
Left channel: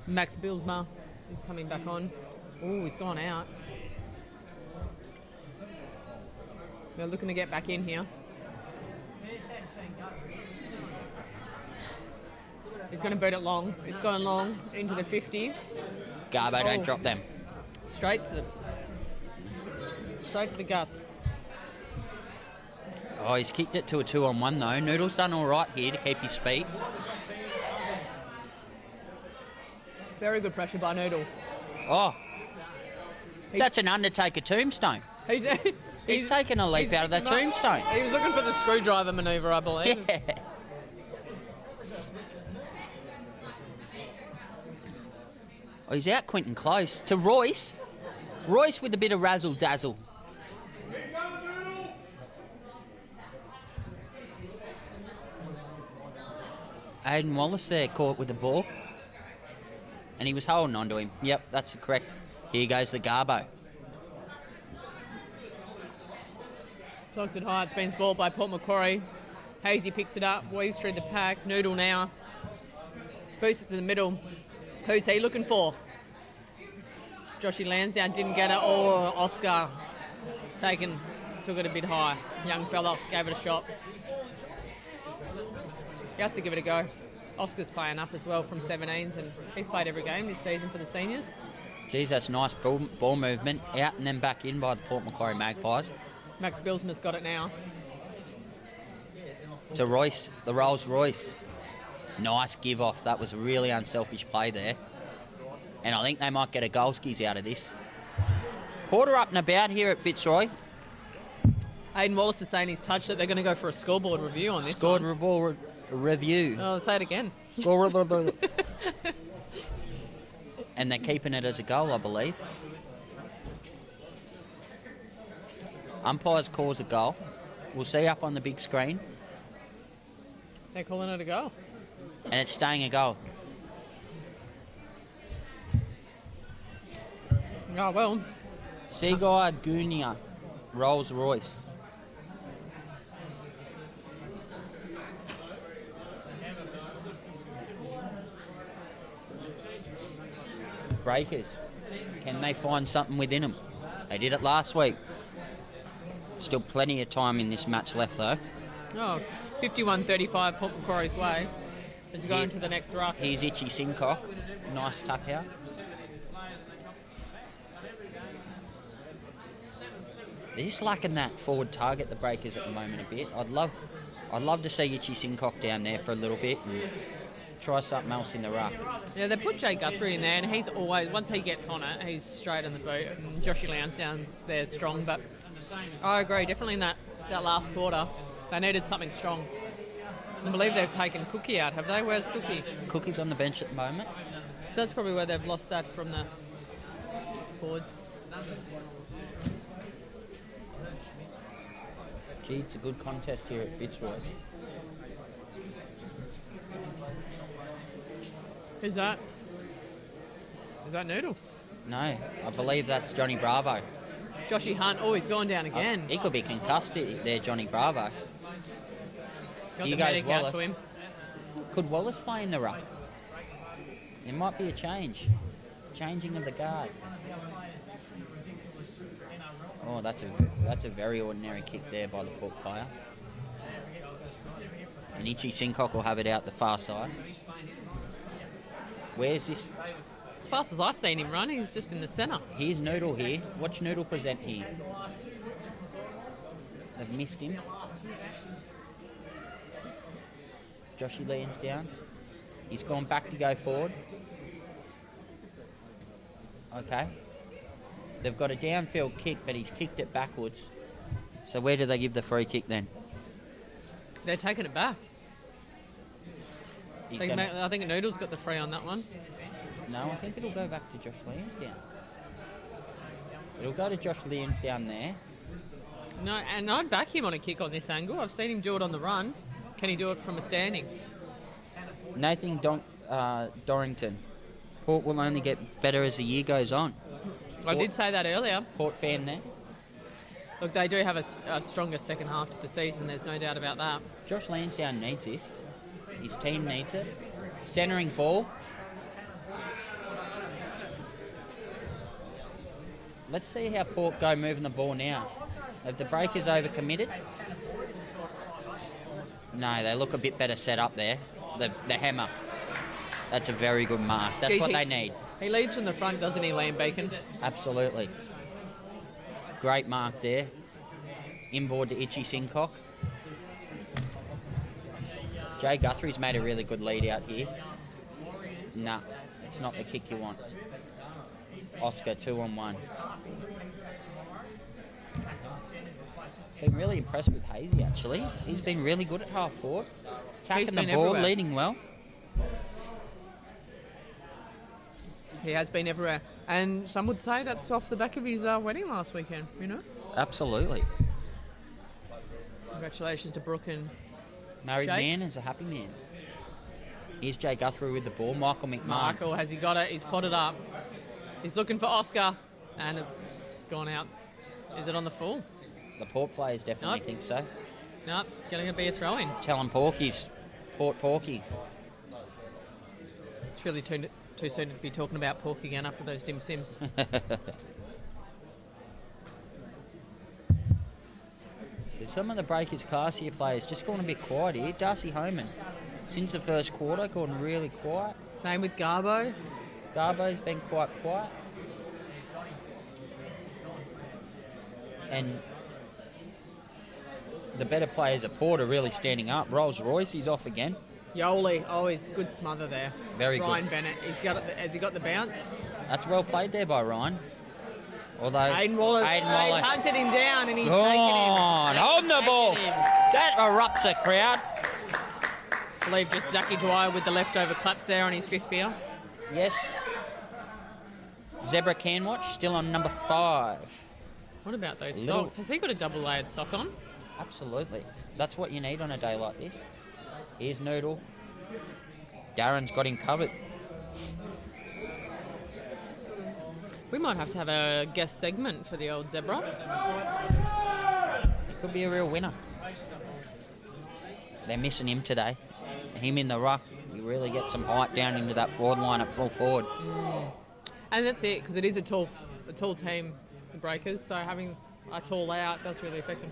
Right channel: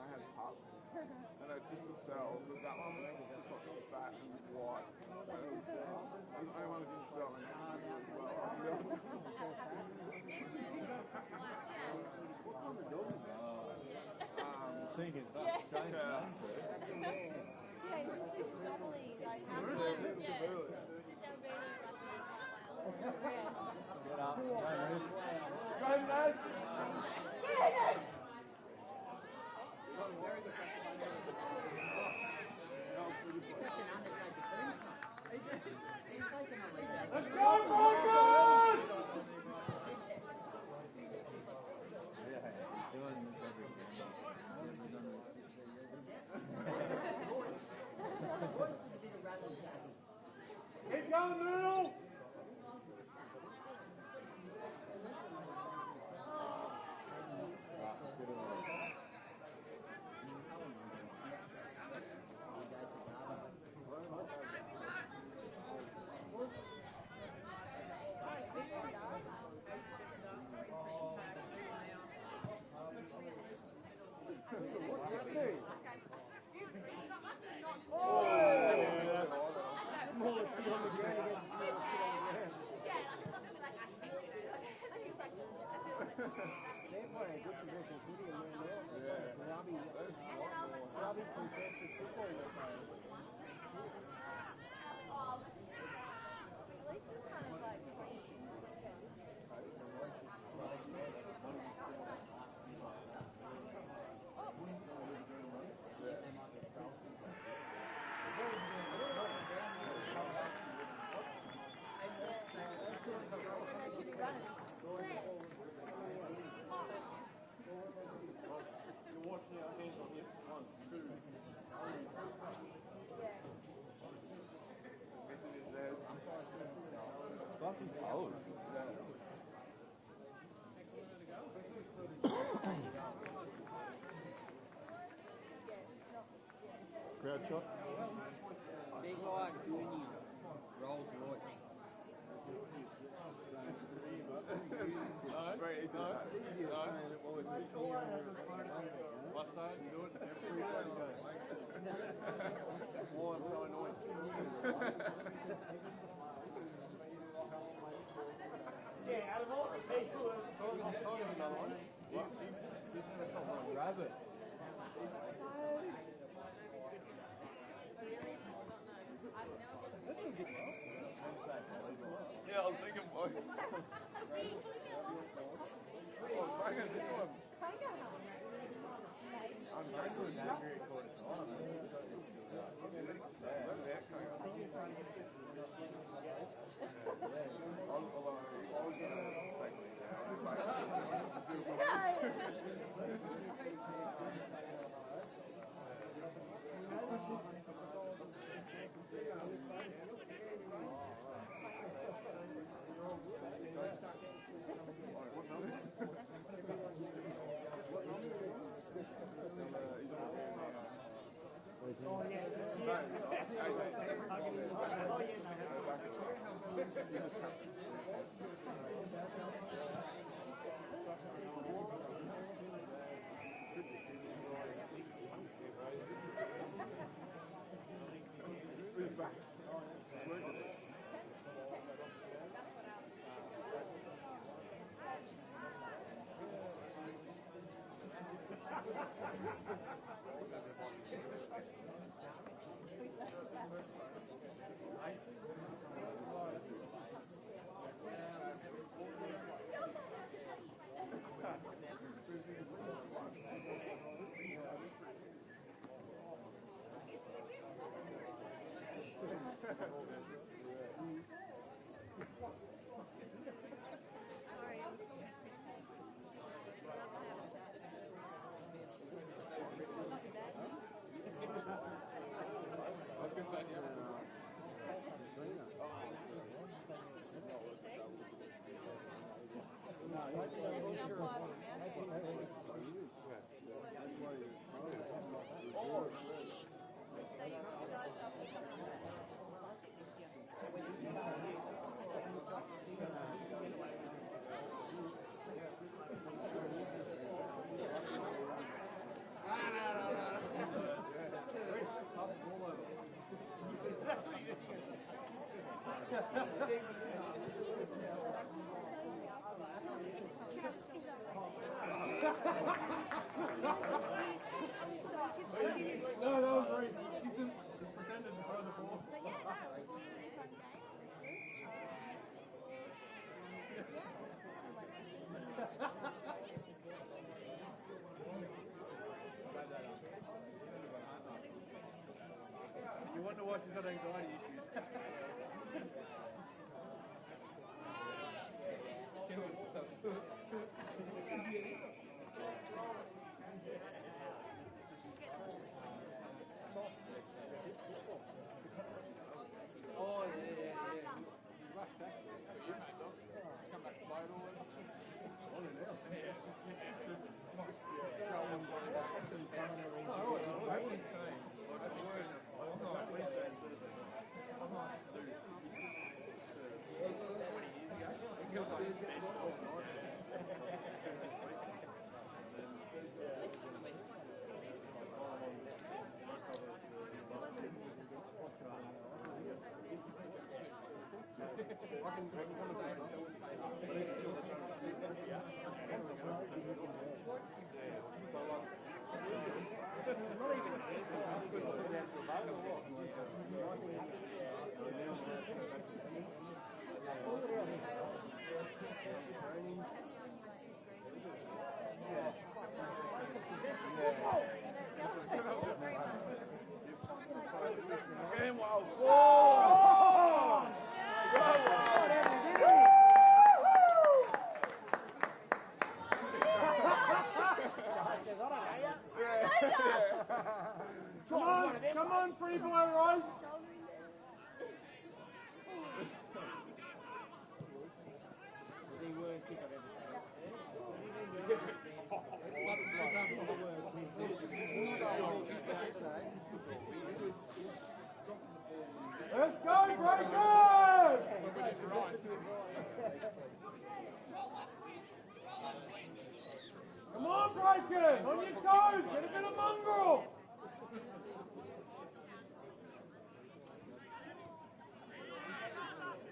Max Bilsma is coming back on. Ooh, he's gone out. They're looking to get back in here. He's going to boot it long. It's going long into the 50. Garbo, don't drop them. Straight to the guts. Oh, he's kicked it to a 2-on-1 though. Noodle's done all right here to keep his feet. Very good pressure by Noodle. Oh, that's an Undertaker tombstone. He's taken a leaf out of that tombstone. He was looking for the screwdriver manoeuvre, I believe. Yeah. Oh, he's out Quinton close to Royce. Royce with a bit of razzle-dazzle. Aidan Wallace there caught with the ball. And he was holding on to him. Yep, that's correct. Here goes the Garbo. Clogs it high. It's been ball by Port Macquarie. Hazy picks it up, weaves through the pack. Noodle now. Boosts it to the middle. Who's he looking for? Joshy Lansdowne didn't get it. Oh, Oscar took it a bit high. Young fella gave it a shot. He has to give it a go. Oscar's playing up as well from 17s, and he's played every game this season for the seniors. Geez, that's nice ball movement. Out and then back in by the Port Macquarie Magpies. Max Bilsma's got it now. To Royce, the Rolls Royce. Nice give off. That was a really unselfish play there. And I think they might get a goal skis out of this. Porter up and about here at Fitzroy. Aidan Wallace is saying he's touched it. They're going to go for a scoreboard review on this. Scoreboard review. Oh, say it again. Scoreboard. And they're keeping it as a goal, I believe. Umpires calls a goal. We'll see up on the big screen. They're calling it a goal. And it's staying a goal. Oh, well. Seaguy Gunia, Rolls Royce. Breakers. Can may find something within them. They did it last week. Still plenty of time in this match left, though. Oh, 51-35 Port Macquarie's way. As we go into the next ruck. Here's Itchy Sincock. Nice tap out. They're just lacking that forward target, the Breakers, at the moment a bit. I'd love to see Itchy Sincock down there for a little bit and try something else in the ruck. Yeah, they put Jay Guthrie in there, and he's always, once he gets on it, he's straight in the boot. And Joshy Lansdowne there strong, but I agree, definitely in that last quarter, they needed something strong. I believe they've taken Cookie out, have they? Where's Cookie? Cookie's on the bench at the moment. So that's probably where they've lost that from the forwards. Gee, it's a good contest here at Fitzroy. Who's that? Is that Noodle? No, I believe that's Johnny Bravo. Joshy Hunt, he's gone down again. He could be concussed there, Johnny Bravo. Got Here the goes medic out Wallace. to him. Could Wallace play in the ruck? There might be a change. Changing of the guard. Oh, that's a very ordinary kick there by the Port player. And Itchy Sincock will have it out the far side. Where's this? As fast as I've seen him run, he's just in the centre. Here's Noodle here. Watch Noodle present here. They've missed him. Joshy Lansdowne. He's gone back to go forward. Okay. They've got a downfield kick, but he's kicked it backwards. So where do they give the free kick then? They're taking it back. He's I think Noodle's got the free on that one. No, I think it'll go back to Josh Lansdowne. It'll go to Josh Lansdowne there. No, and I'd back him on a kick on this angle. I've seen him do it on the run. Can he do it from a standing? Nathan Dorrington. Port will only get better as the year goes on. I did say that earlier. Port fan there. Look, they do have a stronger second half to the season. There's no doubt about that. Josh Lansdowne needs this. His team needs it. Centering ball. Let's see how Port go moving the ball now. Have the Breakers overcommitted? No, they look a bit better set up there. The hammer. That's a very good mark. That's what they need. He leads from the front, doesn't he, Liam Beacon? Absolutely. Great mark there. Inboard to Itchy Sincock. Jay Guthrie's made a really good lead out here. Nah, it's not the kick you want. Oscar 2-on-1. Been really impressed with Hazy, actually. He's been really good at half forward. Attacking the ball, everywhere. leading well. He has been everywhere. And some would say that's off the back of his wedding last weekend, you know? Absolutely. Congratulations to Brooke and Married Jake. man is a happy man. Here's Jay Guthrie with the ball. Michael McMahon. Michael, has he got it? He's potted up. He's looking for Oscar, and it's gone out. Is it on the full? The Port players definitely think so. No, it's going to be a throw-in. Tell them Porkies. Port Porkies. It's really too soon to be talking about pork again after those dim sims. So some of the Breakers classier players just gone a bit quiet here. Darcy Homan, since the first quarter, gone really quiet. Same with Garbo. Garbo's been quite quiet. And the better players at Port are really standing up. Rolls Royce, he's off again. Yoli, he's good smother there. Very Ryan good. Bennett, has he got the bounce? That's well played there by Ryan. Although Aiden Wallace, Wallace hunted him down and he's taken him. on the ball. That erupts a crowd. I believe just Zachy Dwyer with the leftover claps there on his fifth beer. Yes. Zebra Canwatch still on number 5. What about those Little- socks? Has he got a double layered sock on? Absolutely. That's what you need on a day like this. Here's Noodle. Darren's got him covered. We might have to have a guest segment for the old Zebra. He could be a real winner. They're missing him today. Him in the ruck. You really get some height down into that forward line at full forward. And that's it, because it is a tall a tall team, the Breakers, so having a tall out does really affect them.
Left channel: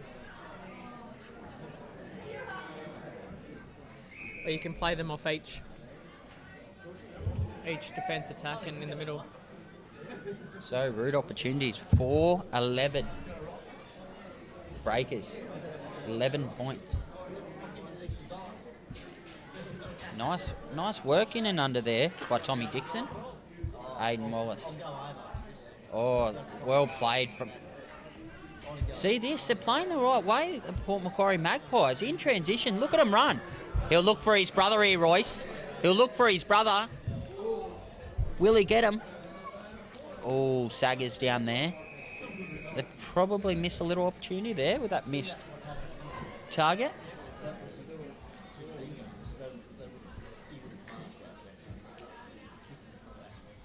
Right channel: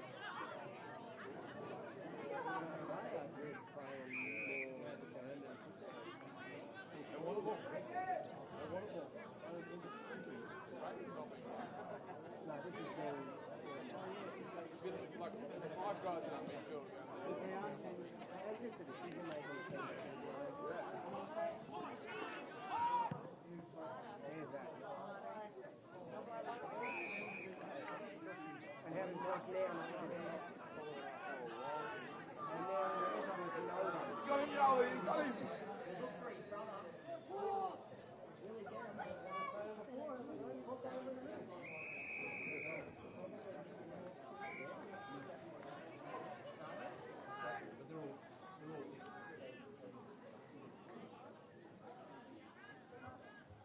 But you can play them off each defence attack and in the middle. So, rude opportunities. 4-11. Breakers. 11 points. Nice work in and under there by Tommy Dixon. Aidan Wallace. Oh, well played from... See this? They're playing the right way, the Port Macquarie Magpies. In transition, look at him run. He'll look for his brother here, Royce. He'll look for his brother. Will he get him? Oh, Saggers down there. They probably missed a little opportunity there with that missed target.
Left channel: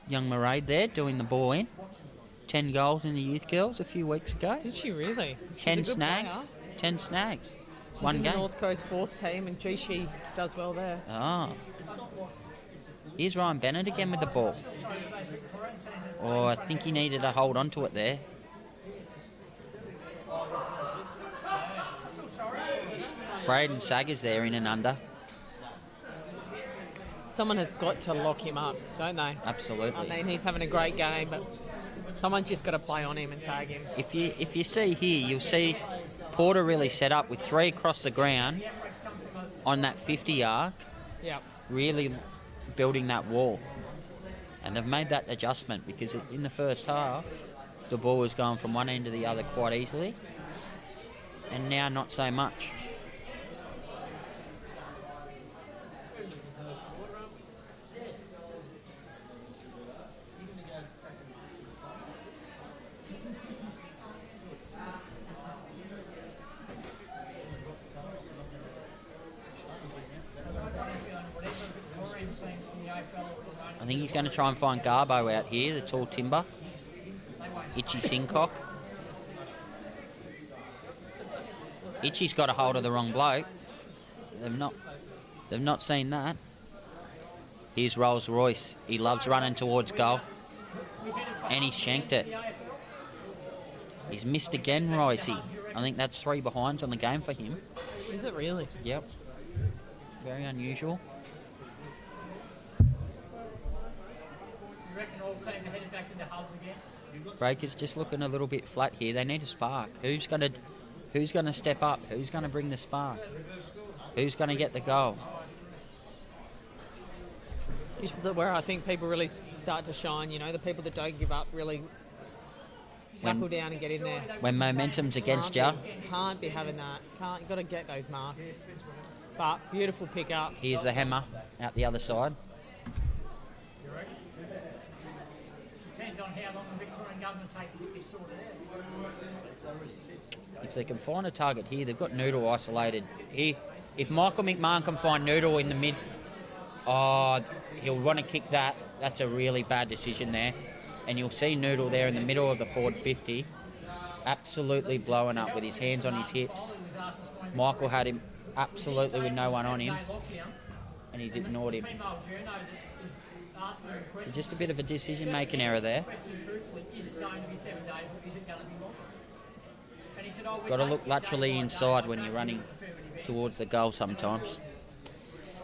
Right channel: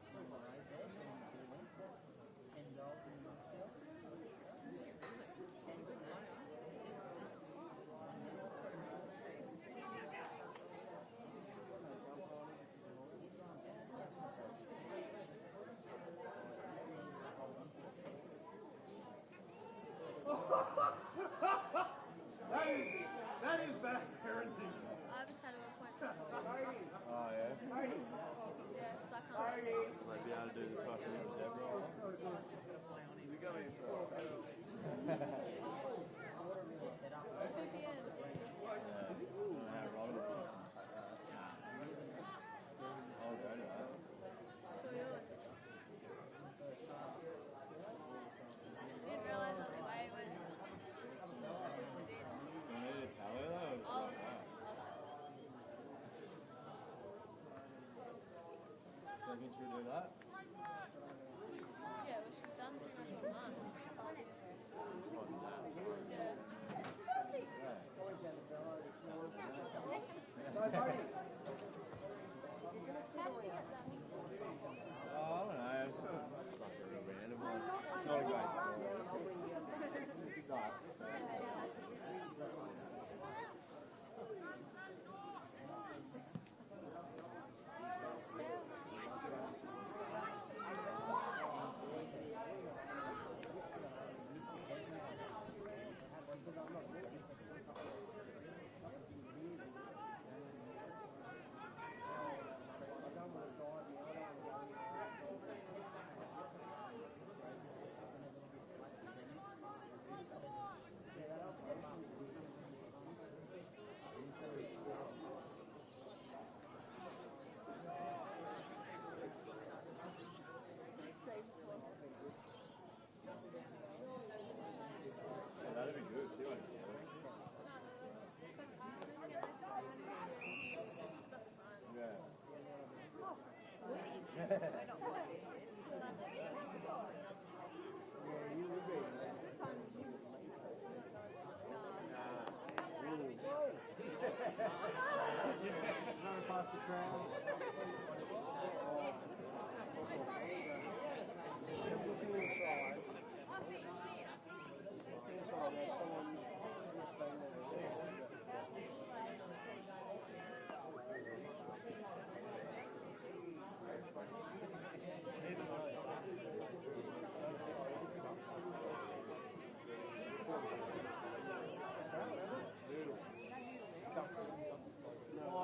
Young Murray there doing the ball in. 10 goals in the youth girls a few weeks ago. Did she really? 10 snags. 10 snags. She's One in game. the North Coast Force team, and gee, she does well there. Ah. Here's Ryan Bennett again with the ball. Oh, I think he needed to hold on to it there. Braden Saggers there in and under. Someone has got to lock him up, don't they? Absolutely. I mean, he's having a great game, but someone's just got to play on him and tag him. If you see here, you'll see Porter really set up with 3 across the ground on that 50 arc. Yeah. Really building that wall. And they've made that adjustment because in the first half, the ball was going from one end to the other quite easily. And now not so much. I think he's going to try and find Garbo out here, the tall timber. Itchy Sincock. Itchy's got a hold of the wrong bloke. They've not seen that. Here's Rolls Royce. He loves running towards goal. And he's shanked it. He's missed again, Roycey. I think that's 3 behinds on the game for him. Is it really? Yep. Very unusual. Breakers just looking a little bit flat here. They need a spark. Who's going to step up? Who's going to bring the spark? Who's going to get the goal? This is where I think people really start to shine. You know, the people that don't give up really knuckle down and get in there. When momentum's against you. Can't be having that. You've got to get those marks. But beautiful pick up. Here's the hammer out the other side. If they can find a target here, they've got Noodle isolated. Here, if Michael McMahon can find Noodle in the mid, he'll want to kick that. That's a really bad decision there. And you'll see Noodle there in the middle of the forward 50, absolutely blowing up with his hands on his hips. Michael had him absolutely with no one on him, and he's ignored him. So just a bit of a decision-making error there. Got to look laterally inside when you're running towards the goal sometimes.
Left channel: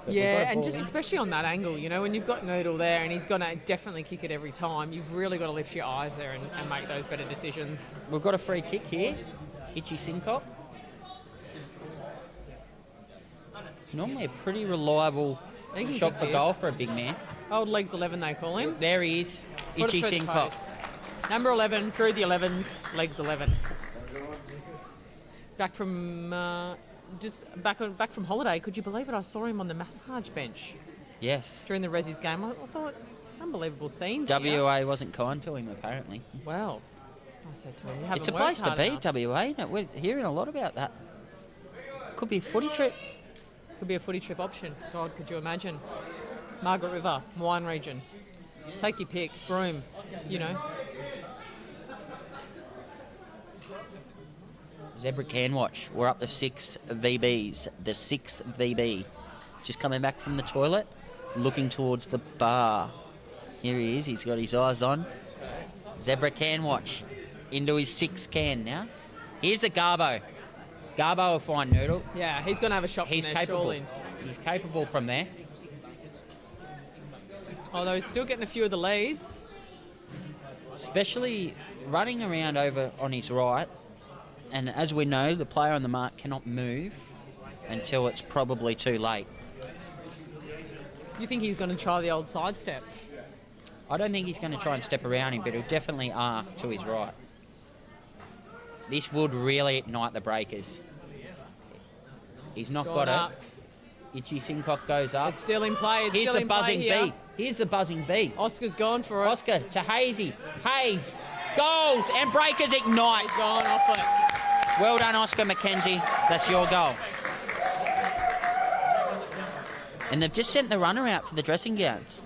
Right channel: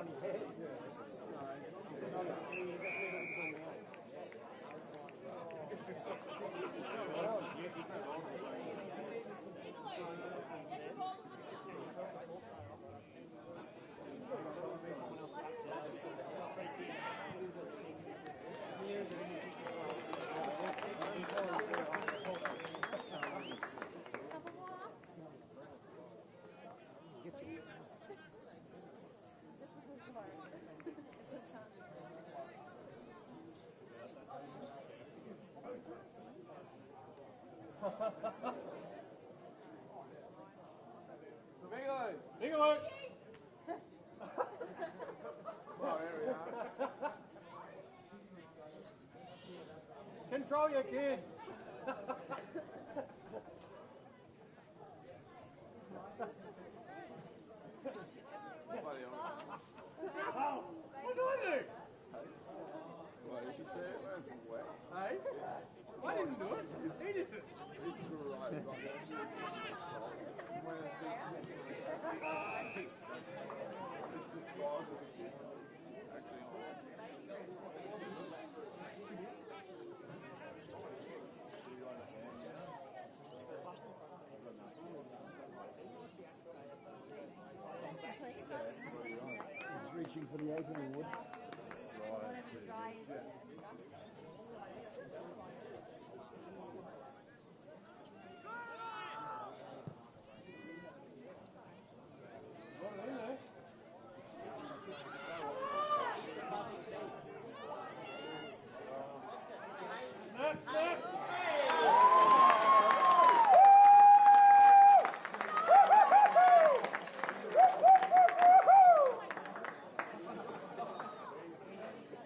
But yeah, and just especially on that angle, you know, when you've got Noodle there and he's going to definitely kick it every time, you've really got to lift your eyes there and make those better decisions. We've got a free kick here. Itchy Sincock. It's normally a pretty reliable shot for goal for a big man. Old legs 11 they call him. There he is, Itchy Sincock. Number 11, through the 11s, legs 11. Back from back from holiday, could you believe it? I saw him on the massage bench. Yes. During the Resi's game, I thought, unbelievable scenes. WA wasn't kind to him apparently. Well, I said to him, you haven't it's a place to be, enough. WA. Isn't it? We're hearing a lot about that. Could be a footy trip. Could be a footy trip option. God, could you imagine? Margaret River, wine region. Take your pick. Broome, you know. Zebra can watch. We're up to 6 VBs. The 6th VB. Just coming back from the toilet, looking towards the bar. Here he is. He's got his eyes on. Zebra can watch. Into his 6th can now. Here's a Garbo. Garbo will find Noodle. Yeah, he's going to have a shot from He's there, capable. surely. He's capable from there. Although he's still getting a few of the leads. Especially running around over on his right. And as we know, the player on the mark cannot move until it's probably too late. You think he's going to try the old sidestep? I don't think he's going to try and step around him, but he'll definitely arc to his right. This would really ignite the breakers. He's not got up. it. Itchy Sincock goes up. It's still in play. It's Here's still the in play buzzing here. bee. Here's the buzzing bee. Oscar's gone for it. Oscar to Hazy. Hayes goals and breakers ignite. Gone off it. Well done, Oscar McKenzie. That's your goal. And they've just sent the runner out for the dressing gowns.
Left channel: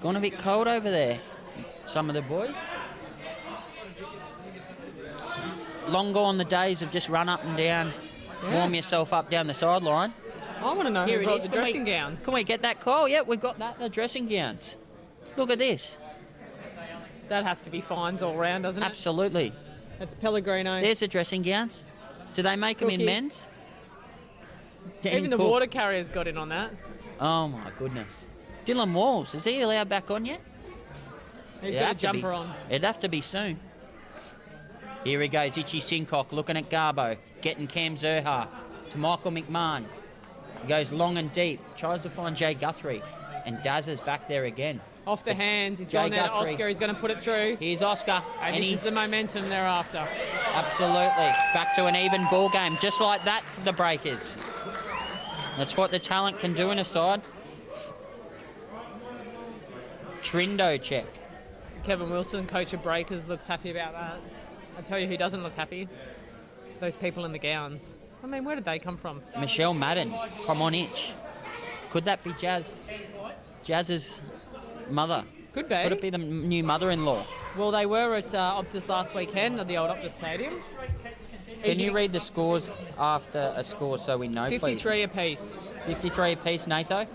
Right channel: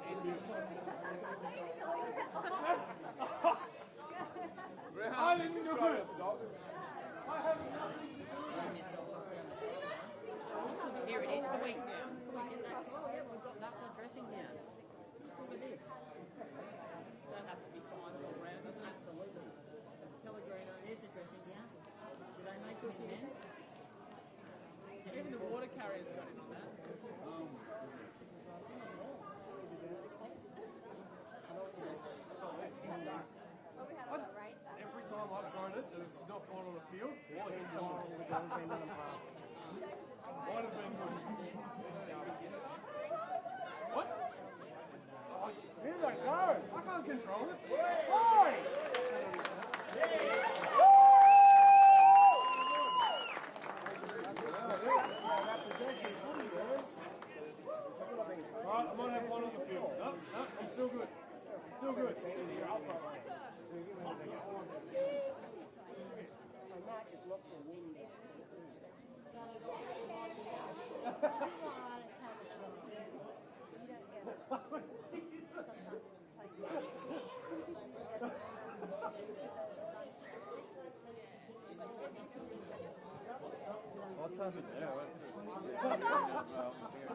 Gone a bit cold over there, some of the boys. Long gone the days of just run up and down, warm yourself up down the sideline. I want to know Here who it brought is. the dressing gowns. Can we get that call? Yep, we've got that, the dressing gowns. Look at this. That has to be fines all round, doesn't it? Absolutely. That's Pellegrino. There's the dressing gowns. Do they make them in Cookie. men's? Even the Cool. water carrier's got in on that. Oh my goodness. Dylan Walls, is he allowed back on yet? He's It'd got a have to be- jumper on. It'd have to be soon. Here he goes, Itchy Sincock looking at Garbo, getting Cam Zerha to Michael McMahon. He goes long and deep, tries to find Jay Guthrie, and Daz is back there again. Off the hands, he's Jay going there to Guthrie. Oscar, he's going to put it through. Here's Oscar, And this he's is the momentum thereafter. absolutely back to an even ball game, just like that for the Breakers. That's what the talent can do in a side. Trindo check. Kevin Wilson, coach of Breakers, looks happy about that. I tell you who doesn't look happy. Those people in the gowns. I mean, where did they come from? Michelle Madden, come on itch. Could that be Jazz? Jazz's mother? Could be. Could it be the new mother-in-law? Well, they were at Optus last weekend at the old Optus Stadium. Can you read the scores after a score so we know, 53 apiece. 53 apiece, Natho.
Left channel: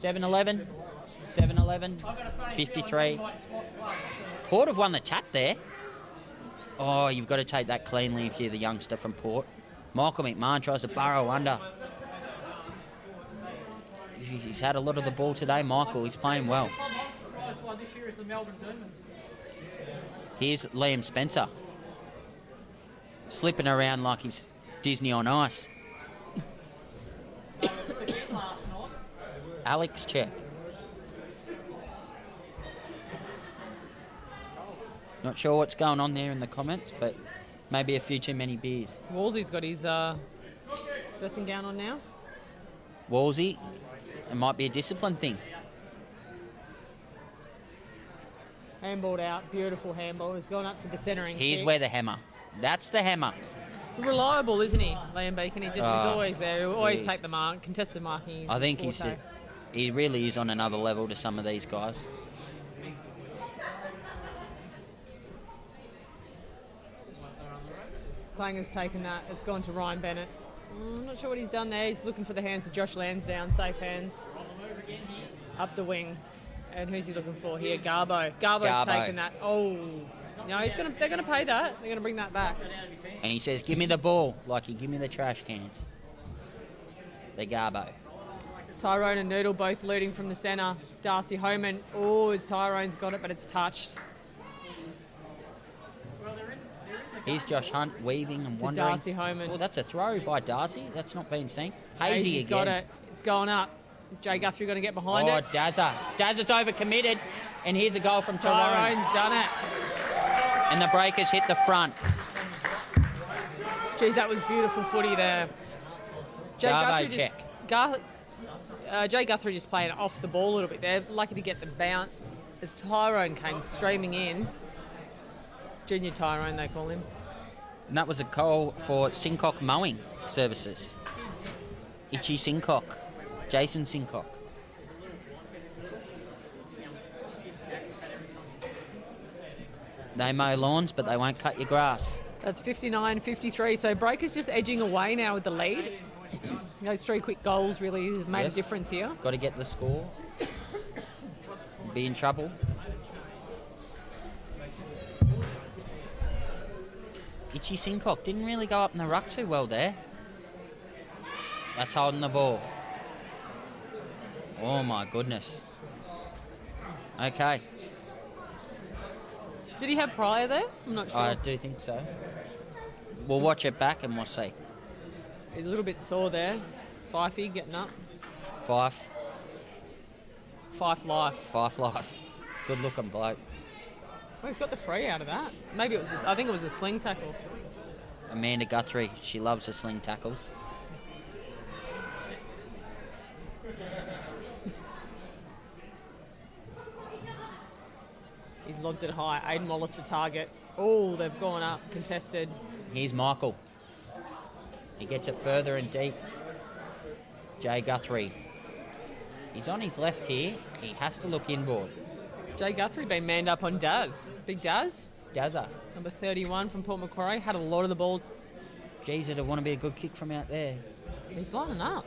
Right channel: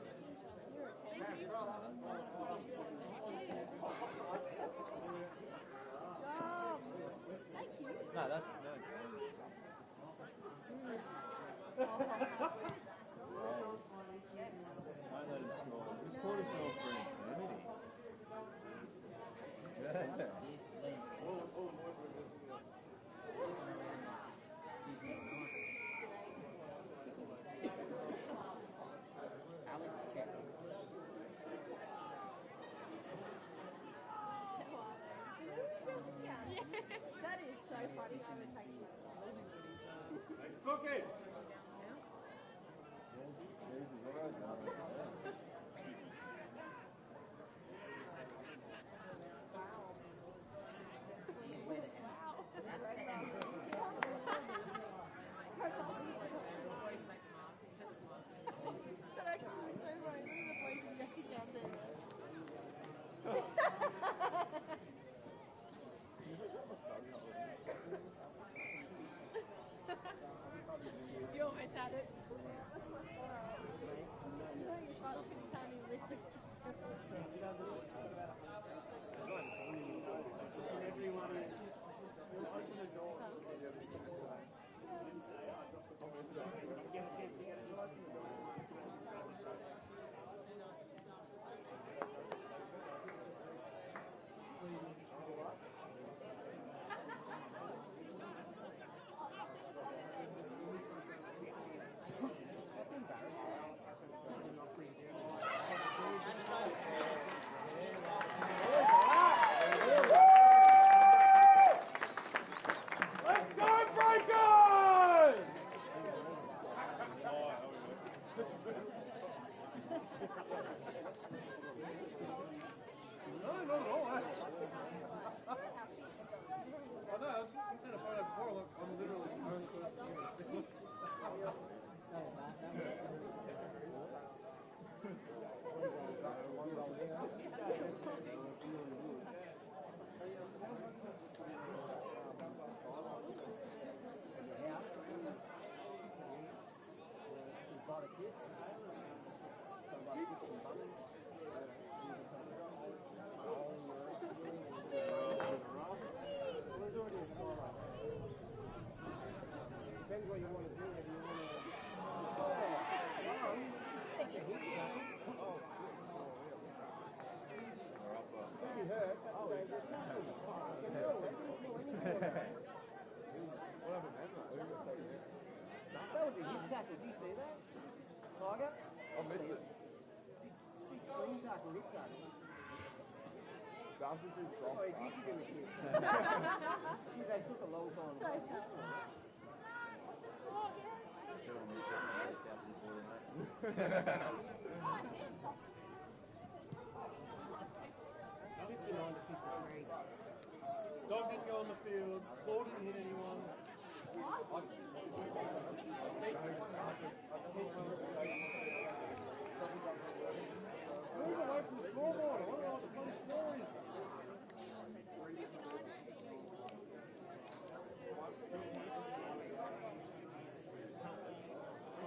7-11, 7-11, 53. Port have won the tap there. Oh, you've got to take that cleanly if you're the youngster from Port. Michael McMahon tries to burrow under. He's had a lot of the ball today, Michael. He's playing well. Here's Liam Spencer. Slipping around like he's Disney on ice. Alex check. Not sure what's going on there in the comments, but maybe a few too many beers. Wolsey's got his dressing gown on now. Wolsey, it might be a discipline thing. Handballed out, beautiful handball. He's gone up to the centering. Here's kick. where the hammer. That's the hammer. Reliable, isn't he, Liam Beacon? He just is always there. He'll always is. take the mark. Contested marking. is I think his forte. he really is on another level to some of these guys. Clanger's taken that. It's gone to Ryan Bennett. I'm not sure what he's done there. He's looking for the hands of Josh Lansdowne. Safe hands. Up the wing. And who's he looking for here? Garbo. Garbo's Garbo. taken that. Oh. No, they're going to pay that. They're going to bring that back. And he says, give me the ball, like you give me the trash cans. The Garbo. Tyrone and Noodle both looting from the centre. Darcy Homan. Oh, Tyrone's got it, but it's touched. Here's Josh Hunt weaving and To wondering. Darcy Homan. Oh, that's a throw by Darcy. That's not been seen. Hazy Hazy's again. got it. It's going up. Is Jay Guthrie going to get behind Oh, it? Dazza. Dazza's overcommitted. And here's a goal from Tyrone. Tyrone's done it. And the Breakers hit the front. Geez, that was beautiful footy there. Jay Garbo Guthrie check. Jay Guthrie just played off the ball a little bit there. Lucky to get the bounce as Tyrone came streaming in. Junior Tyrone, they call him. And that was a goal for Sincock Mowing Services. Itchy Sincock. Jason Sincock. They mow lawns, but they won't cut your grass. That's 59-53. So Breakers just edging away now with the lead. Those three quick goals really made Yes. a difference here. Got to get the score. be in trouble. Itchy Sincock didn't really go up in the ruck too well there. That's holding the ball. Oh my goodness. Okay. Did he have Pryor there? I'm not sure. I do think so. We'll watch it back and we'll see. He's a little bit sore there. Fifey getting up. Fife Life. life. Good looking bloke. Oh, he's got the free out of that. Maybe it was. I think it was a sling tackle. Amanda Guthrie, she loves her sling tackles. He's lobbed it high. Aiden Wallace the target. Oh, they've gone up. Contested. Here's Michael. He gets it further and deep. Jay Guthrie. He's on his left here. He has to look inboard. Jay Guthrie been manned up on Daz. Big Daz. Dazza. Number 31 from Port Macquarie. Had a lot of the ball. Geez, it'd want to be a good kick from out there. He's lining up.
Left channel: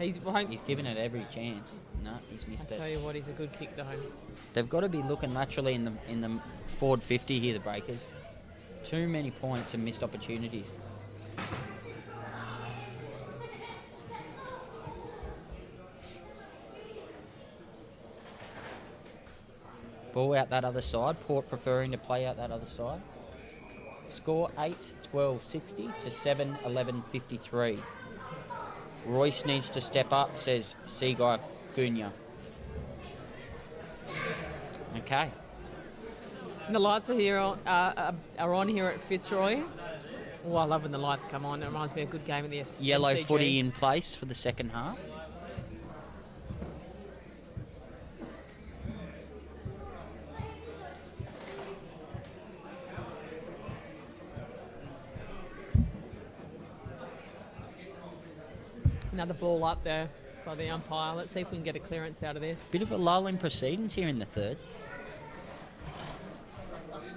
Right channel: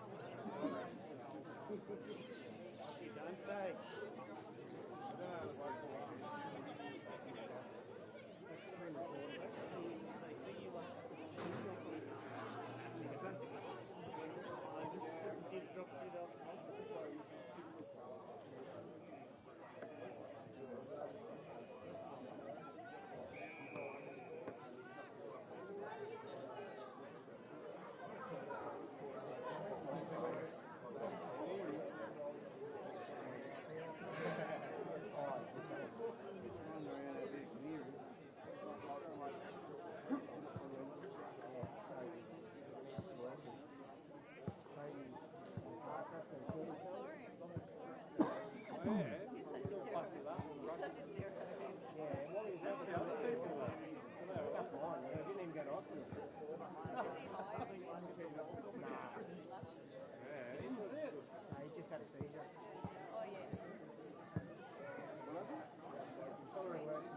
He's given it every chance. No, he's missed it. tell you what, he's a good kick though. They've got to be looking naturally in the forward 50 here, the Breakers. Too many points and missed opportunities. Ball out that other side. Port preferring to play out that other side. Score 8-12-60 to 7-11-53. Royce needs to step up, says Seaguy Gunya. Okay. And the lights are here are on here at Fitzroy. Oh, I love when the lights come on. It reminds me of a good game in the Yellow MCG. footy in place for the second half. Another ball up there by the umpire. Let's see if we can get a clearance out of this. Bit of a lull in proceedings here in the third.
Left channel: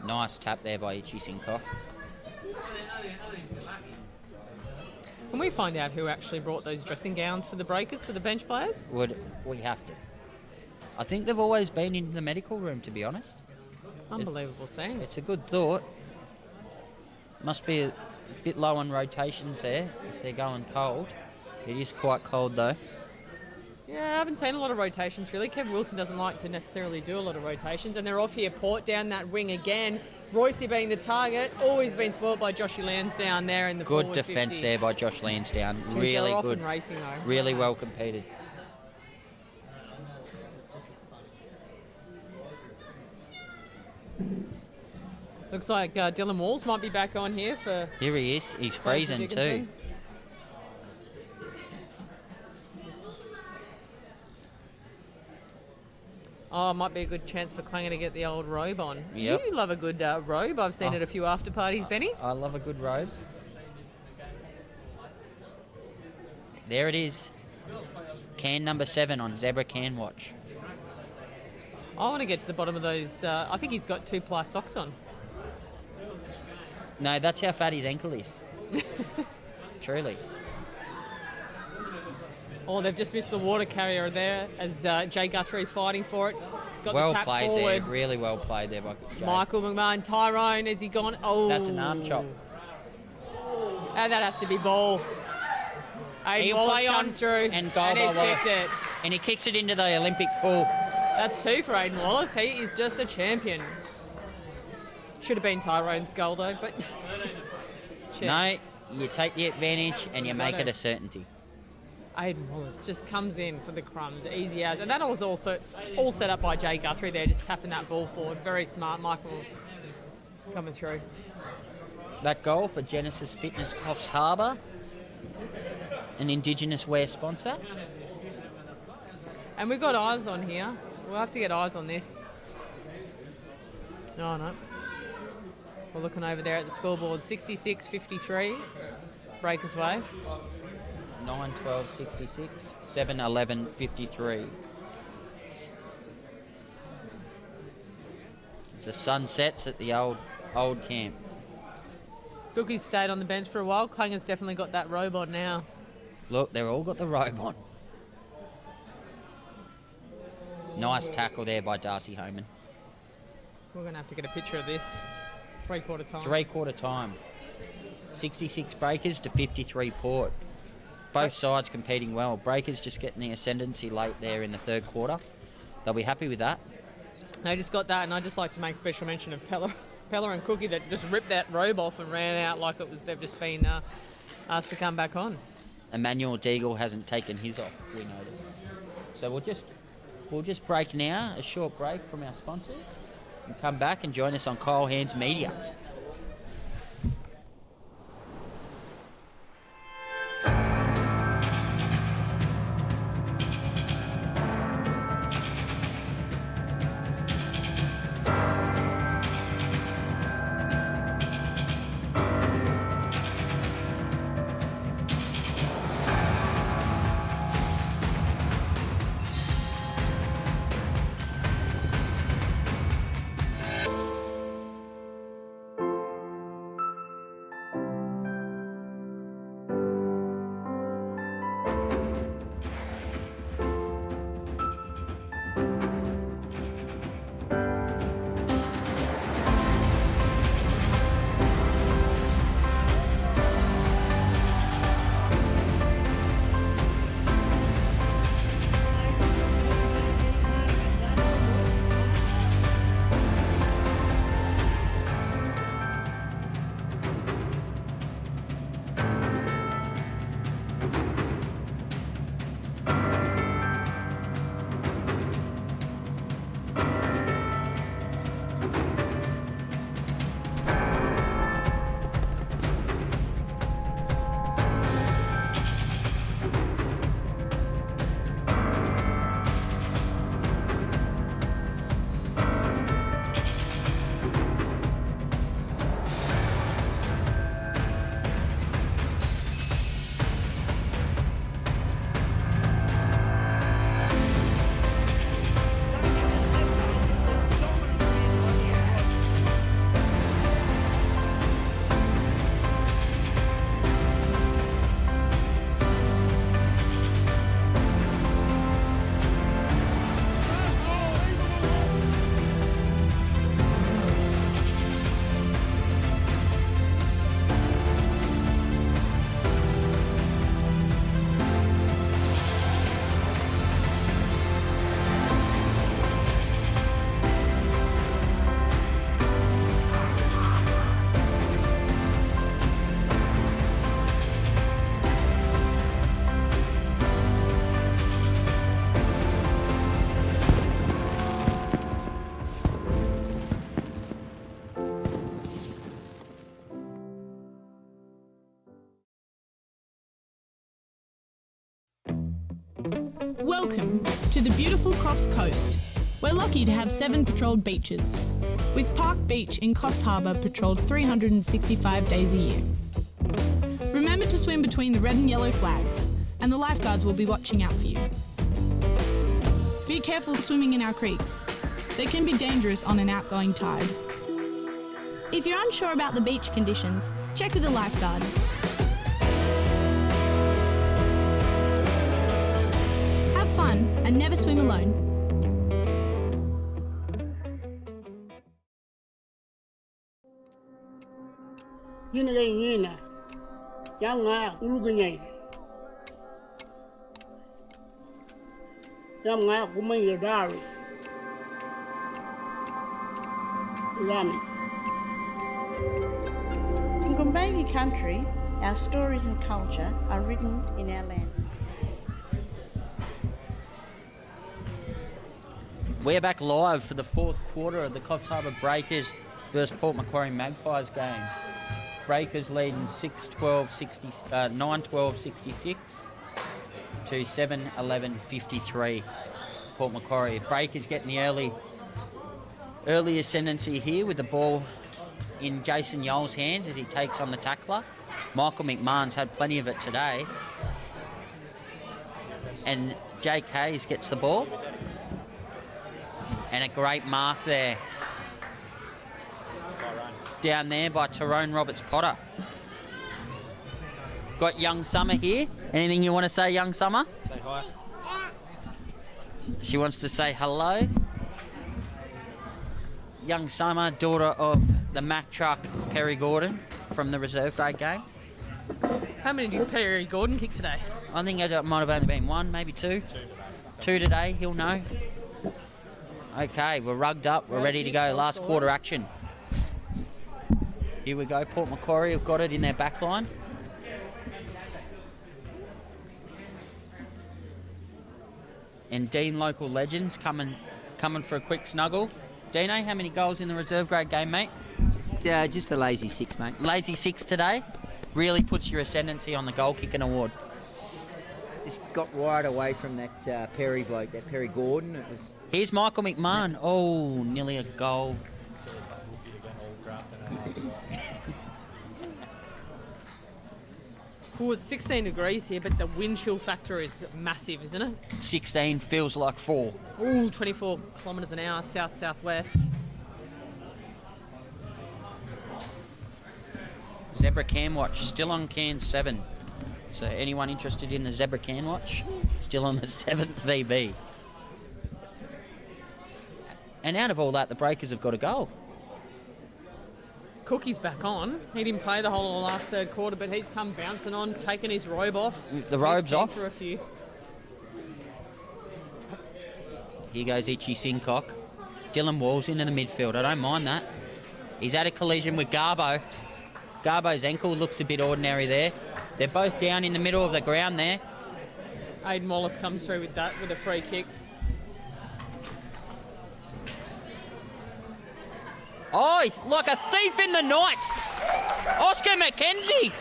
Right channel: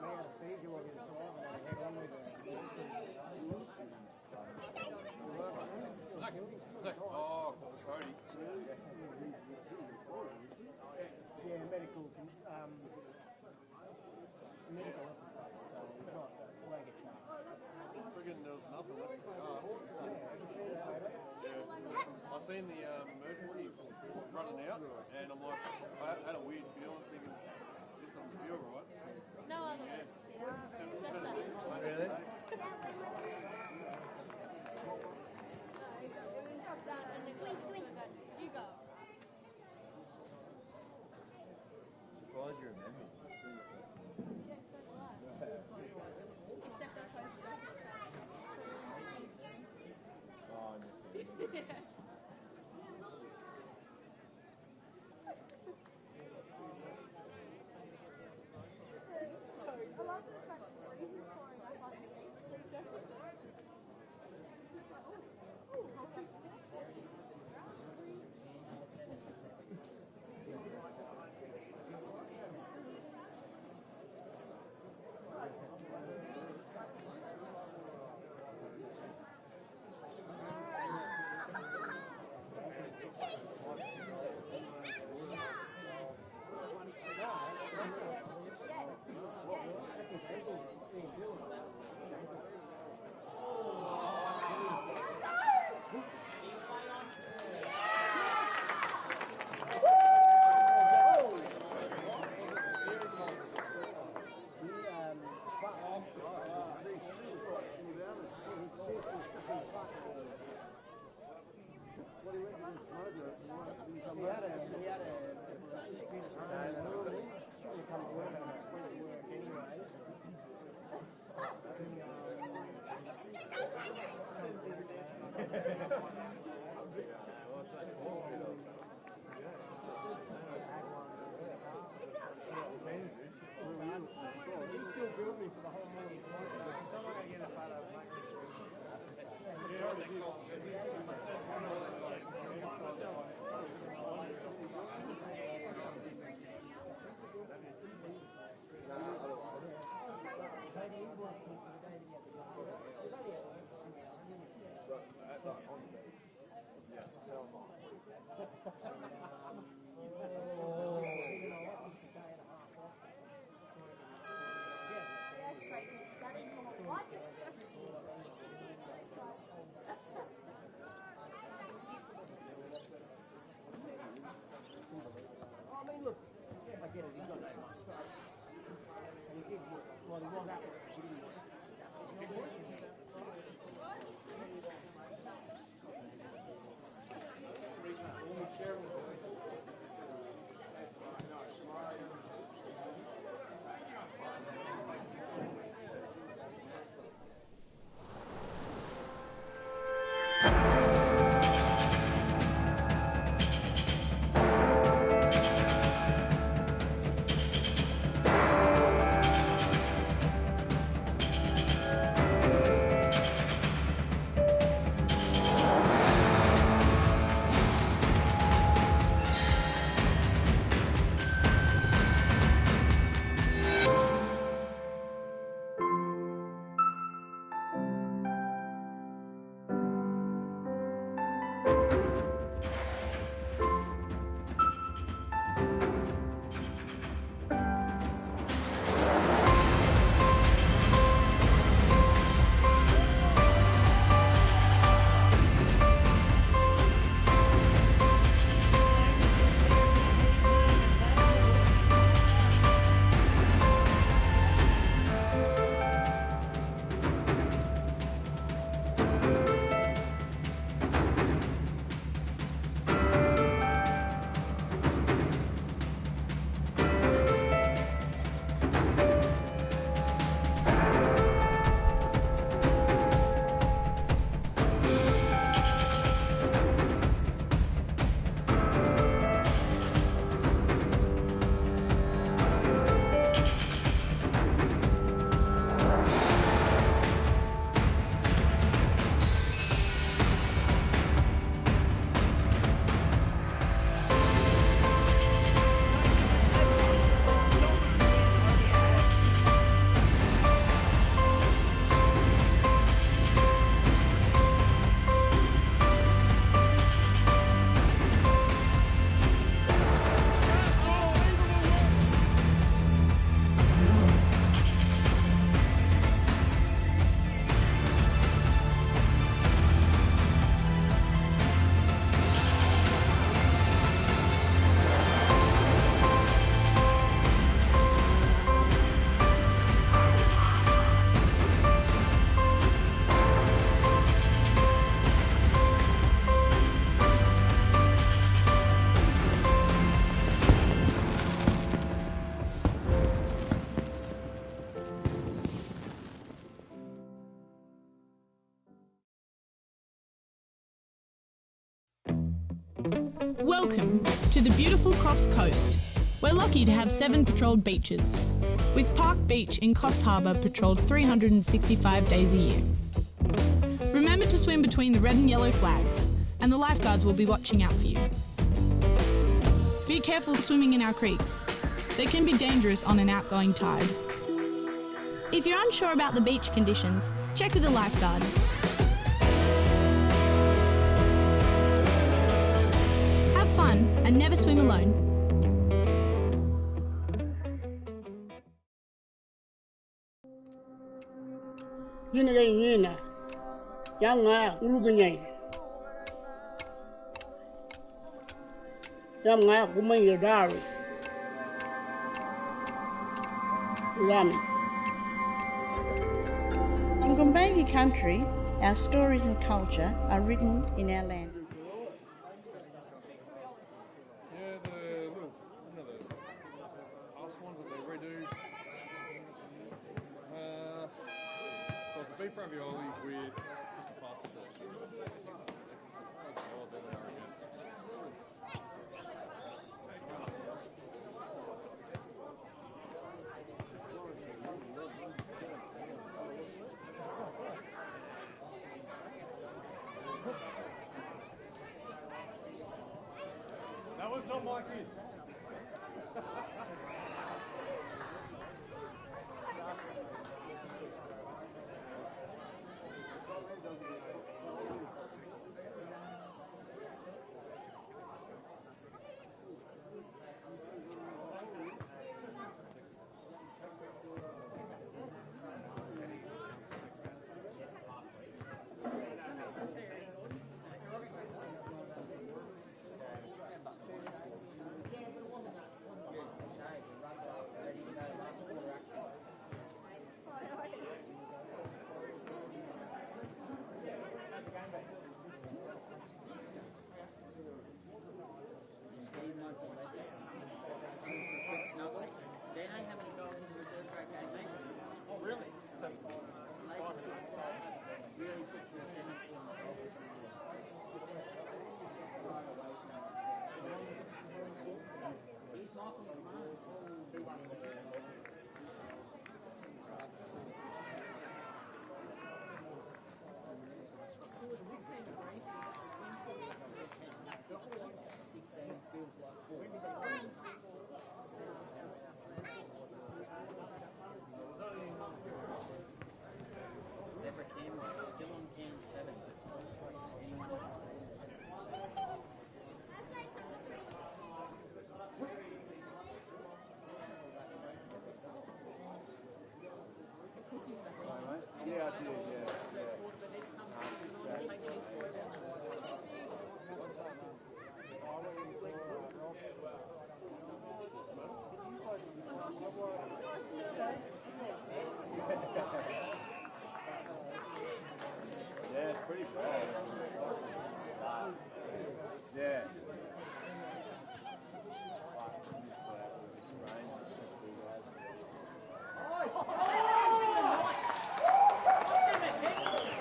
Nice tap there by Itchy Sincock. Can we find out who actually brought those dressing gowns for the Breakers, for the bench players? We have to. I think they've always been in the medical room, to be honest. Unbelievable scene. It's a good thought. Must be a bit low on rotations there if they're going cold. It is quite cold though. Yeah, I haven't seen a lot of rotations really. Kev Wilson doesn't like to necessarily do a lot of rotations, and they're off here. Port down that wing again. Roycey being the target, always been spoiled by Joshy Lansdowne there in the Good forward defence 50. there by Josh Lansdowne. Jeez, Really they're good. often racing though. Really well competed. Looks like Dylan Walls might be back on here for. Here he is. He's freezing too. Dickinson. Oh, it might be a good chance for Clanger to get the old robe on. Yep. You love a good robe. I've seen it at a few after parties, Benny. I love a good robe. There it is. Can number 7 on Zebra Can Watch. I want to get to the bottom of those. I think he's got 2-ply socks on. No, that's how fat his ankle is. Truly. Oh, they've just missed the water carrier there as Jay Guthrie's fighting for it. Got Well the tap played forward. there. Really well played there by Jay. Michael McMahon, Tyrone, has he gone? Oh. That's an arm chop. And that has to be ball. Aiden He'll Wallace play on comes through and goal and by he's Wallace. kicked it. And he kicks it into the Olympic pool. That's 2 for Aiden Wallace. He is just a champion. Should have been Tyrone's goal though, but... Shit. No, you take the advantage and you make it a certainty. Aiden Wallace just comes in for the crumbs, easy as. And that was also all set up by Jay Guthrie there, just tapping that ball forward. Very smart, Michael coming through. That goal for Genesis Fitness Coffs Harbour, an Indigenous wear sponsor. And we've got eyes on here. We'll have to get eyes on this. Oh, no. We're looking over there at the scoreboard. 66-53. Breakers way. 9-12-66, 7-11-53. As the sun sets at the old camp. Dookie's stayed on the bench for a while. Clanger's definitely got that robe on now. Look, they've all got the robe on. Nice tackle there by Darcy Homan. We're going to have to get a picture of this. 3/4 time. 3/4 time. 66 Breakers to 53 Port. Both sides competing well. Breakers just getting the ascendancy late there in the third quarter. They'll be happy with that. They just got that, and I'd just like to make special mention of Pella and Cookie that just ripped that robe off and ran out like it was they've just been asked to come back on. Emmanuel Deagle hasn't taken his off, we know. So we'll just break now, a short break from our sponsors, and come back and join us on Kyle Hands Media. Welcome to the beautiful Coffs Coast. We're lucky to have 7 patrolled beaches, with Park Beach in Coffs Harbour patrolled 365 days a year. Remember to swim between the red and yellow flags, and the lifeguards will be watching out for you. Be careful swimming in our creeks. They can be dangerous on an outgoing tide. If you're unsure about the beach conditions, check with a lifeguard. Have fun and never swim alone. Yini ga yina. Ya nga ulugunyai. Ya nga kumanya dari. Ramen. In Gumbayi country, our stories and culture are written in our lands. We're back live for the fourth quarter of the Coffs Harbour Breakers versus Port Macquarie Magpies game. Breakers leading 9-12-66 to 7-11-53. Port Macquarie. Breakers getting the early ascendancy here with the ball in Jason Yole's hands as he takes on the tackler. Michael McMahon's had plenty of it today. And Jake Hayes gets the ball. And a great mark there. Down there by Tyrone Roberts-Potter. Got young Summer here. Anything you want to say, young Summer? Say hi. She wants to say hello. Young Summer, daughter of the Mack truck Perry Gordon from the reserve grade game. How many did Perry Gordon kick today? I think it might have only been one, maybe two. Two today, he'll know. Okay, we're rugged up, we're ready to go. Last quarter action. Here we go, Port Macquarie have got it in their back line. And Dean Local Legends coming for a quick snuggle. Dino, how many goals in the reserve grade game, mate? Just a lazy 6, mate. Lazy 6 today. Really puts your ascendancy on the goal kicking award. Just got wide away from that Perry bloke, that Perry Gordon. It was. Here's Michael McMahon. Oh, nearly a goal. Well, it's 16 degrees here, but the wind chill factor is massive, isn't it? 16 feels like 4. Ooh, 24 kilometres an hour, south-southwest. Zebra Can Watch, still on Can 7. So anyone interested in the Zebra Can Watch, still on the 7th VB. And out of all that, the Breakers have got a goal. Cookie's back on. He didn't play the whole of the last third quarter, but he's come bouncing on, taking his robe off. The robe's off. For a few. Here goes Itchy Sincock. Dylan Walls into the midfield. I don't mind that. He's had a collision with Garbo. Garbo's ankle looks a bit ordinary there. They're both down in the middle of the ground there. Aiden Wallace comes through with that, with a free kick. Oh, he's like a thief in the night. Oscar McKenzie.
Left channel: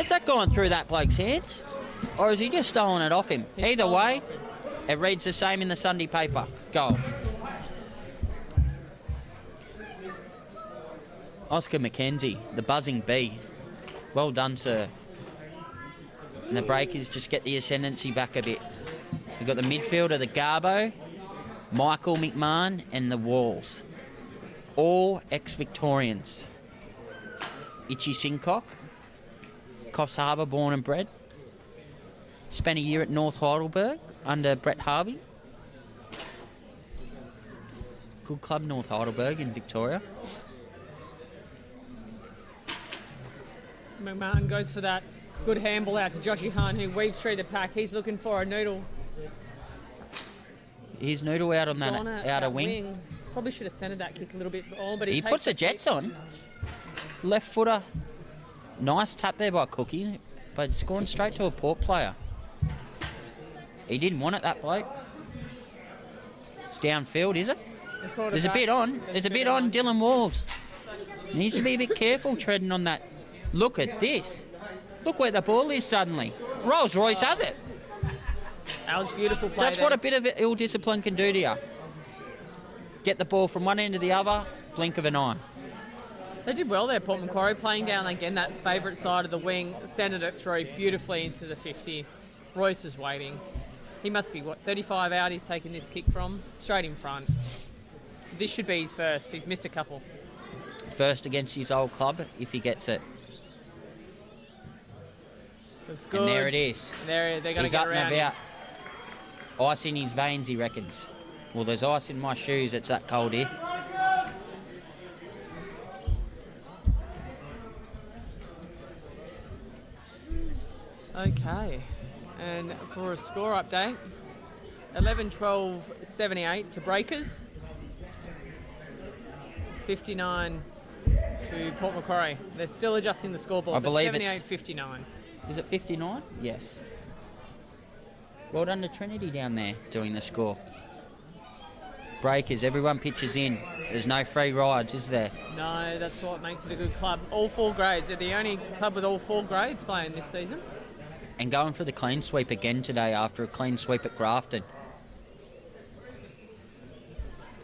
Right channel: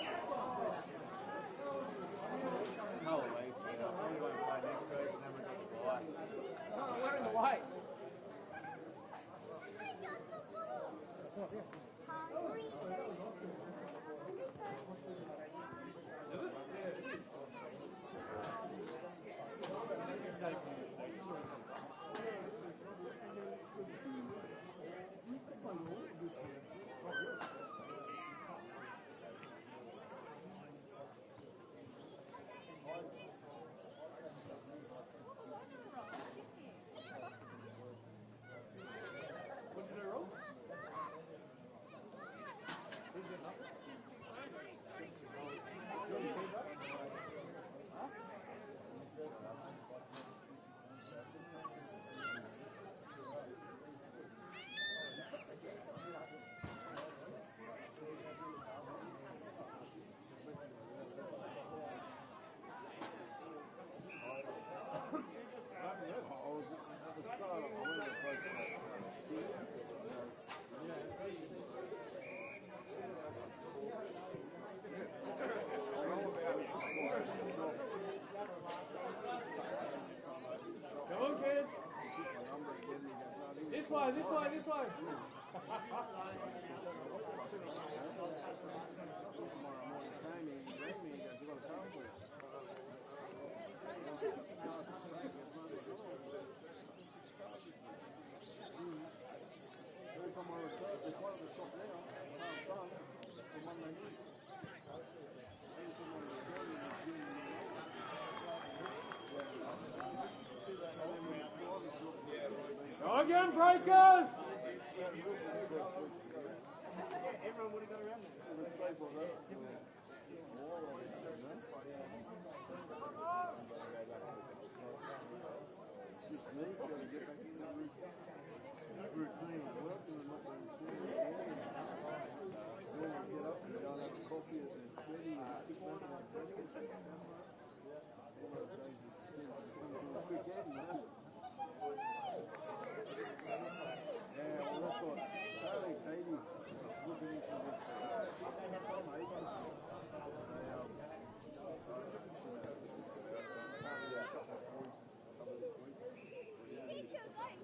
Is that gone through that bloke's hands? Or has he just stolen it off him? Either way, it reads the same in the Sunday paper. Goal. Oscar McKenzie, the buzzing bee. Well done, sir. And the Breakers just get the ascendancy back a bit. We've got the midfielder, the Garbo, Michael McMahon and the Walls. All ex-Victorians. Itchy Sincock, Coffs Harbour born and bred. Spent a year at North Heidelberg under Brett Harvey. Good club, North Heidelberg in Victoria. McMahon goes for that good handball out to Joshy Hunt, who weaves through the pack. He's looking for a noodle. Here's Noodle out on that outer wing. Probably should have centred that kick a little bit more, but he puts the Jets on. Left footer. Nice tap there by Cookie, but it's gone straight to a Port player. He didn't want it, that bloke. It's downfield, is it? There's a bit on. There's a bit on Dylan Wolves. Needs to be a bit careful treading on that. Look at this. Look where the ball is suddenly. Rolls Royce has it. That was beautiful play. That's what a bit of ill discipline can do to you. Get the ball from one end to the other, blink of an eye. They did well there, Port Macquarie, playing down again that favourite side of the wing, centred it through beautifully into the 50. Royce is waiting. He must be, 35 out he's taken this kick from? Straight in front. This should be his first. He's missed a couple. First against his old club, if he gets it. Looks good. And there it is. They're going to get around. He's up and about. Ice in his veins, he reckons. Well, there's ice in my shoes. It's that cold here. Okay. And for a score update, 11-12-78 to Breakers. 59 to Port Macquarie. They're still adjusting the scoreboard. I believe 78-59. Is it 59? Yes. Well done to Trinity down there doing the score. Breakers, everyone pitches in. There's no free rides, is there? No, that's what makes it a good club. All 4 grades. They're the only club with all 4 grades playing this season. And going for the clean sweep again today after a clean sweep at Grafton.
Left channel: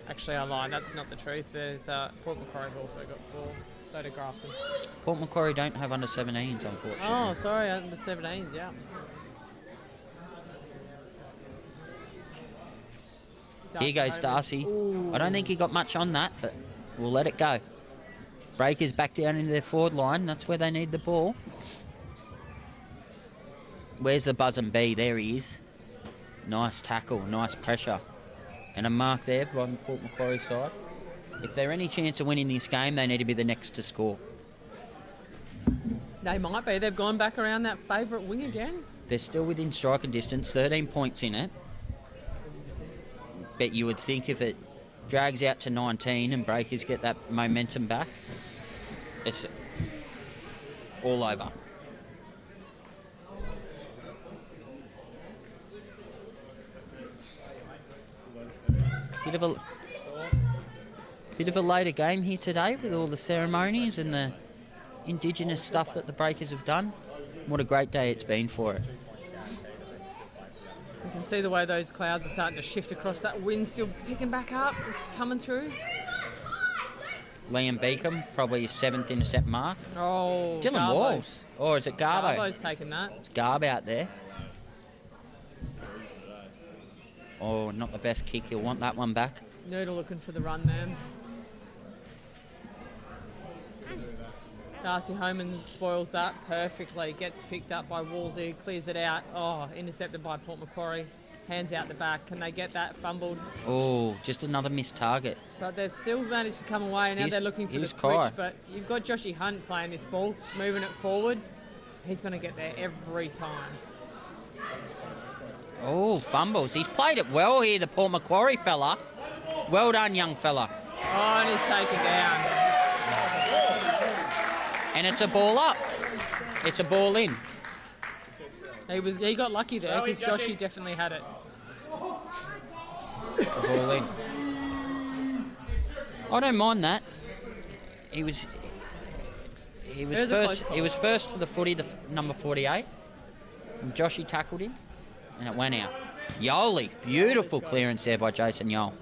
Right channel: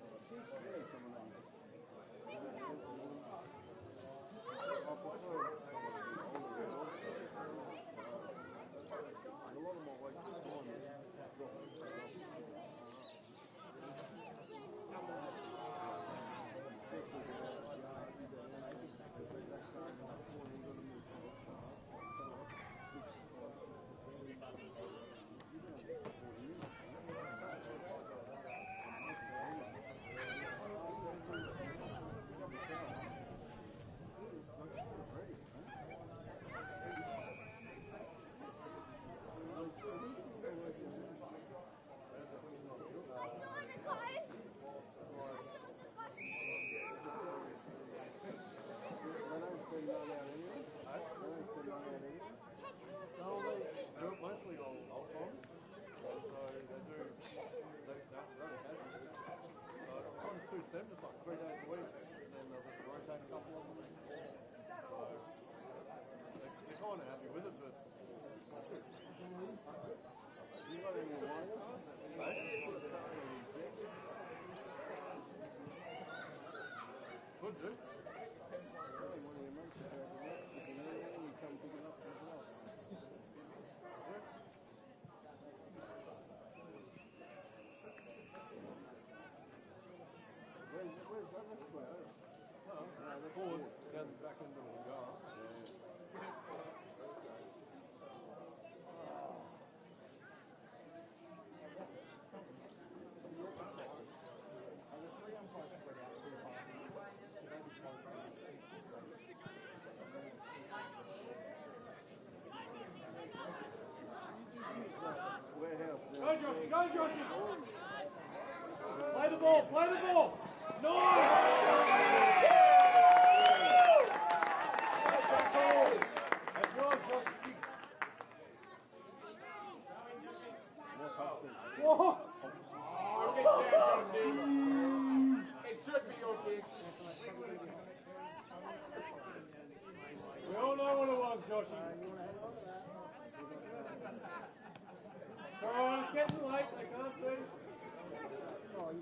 Actually, I lied. That's not the truth. There's Port Macquarie's also got 4. So did Grafton. Port Macquarie don't have under 17s, unfortunately. Oh, sorry, under 17s, yeah. Here goes Darcy. Ooh. I don't think he got much on that, but we'll let it go. Breakers back down into their forward line. That's where they need the ball. Where's the buzz and bee? There he is. Nice tackle, nice pressure. And a mark there by the Port Macquarie side. If they're any chance of winning this game, they need to be the next to score. They might be. They've gone back around that favourite wing again. They're still within striking distance, 13 points in it. But you would think if it drags out to 19 and Breakers get that momentum back, it's all over. Bit of a later game here today with all the ceremonies and the Indigenous stuff that the Breakers have done. What a great day it's been for it. You can see the way those clouds are starting to shift across. That wind still picking back up. It's coming through. Liam Beacom, probably his 7th intercept mark. Oh, Dylan Garbo. Walls. Or is it Garbo? Garbo's taking that. It's Garb out there. Oh, not the best kick. He'll want that one back. Noodle looking for the run there. Darcy Homan spoils that perfectly. Gets picked up by Wolsey, clears it out. Oh, intercepted by Port Macquarie. Hands out the back. Can they get that fumbled? Oh, just another missed target. But they've still managed to come away. Now they're looking for the switch. Kai. But you've got Joshy Hunt playing this ball, moving it forward. He's going to get there every time. Oh, fumbles. He's played it well here, the Port Macquarie fella. Well done, young fella. Oh, and he's taken down. And it's a ball up. It's a ball in. He got lucky there because Joshy definitely had it. It's a ball in. I don't mind that. He was first to the footy, number 48. And Joshy tackled him, and it went out. Yoli, beautiful clearance there by Jason Yole.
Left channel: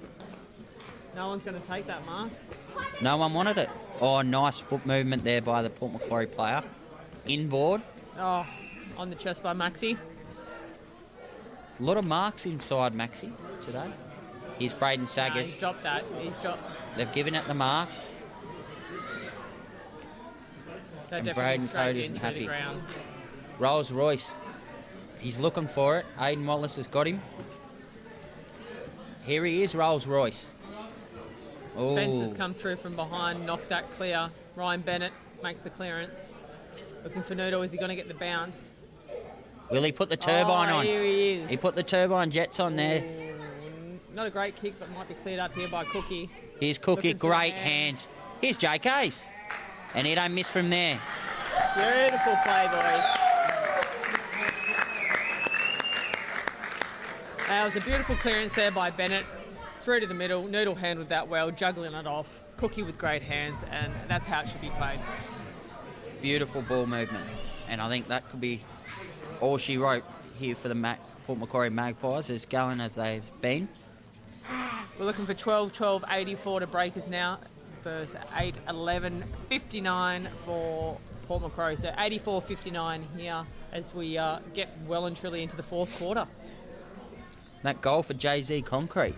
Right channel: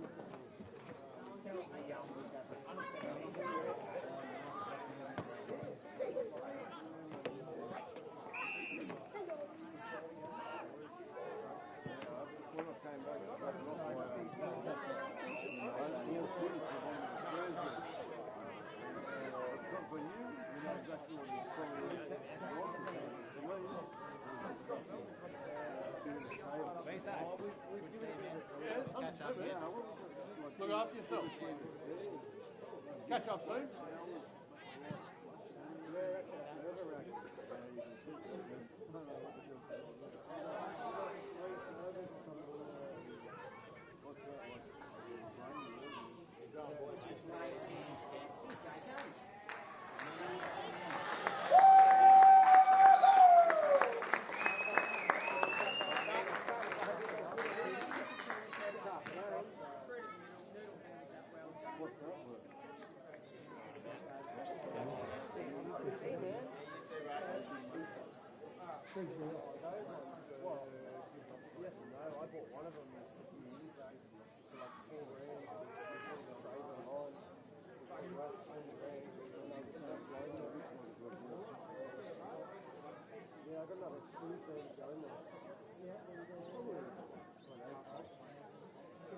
No one's going to take that, Mark. No one wanted it. Oh, nice foot movement there by the Port Macquarie player. Inboard. Oh, on the chest by Maxi. A lot of marks inside Maxi today. Here's Braden No, Saggers. he's dropped that. He's dropped. They've given it the mark. They're And definitely Braden straight Code into isn't the happy. ground. Rolls Royce. He's looking for it. Aiden Wallace has got him. Here he is, Rolls Royce. Spencer's come through from behind, knocked that clear. Ryan Bennett makes the clearance. Looking for Noodle. Is he going to get the bounce? Will he put the turbine on? Here he is. He put the turbine jets on there. Not a great kick, but might be cleared up here by Cookie. Here's Cookie, Looking for great the hands. Here's JK's. And he don't miss from there. Beautiful play, boys. That was a beautiful clearance there by Bennett. Through to the middle. Noodle handled that well, juggling it off. Cookie with great hands, and that's how it should be played. Beautiful ball movement. And I think that could be all she wrote here for the Port Macquarie Magpies, as gallant as they've been. We're looking for 12-12-84 to Breakers now versus 8-11-59 for Port Macquarie. So 84-59 here as we get well and truly into the fourth quarter. That goal for JZ Concrete.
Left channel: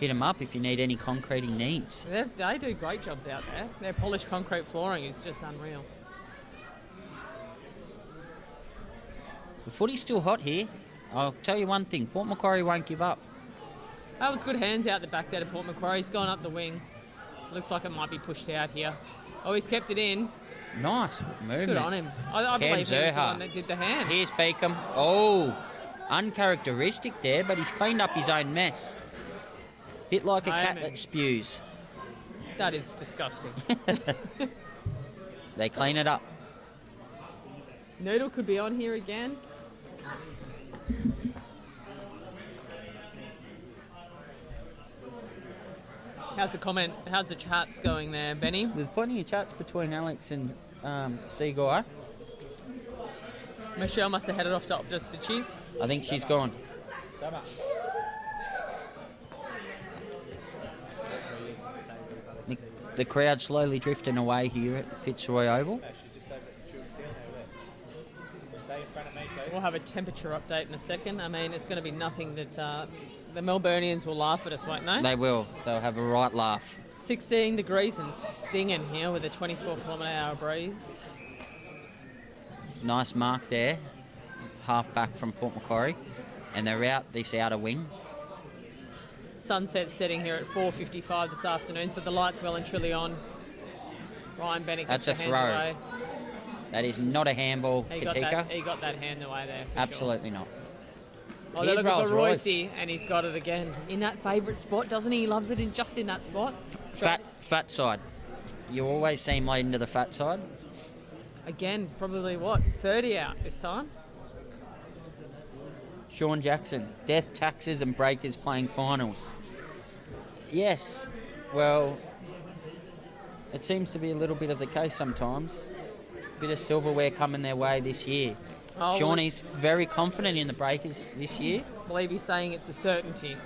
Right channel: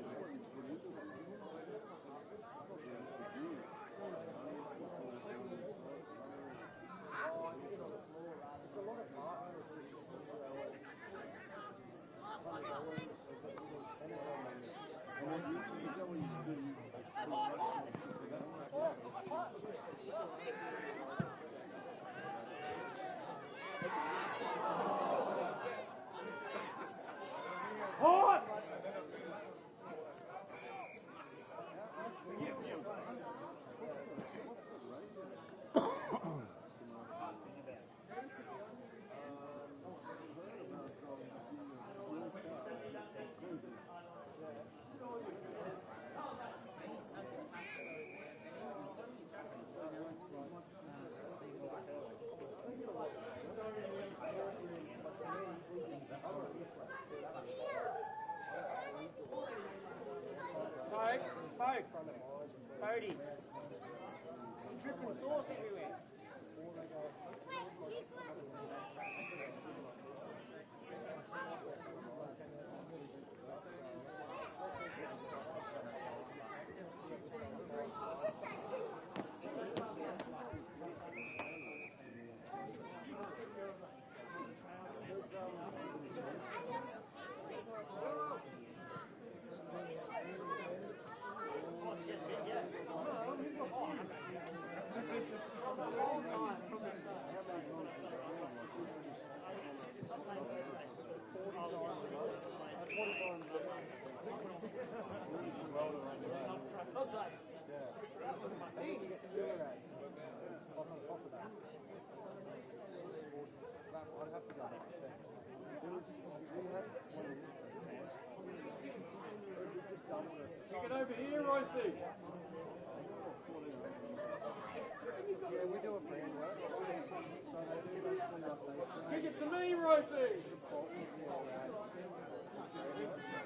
Hit him up if you need any concreting needs. They do great jobs out there. Their polished concrete flooring is just unreal. The footy's still hot here. I'll tell you one thing, Port Macquarie won't give up. That was good hands out the back there to Port Macquarie. He's gone up the wing. Looks like it might be pushed out here. Oh, he's kept it in. Nice movement. Good on him. I believe he was the one that did the hand. Here's Beacom. Oh, uncharacteristic there, but he's cleaned up his own mess. Bit like a cat that spews. That is disgusting. They clean it up. Noodle could be on here again. How's the chats going there, Benny? There's plenty of chats between Alex and Seaguy. Michelle must have headed off to Optus, did she? I think she's gone. The crowd slowly drifting away here at Fitzroy Oval. We'll have a temperature update in a second. I mean, it's going to be nothing that the Melburnians will laugh at us, won't they? They will. They'll have a right laugh. 16 degrees and stinging here with a 24-kilometre-hour breeze. Nice mark there. half-back from Port Macquarie, and they're out this outer wing. Sunset's setting here at 4:55 this afternoon, so the light's well and truly on. Ryan Bennett That's gets a the throw. hands away. That is not a handball, He got that hand away there. For Absolutely not. Sure. Oh, Here's look at Rolls Royce, Royce. and he's got it again. In that favourite spot, doesn't he? He loves it just in that spot. Fat side. You always see him leading to the fat side. Again, probably what, 30 out this time? Sean Jackson, Death, Taxes and Breakers playing finals. Yes, well, it seems to be a little bit of the case sometimes. Bit of silverware coming their way this year. Oh, Shawnee's very confident in the Breakers this year. I believe he's saying it's a certainty.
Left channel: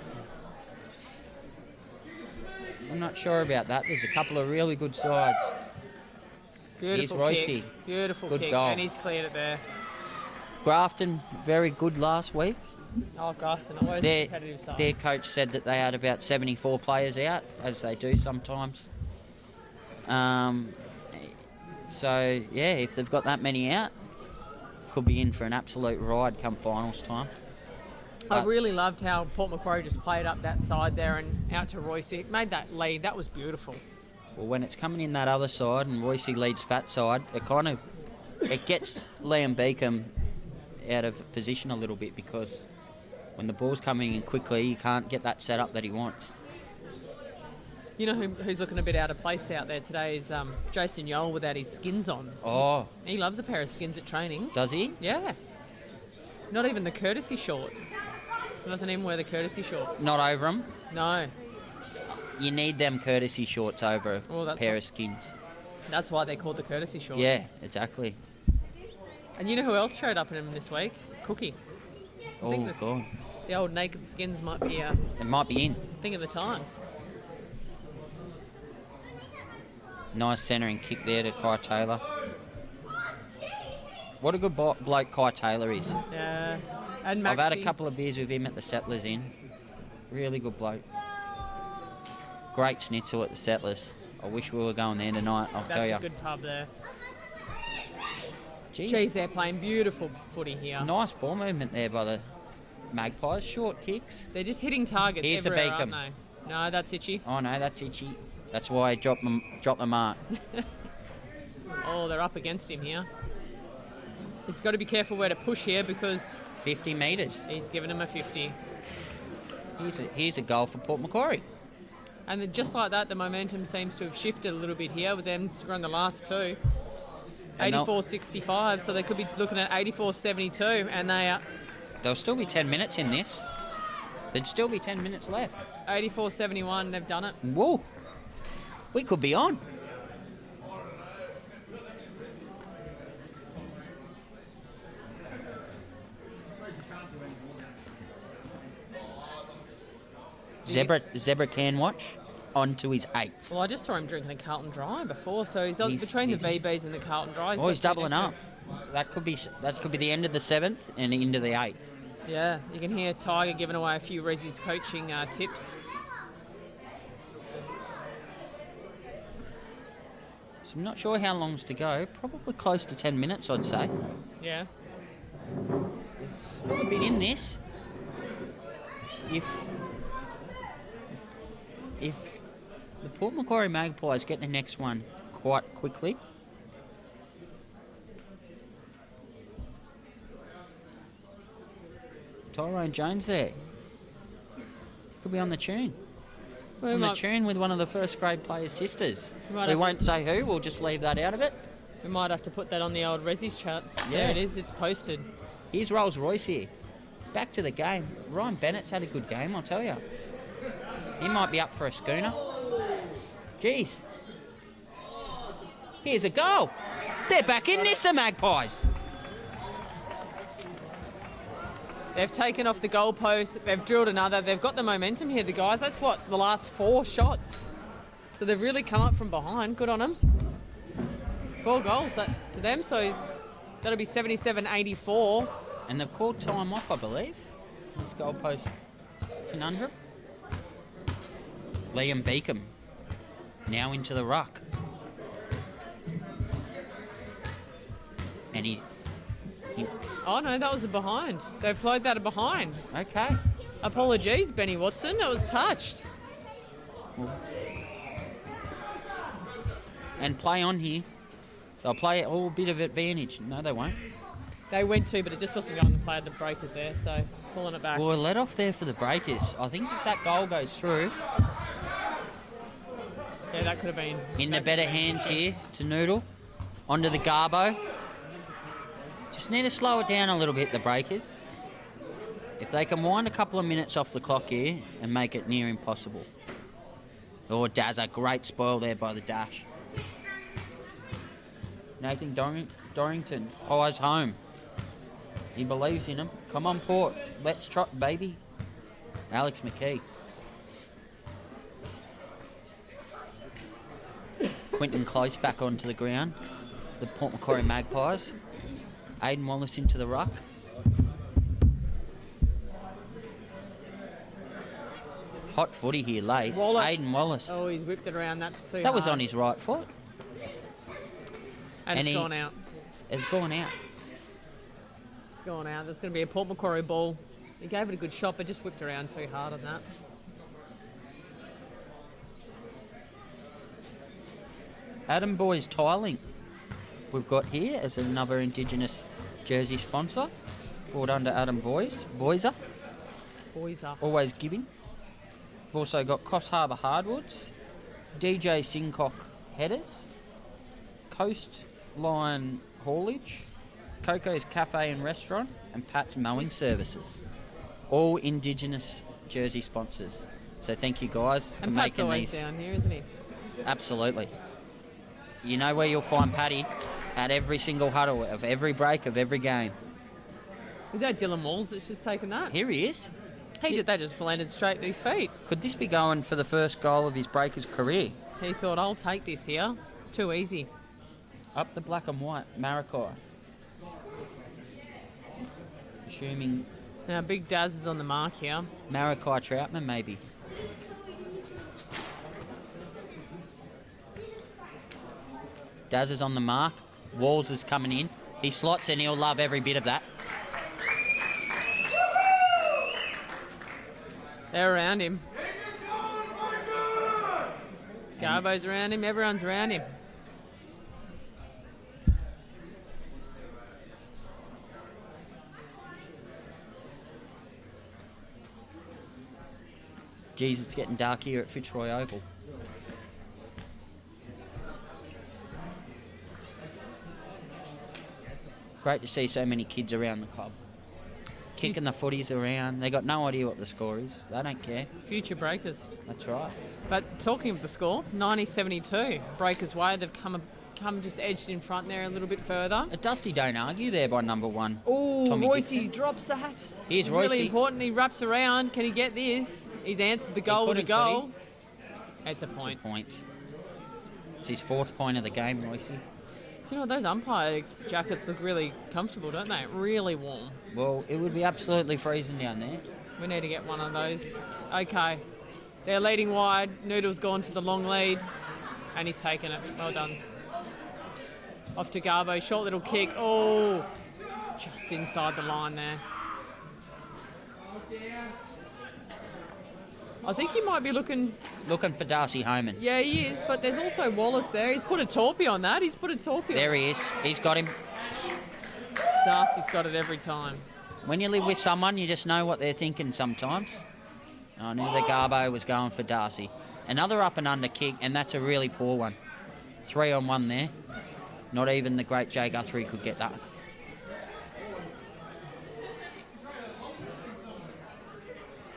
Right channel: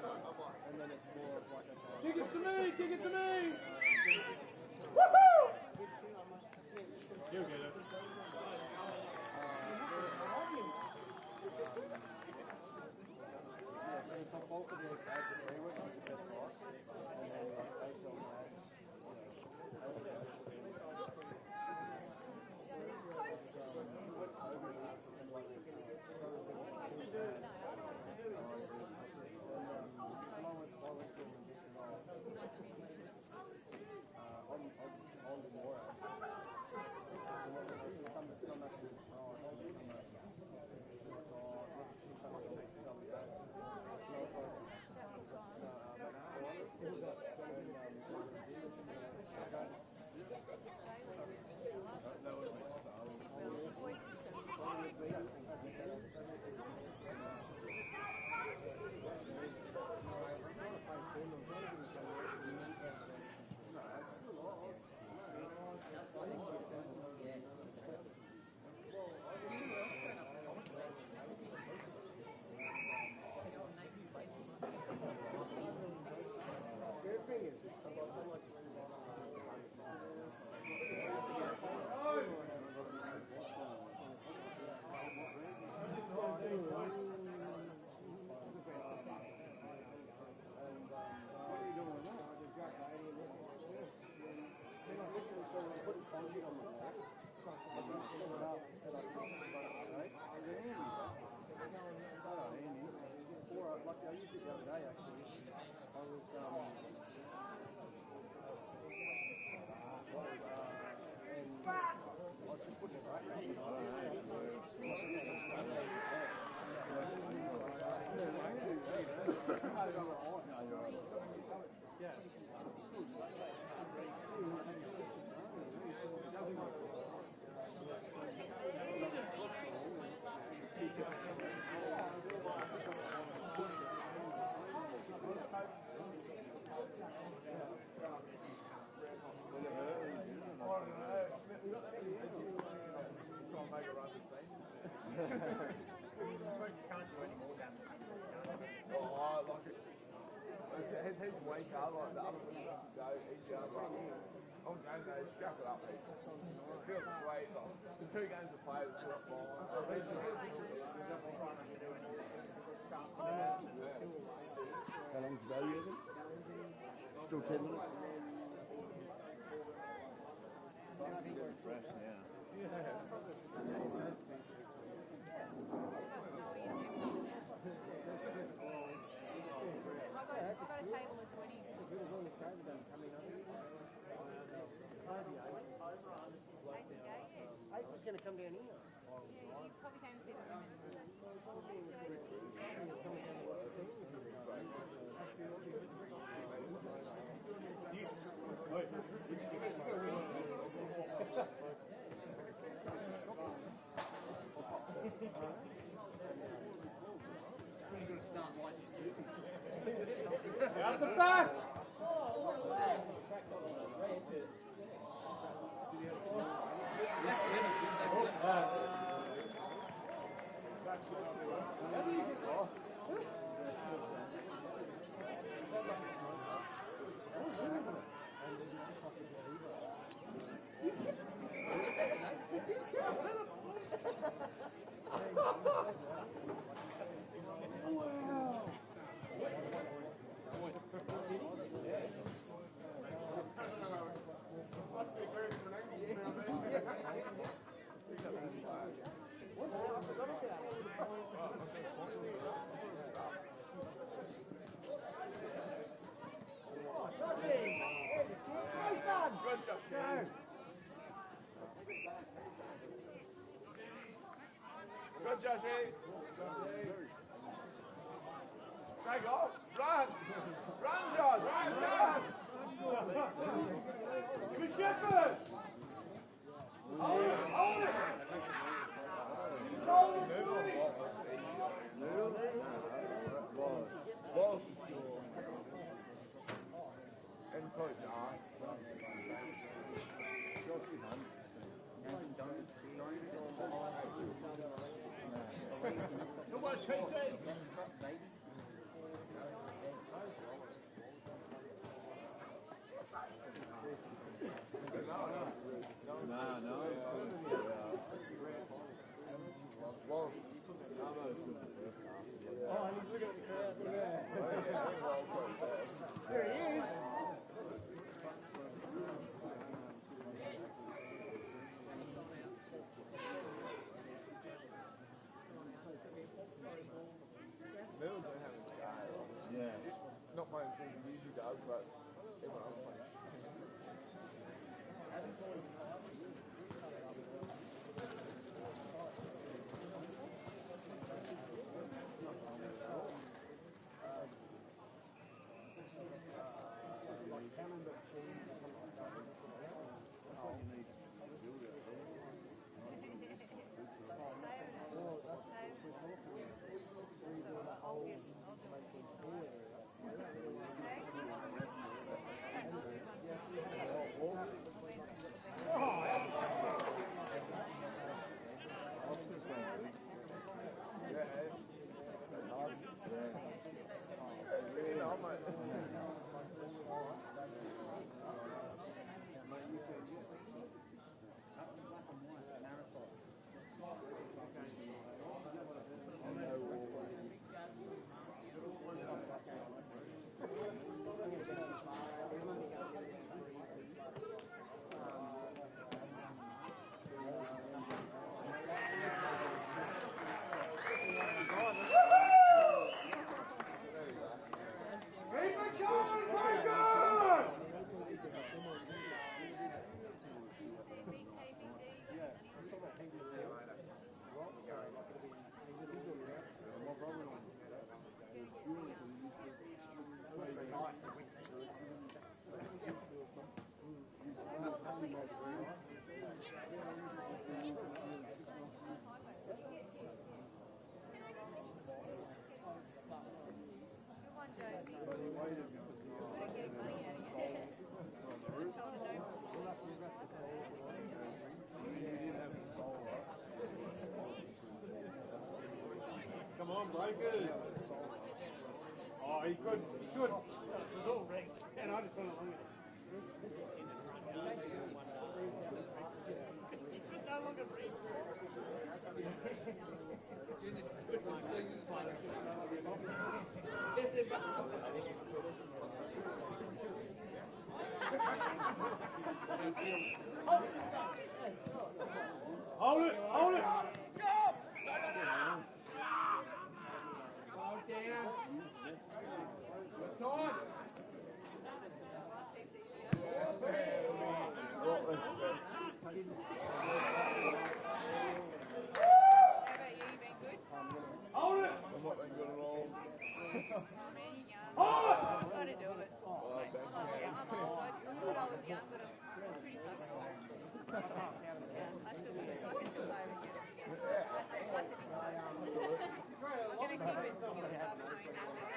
I'm not sure about that. There's a couple of really good sides. Beautiful Here's kick. Roycey. Beautiful Good kick, goal. and he's cleared it there. Grafton, very good last week. Oh, Grafton, always a competitive side. Their coach said that they had about 74 players out, as they do sometimes. So, yeah, if they've got that many out, could be in for an absolute ride come finals time. I really loved how Port Macquarie just played up that side there and out to Royce. It made that lead. That was beautiful. Well, when it's coming in that other side and Royce leads fat side, it gets Liam Beacom out of position a little bit, because when the ball's coming in quickly, you can't get that setup that he wants. You know who's looking a bit out of place out there today is Jason Yole without his skins on. Oh. He loves a pair of skins at training. Does he? Yeah. Not even the courtesy short. He doesn't even wear the courtesy shorts. Not over them? No. You need them courtesy shorts over a pair of skins. That's why they're called the courtesy shorts. Yeah, exactly. And you know who else showed up in them this week? Cookie. I think God. the old naked skins might be It might be in. thing of the times. Nice centering kick there to Kai Taylor. What a good bloke Kai Taylor is. Yeah. And I've had a Maxi. couple of beers with him at the Settlers Inn. Really good bloke. Great schnitzel at the Settlers. I wish we were going there tonight, I'll tell you. That's a good pub there. Jeez. They're playing beautiful footy here. Nice ball movement there by the Magpies. Short kicks. They're just hitting targets Here's a everywhere, Beacom. aren't they? No, that's Itchy. Oh no, that's Itchy. That's why I dropped the mark. Oh, they're up against him here. He's got to be careful where to push here because 50 metres. He's given him a 50. Here's a goal for Port Macquarie. And then just like that, the momentum seems to have shifted a little bit here with them scoring the last two. 84-65, so they could be looking at 84-72, and they are... There'll still be 10 minutes in this. There'd still be 10 minutes left. 84-71, they've done it. Whoa. We could be on. Zebra can watch on to his 8th. Well, I just saw him drinking a Carlton Dry before, so he's between the VBs and the Carlton Dry. He's doubling up. That could be the end of the 7th and into the 8th. Yeah, you can hear Tiger giving away a few Rezzy's coaching tips. So I'm not sure how long's to go. Probably close to 10 minutes, I'd say. Yeah. There's still a bit in this. If the Port Macquarie Magpies get the next one quite quickly, Tyrone Jones there could be on the tune. On the tune with one of the first grade players' sisters. We won't say who, we'll just leave that out of it. We might have to put that on the old Rezzy's chat. Yeah. There it is, it's posted. Here's Rolls Royce here. Back to the game. Ryan Bennett's had a good game, I'll tell you. He might be up for a schooner. Jeez. Here's a goal. They're back in this, the Magpies. They've taken off the goalpost, they've drilled another, they've got the momentum here, the guys. That's what, the last 4 shots. So they've really come up from behind. Good on them. 4 goals to them, so that'll be 77-84. And they've called time off, I believe. This goalpost conundrum. Liam Beacom now into the ruck. And Oh, no, that was a behind. They've played that a behind. Okay. Apologies, Benny Watson. That was touched. And play on here. They'll play all bit of advantage. No, they won't. They went to, but it just wasn't going to play the breakers there, so pulling it back. Well, let off there for the breakers. I think if that goal goes through, Yeah, that could have been. in the better hands here to Noodle. Onto the Garbo. Just need to slow it down a little bit, the breakers. If they can wind a couple of minutes off the clock here and make it near impossible. Oh, Dazza, great spoil there by the dash. Nathan Dorrington, eyes home. He believes in him. Come on, Port. Let's trot, baby. Alex McKee. Quentin Close back onto the ground. The Port Macquarie Magpies. Aiden Wallace into the ruck. Hot footy here late. Aiden Wallace. Oh, he's whipped it around. That's too That was hard. on his right foot. And it's he- gone out. It's gone out. It's gone out. There's going to be a Port Macquarie ball. He gave it a good shot, but just whipped around too hard on that. Adam Boys Tiling we've got here as another Indigenous jersey sponsor. Brought under Adam Boys. Boyser, Boys up. always giving. We've also got Coffs Harbour Hardwoods, DJ Sincock Headers, Coastline Haulage, Coco's Cafe and Restaurant, and Pat's Mowing Services. All Indigenous jersey sponsors. So thank you guys for And Pat's making always these. down here, isn't he? Absolutely. You know where you'll find Paddy at every single huddle of every break of every game. Is that Dylan Walls that's just taken that? Here he is. He did that, just landed straight at his feet. Could this be going for the first goal of his Breakers career? He thought, I'll take this here. Too easy. Up the black and white, Maracay. Assuming Now, Big Daz is on the mark here. Maracay Troutman, maybe. Daz is on the mark. Walls is coming in. He slots and he'll love every bit of that. They're around him. Garbo's around him. Everyone's around him. Geez, it's getting dark here at Fitzroy Oval. Great to see so many kids around the club. Kicking the footies around. They got no idea what the score is. They don't care. Future Breakers. That's right. But talking of the score, 90-72. Breakers way. They've come just edged in front there a little bit further. A Dusty don't argue there by number one. Oh, Tommy Royce Dixon. drops that. Here's Really Royce. important. He wraps around. Can he get this? He's answered the goal with a couldn't, goal. It's a It's point. a point. It's his fourth point of the game, Royce. Do you know what? Those umpire jackets look really comfortable, don't they? Really warm. Well, it would be absolutely freezing down there. We need to get one of those. Okay. They're leading wide. Noodle's gone for the long lead. And he's taken it. Well done. Off to Garbo. Short little kick. Oh, just inside the line there. I think he might be looking... Looking for Darcy Homan. Yeah, he is, but there's also Wallace there. He's put a torpy on that. He's put a torpy There on he is. He's got him. Darcy's got it every time. When you live with someone, you just know what they're thinking sometimes. I knew the Garbo was going for Darcy. Another up and under kick, and that's a really poor one. 3-on-1 there. Not even the great Jay Guthrie could get that.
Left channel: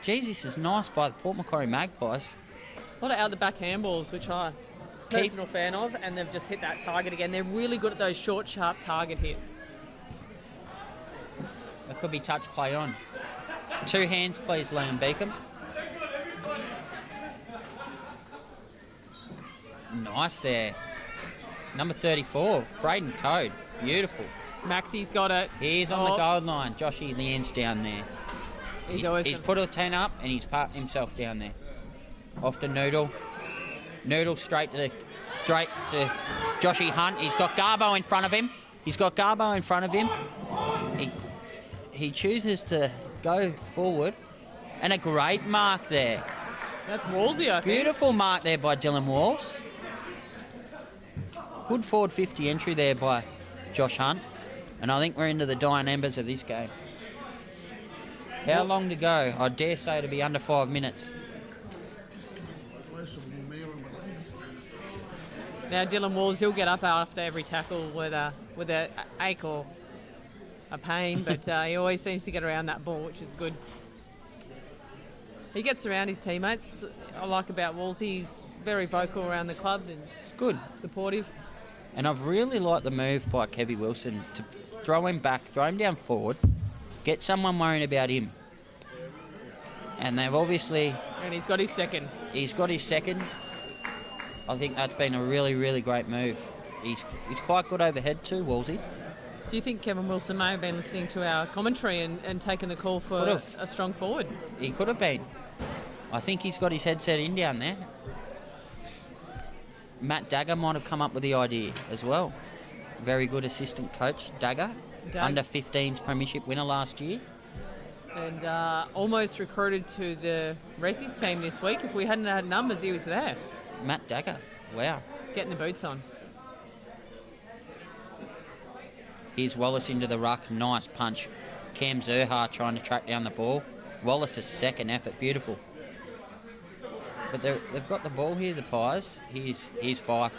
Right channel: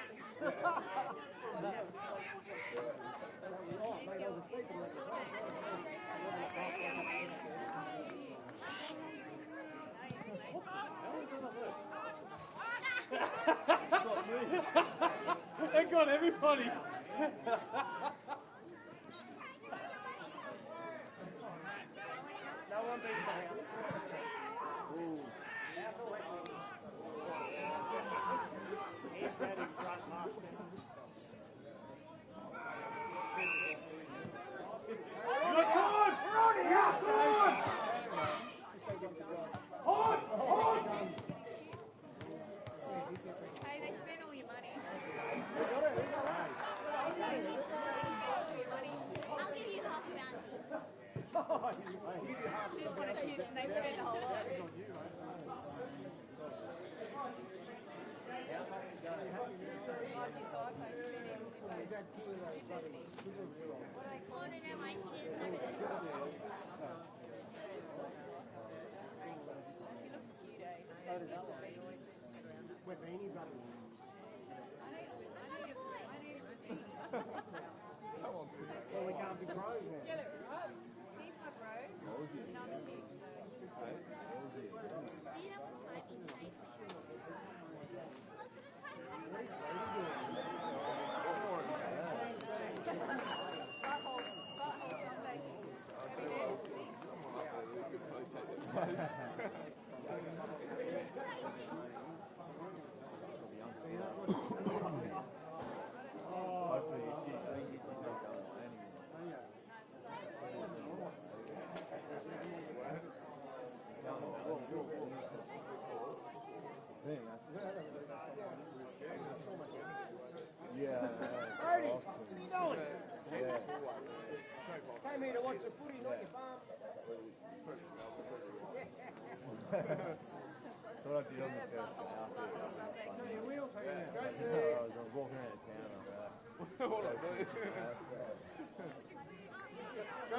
Jeez, this is nice by the Port Macquarie Magpies. A lot of out-the-back handballs, which I'm a personal fan of, and they've just hit that target again. They're really good at those short, sharp target hits. It could be touch play on. 2 hands, please, Liam Beacom. Nice there. Number 34, Braden Toad. Beautiful. Maxie's got it. He's on the goal line. Joshy Leanne's down there. He's put a 10 up and he's parked himself down there. Off to Noodle. Noodle straight to Joshy Hunt. He's got Garbo in front of him. he chooses to go forward, and a great mark there. That's Wolsey, I think. Beautiful mark there by Dylan Walls. Good forward 50 entry there by Josh Hunt. And I think we're into the dying embers of this game. How long to go? I dare say it'll be under 5 minutes. Now Dylan Walls, he'll get up after every tackle with a ache or a pain, but he always seems to get around that ball, which is good. He gets around his teammates. That's what I like about Walls. He's very vocal around the club and it's good, supportive. And I've really liked the move by Kevy Wilson to throw him back, throw him down forward, get someone worrying about him. And they've obviously... And he's got his second. He's got his second. I think that's been a really, really great move. He's quite good overhead too, Wolsey. Do you think Kevin Wilson may have been listening to our commentary and taken the call for a strong forward? He could have been. I think he's got his headset in down there. Matt Dagger might have come up with the idea as well. Very good assistant coach, Dagger. Under 15s premiership winner last year. And almost recruited to the Racing's team this week. If we hadn't had numbers, he was there. Matt Dagger, wow. Getting the boots on. Here's Wallace into the ruck, nice punch. Cam Zerha trying to track down the ball. Wallace's second effort, beautiful. But they've got the ball here, the Pies. Here's Fife.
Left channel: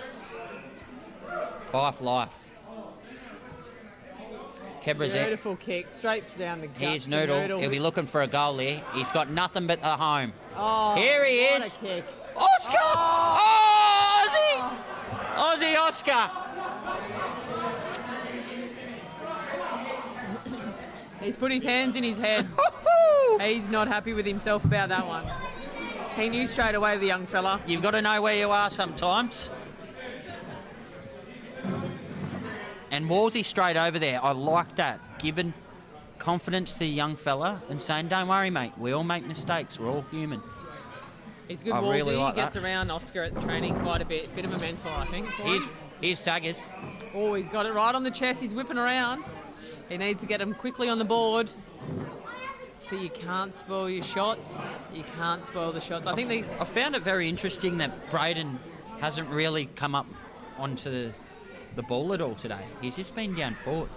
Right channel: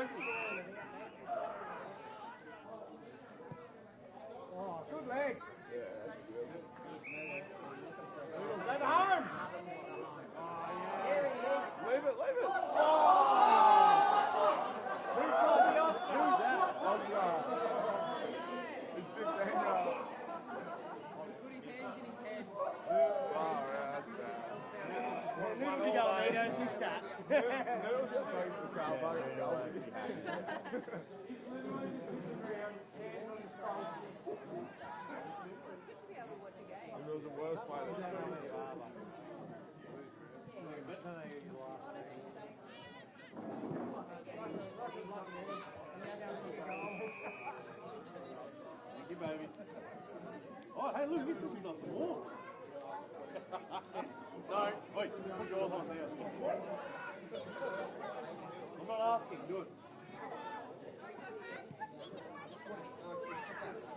Fife life. Kebrazet. Beautiful kick, straight down the gut. Here's Noodle. He'll be looking for a goal there. He's got nothing but a home. Oh, here he is. Oscar! Oh, Aussie! Aussie Oscar. He's put his hands in his head. He's not happy with himself about that one. He knew straight away, the young fella. You've got to know where you are sometimes. And Wolsey straight over there. I like that. Giving confidence to the young fella and saying, don't worry, mate. We all make mistakes. We're all human. He's good, I Wolsey. really like He gets that. around Oscar at training quite a bit. Bit of a mentor, I think. Here's Saggers. Oh, he's got it right on the chest. He's whipping around. He needs to get him quickly on the board. But you can't spoil your shots. You can't spoil the shots. I found it very interesting that Braden hasn't really come up onto the ball at all today. He's just been down forward.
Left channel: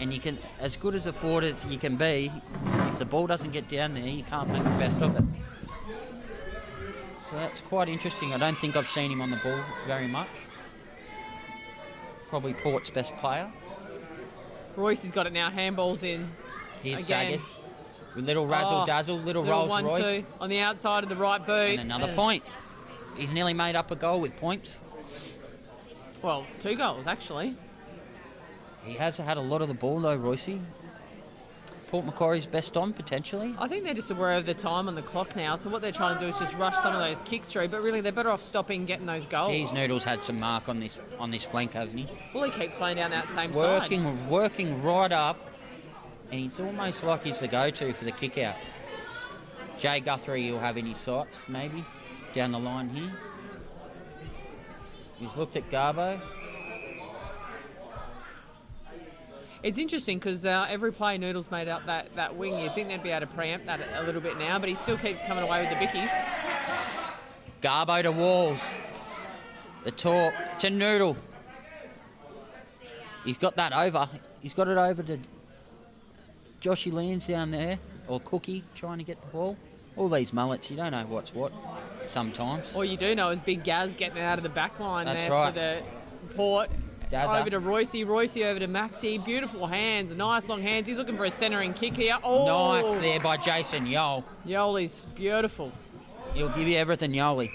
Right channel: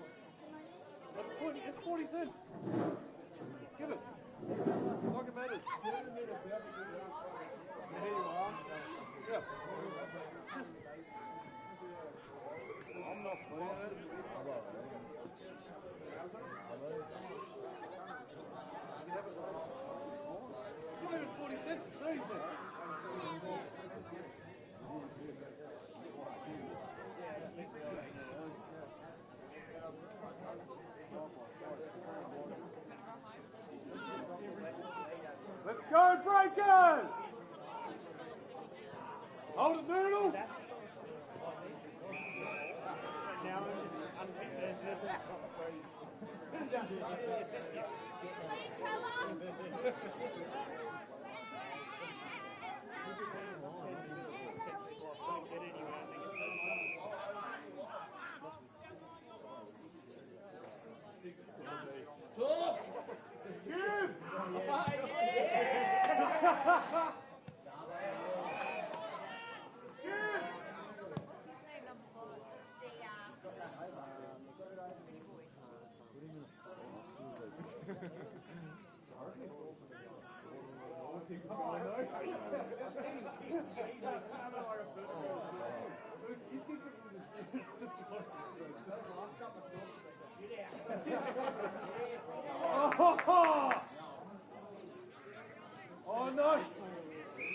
And you can, as good as a forward as you can be, if the ball doesn't get down there, you can't make the best of it. So that's quite interesting. I don't think I've seen him on the ball very much. Probably Port's best player. Royce has got it now. Handballs in. Here's again. Saggers. With little razzle-dazzle, little Rolls Royce. 1-2 on the outside of the right boot. And another point. He's nearly made up a goal with points. Well, 2 goals, actually. He has had a lot of the ball, though, Royce. Port Macquarie's best on, potentially. I think they're just aware of the time on the clock now, so what they're trying to do is just rush some of those kicks through, but really they're better off stopping getting those goals. Geez, Noodle's had some mark on this flank, hasn't he? Well, he keeps playing down that same side. Working right up, and he's almost like he's the go-to for the kick-out. Jay Guthrie he'll have in his sights, maybe, down the line here. He's looked at Garbo. It's interesting because every play Noodles made up that wing, you'd think they'd be able to preempt that a little bit now, but he still keeps coming away with the bickies. Garbo to Walls. The talk to Noodle. He's got that over. He's got it over to Joshy Lands down there, or Cookie trying to get the ball. All these mullets, you don't know what's what sometimes. All you do know is Big Gaz getting it out of the back line That's there right. for the Port. Dazza. Over to Royce over to Maxi. Beautiful hands, nice long hands. He's looking for a centering kick here. Oh, nice there by Jason Yole. Yole's beautiful. He'll give you everything, Yole.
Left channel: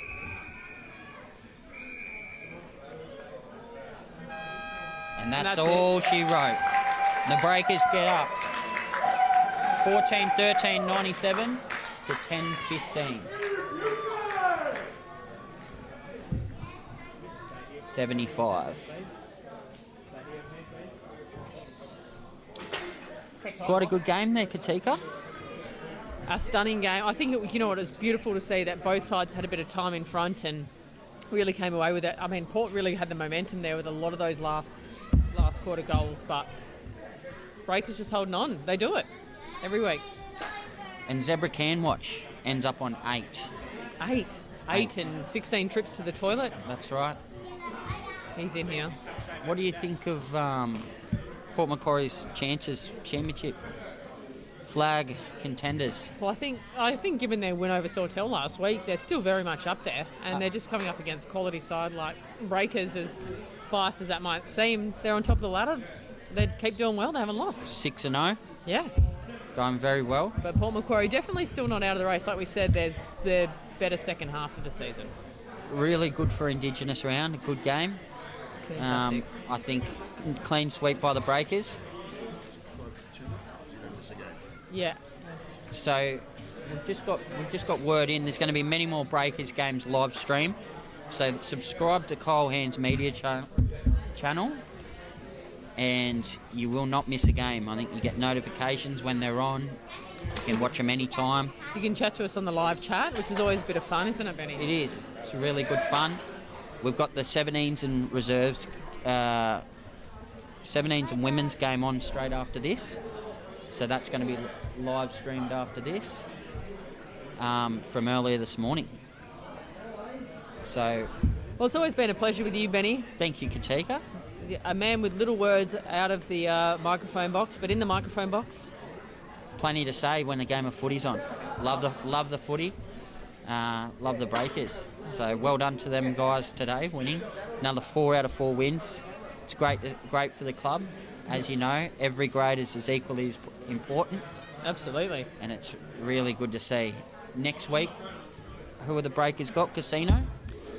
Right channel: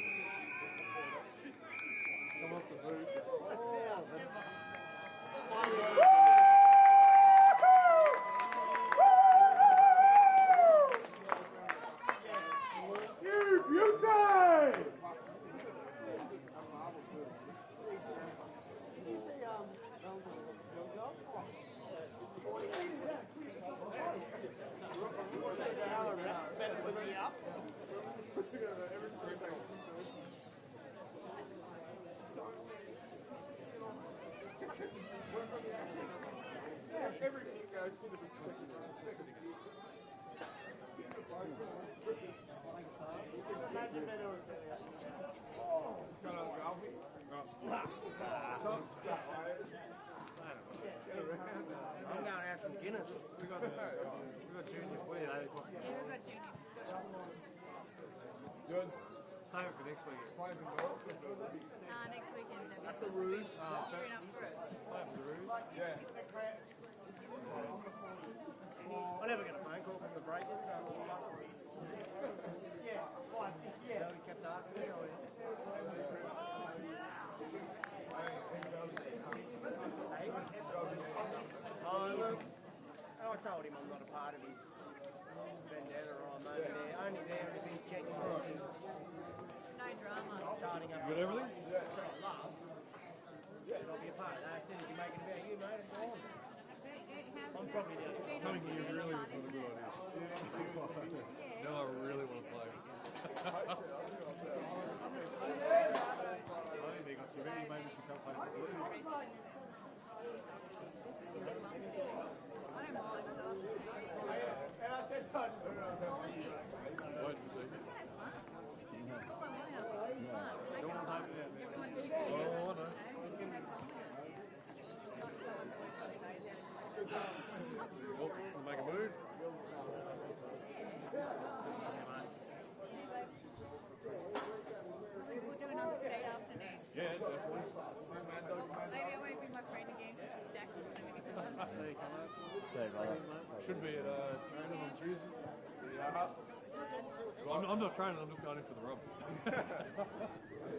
And that's all she wrote. The Breakers get up. 14-13, 97 to 10-15. 75. Quite a good game there, Katika. A stunning game. I think, it was beautiful to see that both sides had a bit of time in front and really came away with it. I mean, Port really had the momentum there with a lot of those last quarter goals, but Breakers just holding on. They do it every week. And Zebra Can Watch ends up on 8. 8 and 16 trips to the toilet. That's right. He's in here. What do you think of Port Macquarie's chances championship? Flag contenders. Well, I think given their win over Sawtell last week, they're still very much up there, and they're just coming up against quality side like Breakers. As biased as that might seem, they're on top of the ladder. They keep doing well. They haven't lost. 6-0. Yeah. Going very well. But Port Macquarie definitely still not out of the race. Like we said, they're better second half of the season. Really good for Indigenous round. A good game. Fantastic. I think clean sweep by the Breakers. Yeah. So we've just got word in. There's going to be many more Breakers games live stream. So subscribe to Kyle Hand's media channel, and you will not miss a game. I think you get notifications when they're on. You can watch them anytime. You can chat to us on the live chat, which is always a bit of fun, isn't it, Benny? It is. It's really good fun. We've got the 17s and reserves, 17s and women's game on straight after this. So that's going to be live streamed after this from earlier this morning. So, well, it's always been a pleasure with you, Benny. Thank you, Katika. A man with little words out of the microphone box, but in the microphone box, plenty to say when the game of footy's on. Love the footy. Love the Breakers. So well done to them guys today, winning another 4 out of 4 wins. It's great for the club. As you know, every grade is as equally as important. Absolutely. And it's really good to see. Next week, who are the Breakers got? Casino?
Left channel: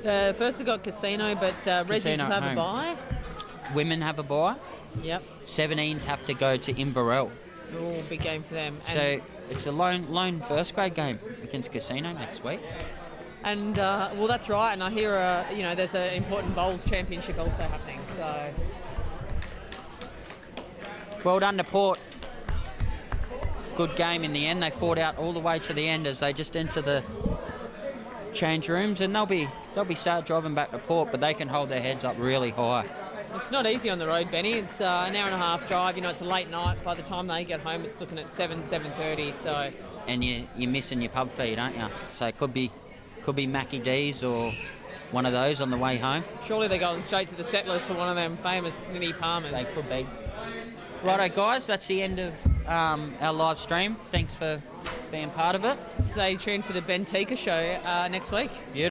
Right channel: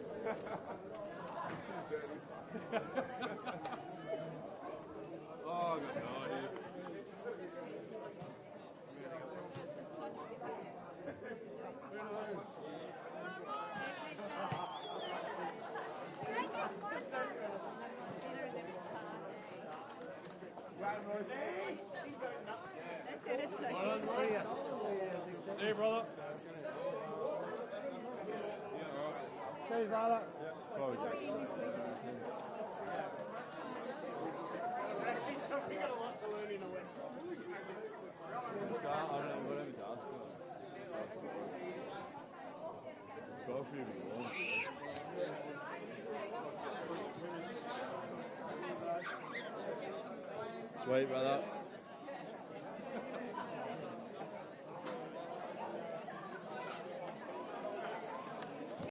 First we got Casino, but Resis have a bye. Women have a bye. Yep. 17s have to go to Inverell. Oh, big game for them. So it's a lone first grade game against Casino next week. And well, that's right. And I hear there's an important bowls championship also happening. So well done to Port. Good game in the end. They fought out all the way to the end as they just enter the change rooms, and they'll be start driving back to Port, but they can hold their heads up really high. It's not easy on the road, Benny. It's an hour and a half drive. It's a late night. By the time they get home, it's looking at 7:30. So. And you're missing your pub feed, aren't you? So it could be Mackie D's or one of those on the way home. Surely they're going straight to the settlers for one of them famous Snitty Palmers. They could be. Righto, guys. That's the end of our live stream. Thanks for being part of it. Stay tuned for the Ben Tika show next week. Beautiful.